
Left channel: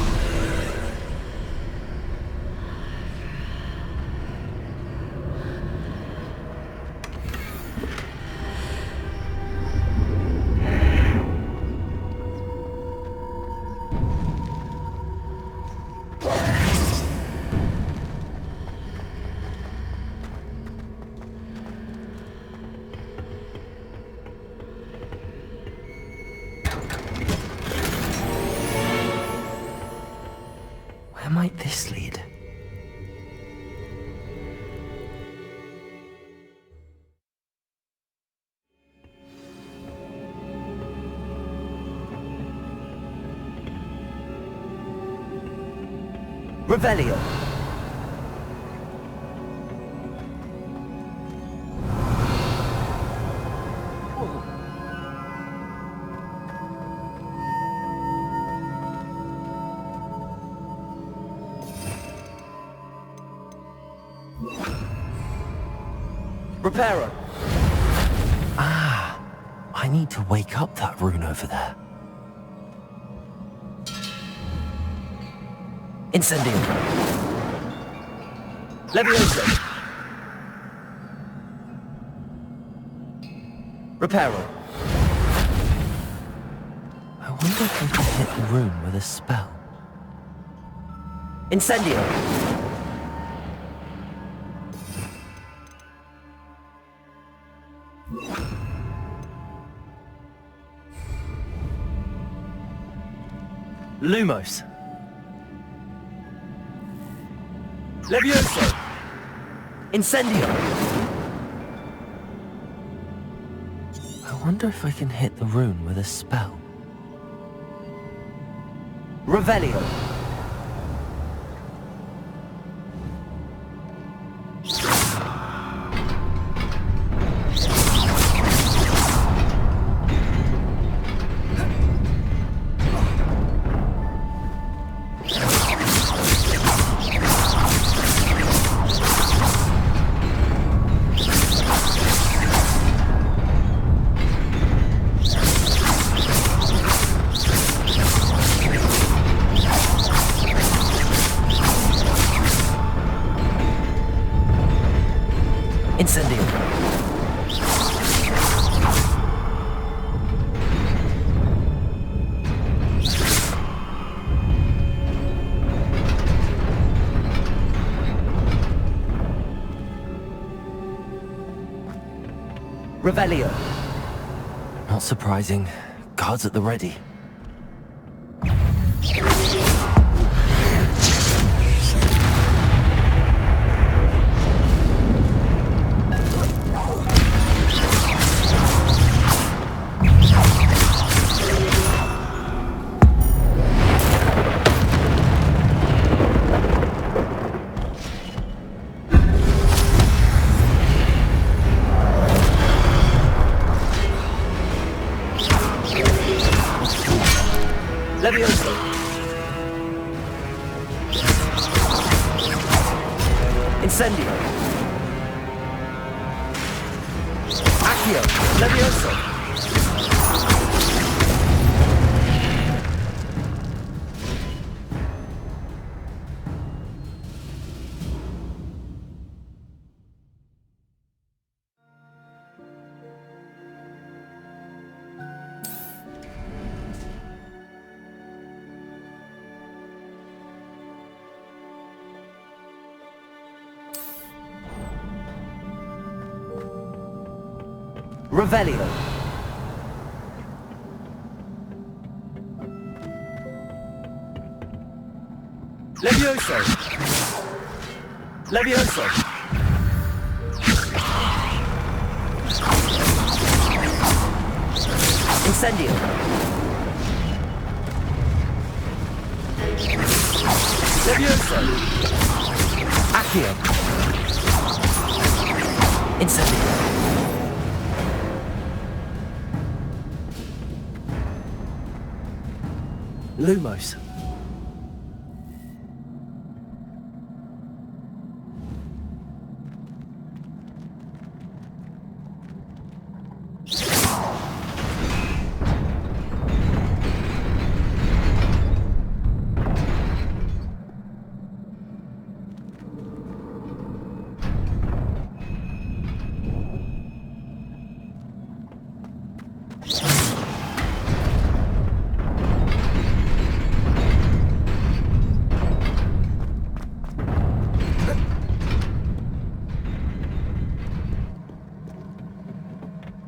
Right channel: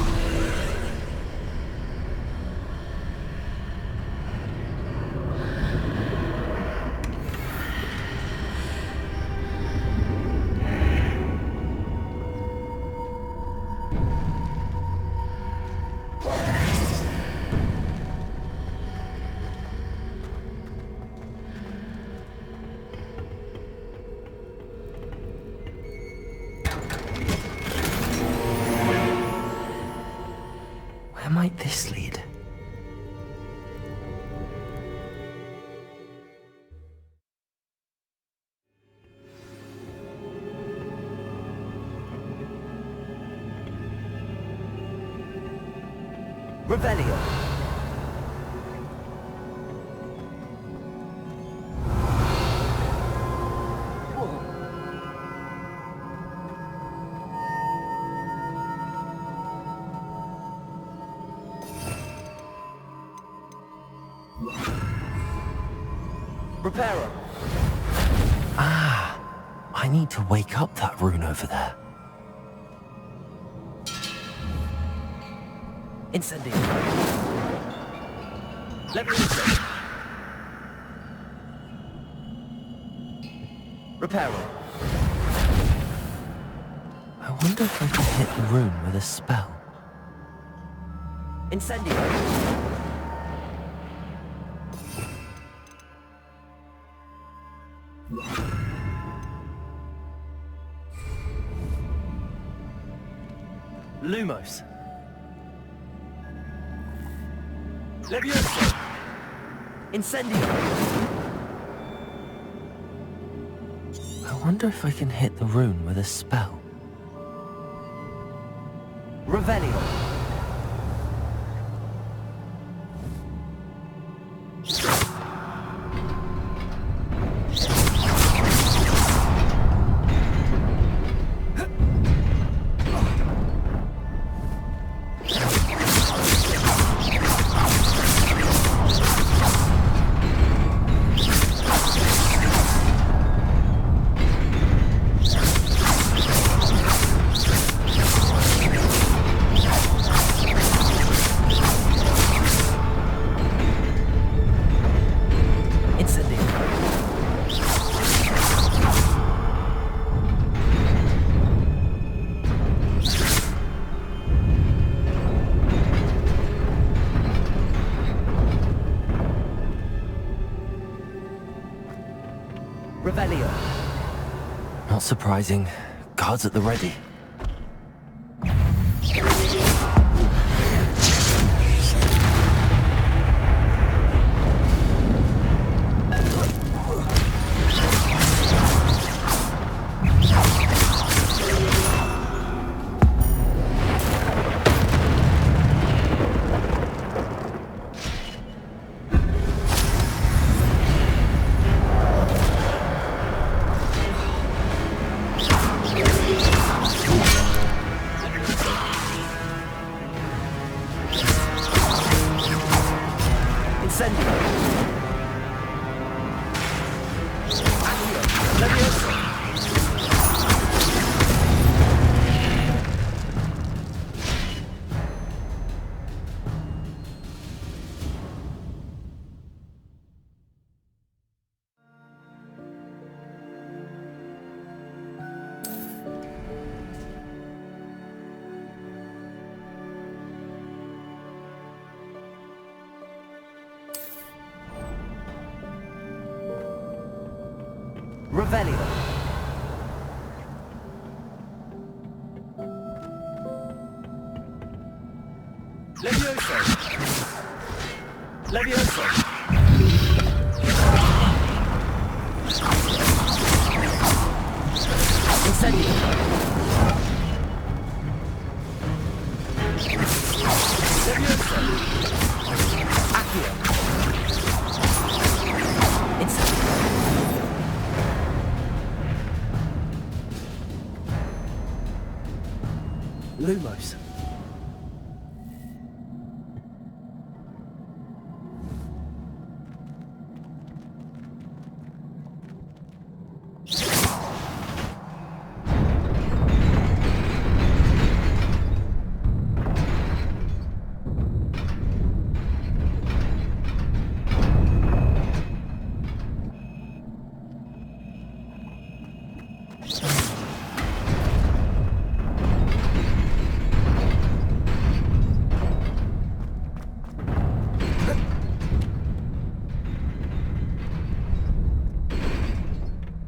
Where might this lead? Revelio! Reparo! Ah, I need to wake up that rune over there. Incendio! Levioso! Reparo! I wonder if I can hit the room with a spell. Incendio! Lumos! Levioso! Incendio! I wonder if I can hit the rune with a spell. Revelio! Revelio. Not surprising. Guards at the ready. Revelio. Levioso. Levioso. Incendio. Levioso. Accio. Incendio. Lumos.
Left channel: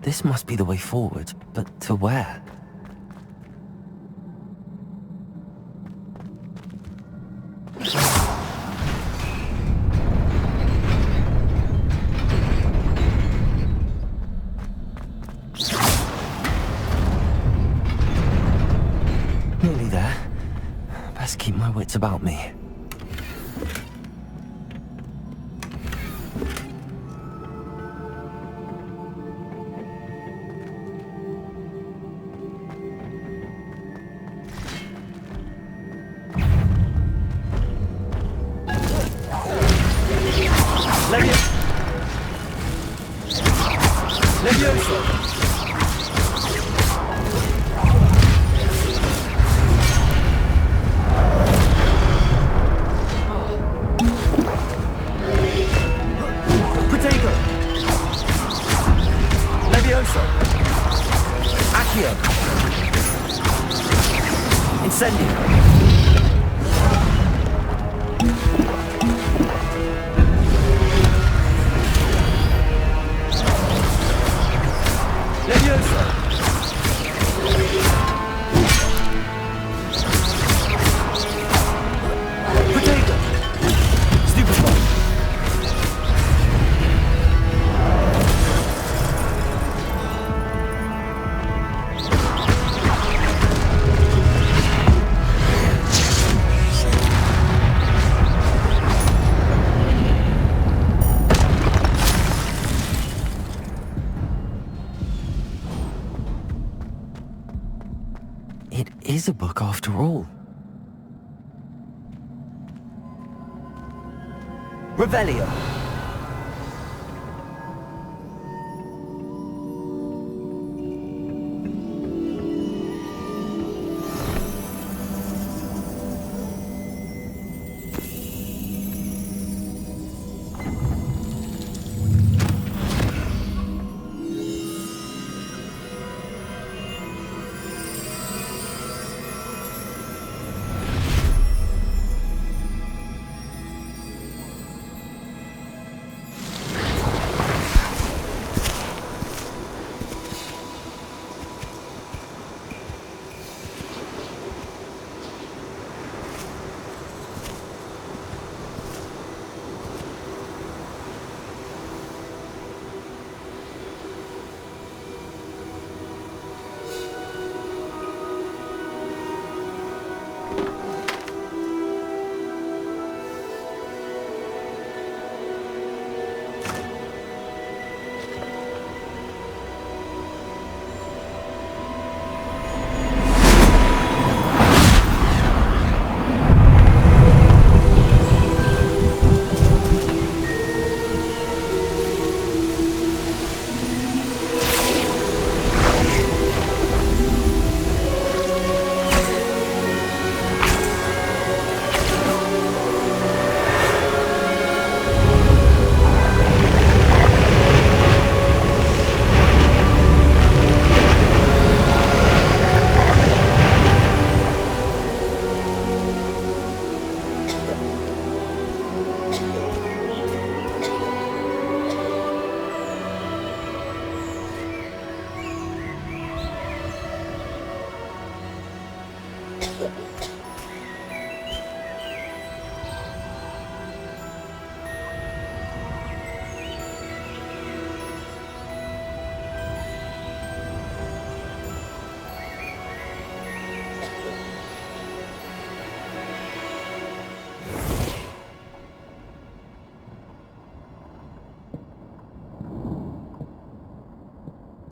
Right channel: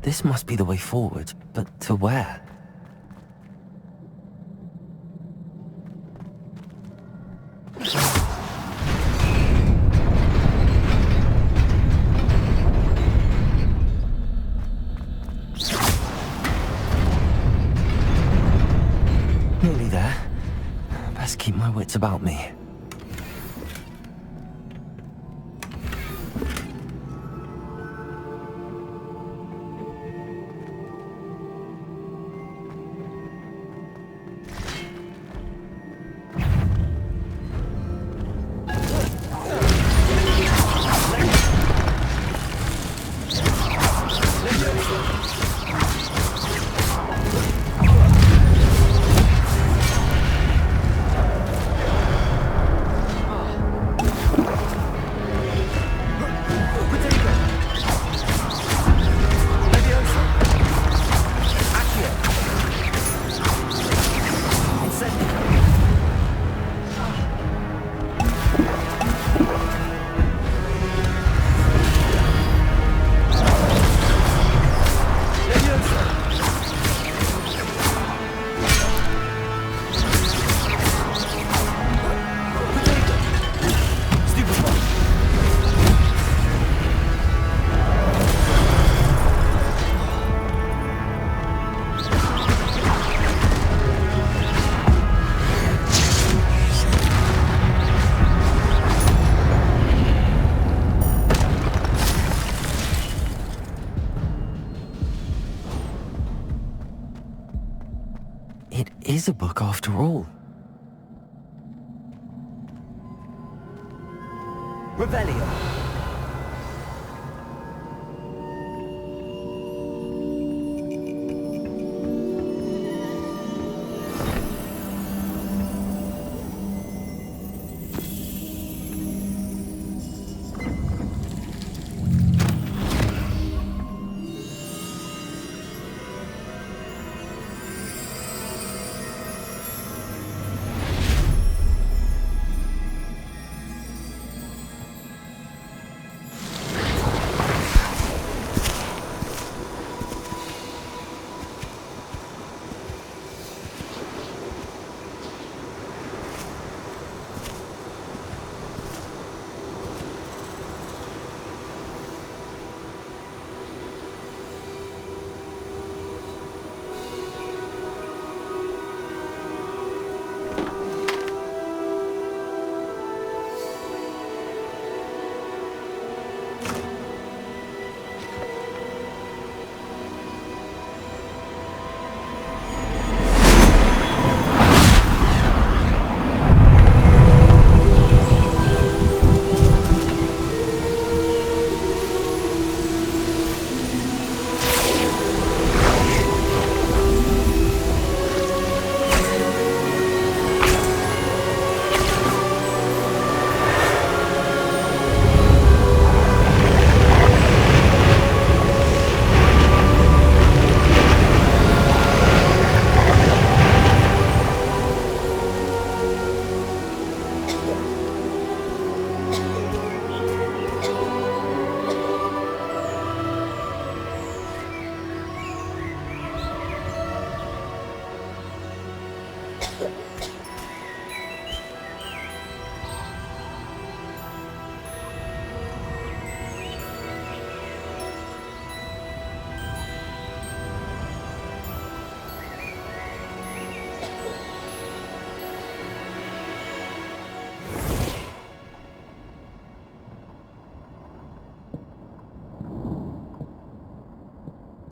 This must be the way forward, but to where? Nearly there. Best keep my wits about me. Incendio! It is a book after all. Revelio.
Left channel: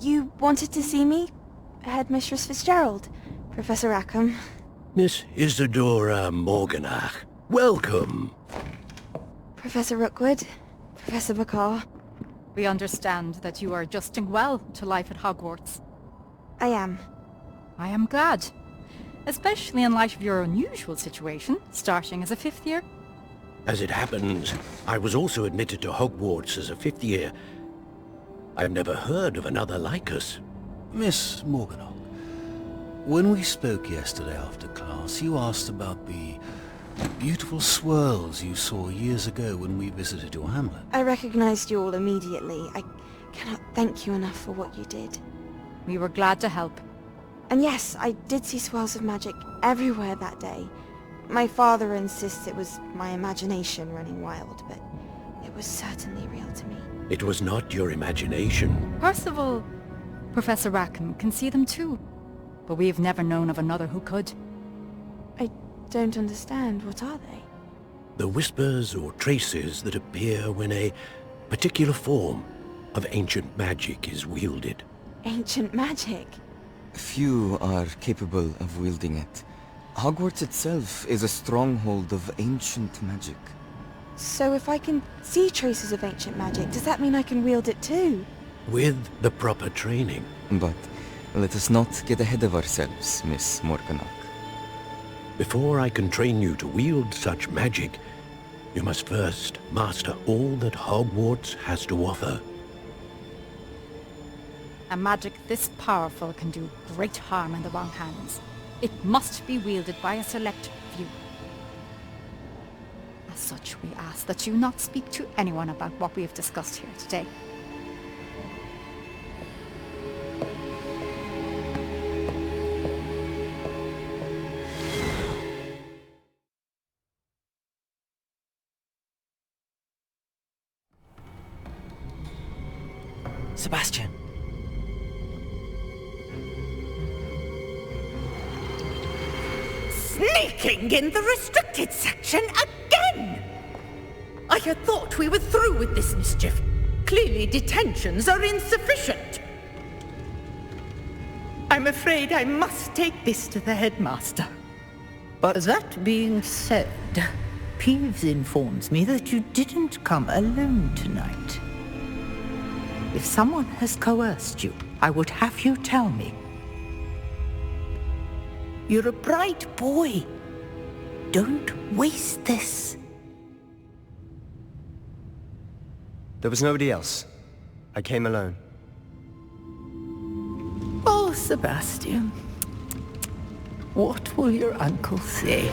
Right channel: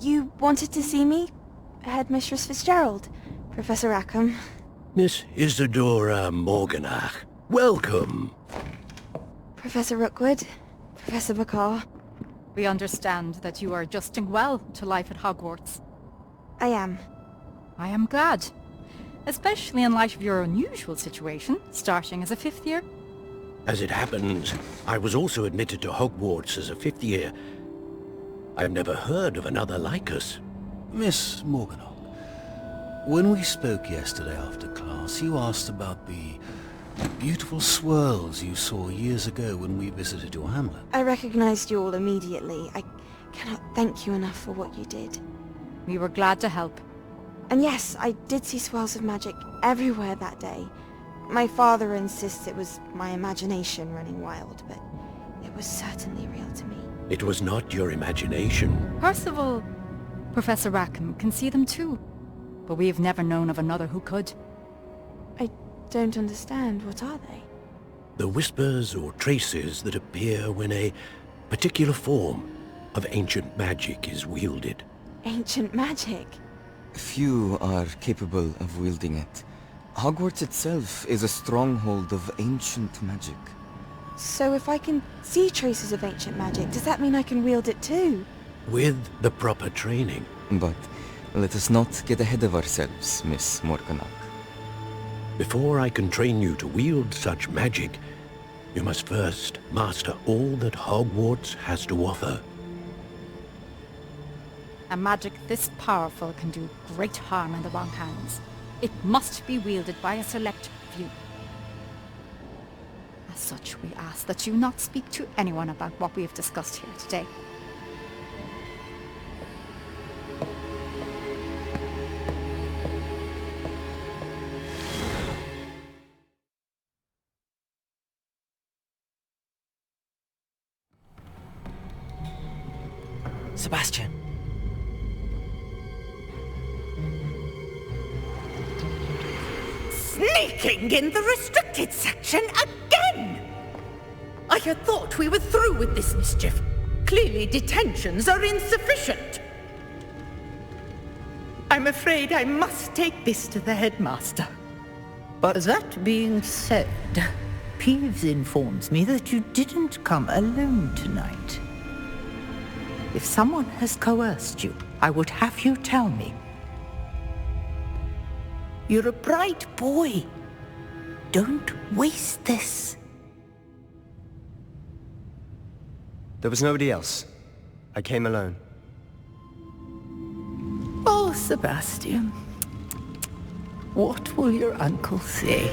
You wanted to see me? Headmistress Fitzgerald, Professor Rackham. Miss Isadora Morganach, welcome. Professor Rookwood, Professor McCaw. We understand that you are adjusting well to life at Hogwarts. I am. I am glad. Especially in light of your unusual situation, starting as a 5th year. As it happens, I was also admitted to Hogwarts as a 5th year. I've never heard of another like us. Miss Morganach, when we spoke yesterday after class, you asked about the beautiful swirls you saw years ago when we visited your hamlet. I recognized you all immediately. I cannot thank you enough for what you did. We were glad to help. And yes, I did see swirls of magic everywhere that day. My father insists it was my imagination running wild, but it was certainly real to me. It was not your imagination. Percival, Professor Rackham can see them too. But we've never known of another who could. I don't understand. What are they? The whispers or traces that appear when a particular form of ancient magic is wielded. Ancient magic? Few are capable of wielding it. Hogwarts itself is a stronghold of ancient magic. So if I can see traces of ancient magic, does that mean I can wield it too? With the proper training. But let us not get ahead of ourselves, Miss Morganach. Before I can train you to wield such magic, you must first master all that Hogwarts has to offer. A magic this powerful can do great harm in the wrong hands. It must be wielded by a select few. As such, we ask that you not speak to anyone about what we have discussed here today. Sebastian. Sneaking in the restricted section again! I had thought we were through with this mischief. Clearly detentions are insufficient. I'm afraid I must take this to the headmaster. But that being said, Peeves informs me that you didn't come alone tonight. If someone has coerced you, I would have you tell me. You're a bright boy. Don't waste this. There was nobody else. I came alone. Oh, Sebastian. What will your uncle say?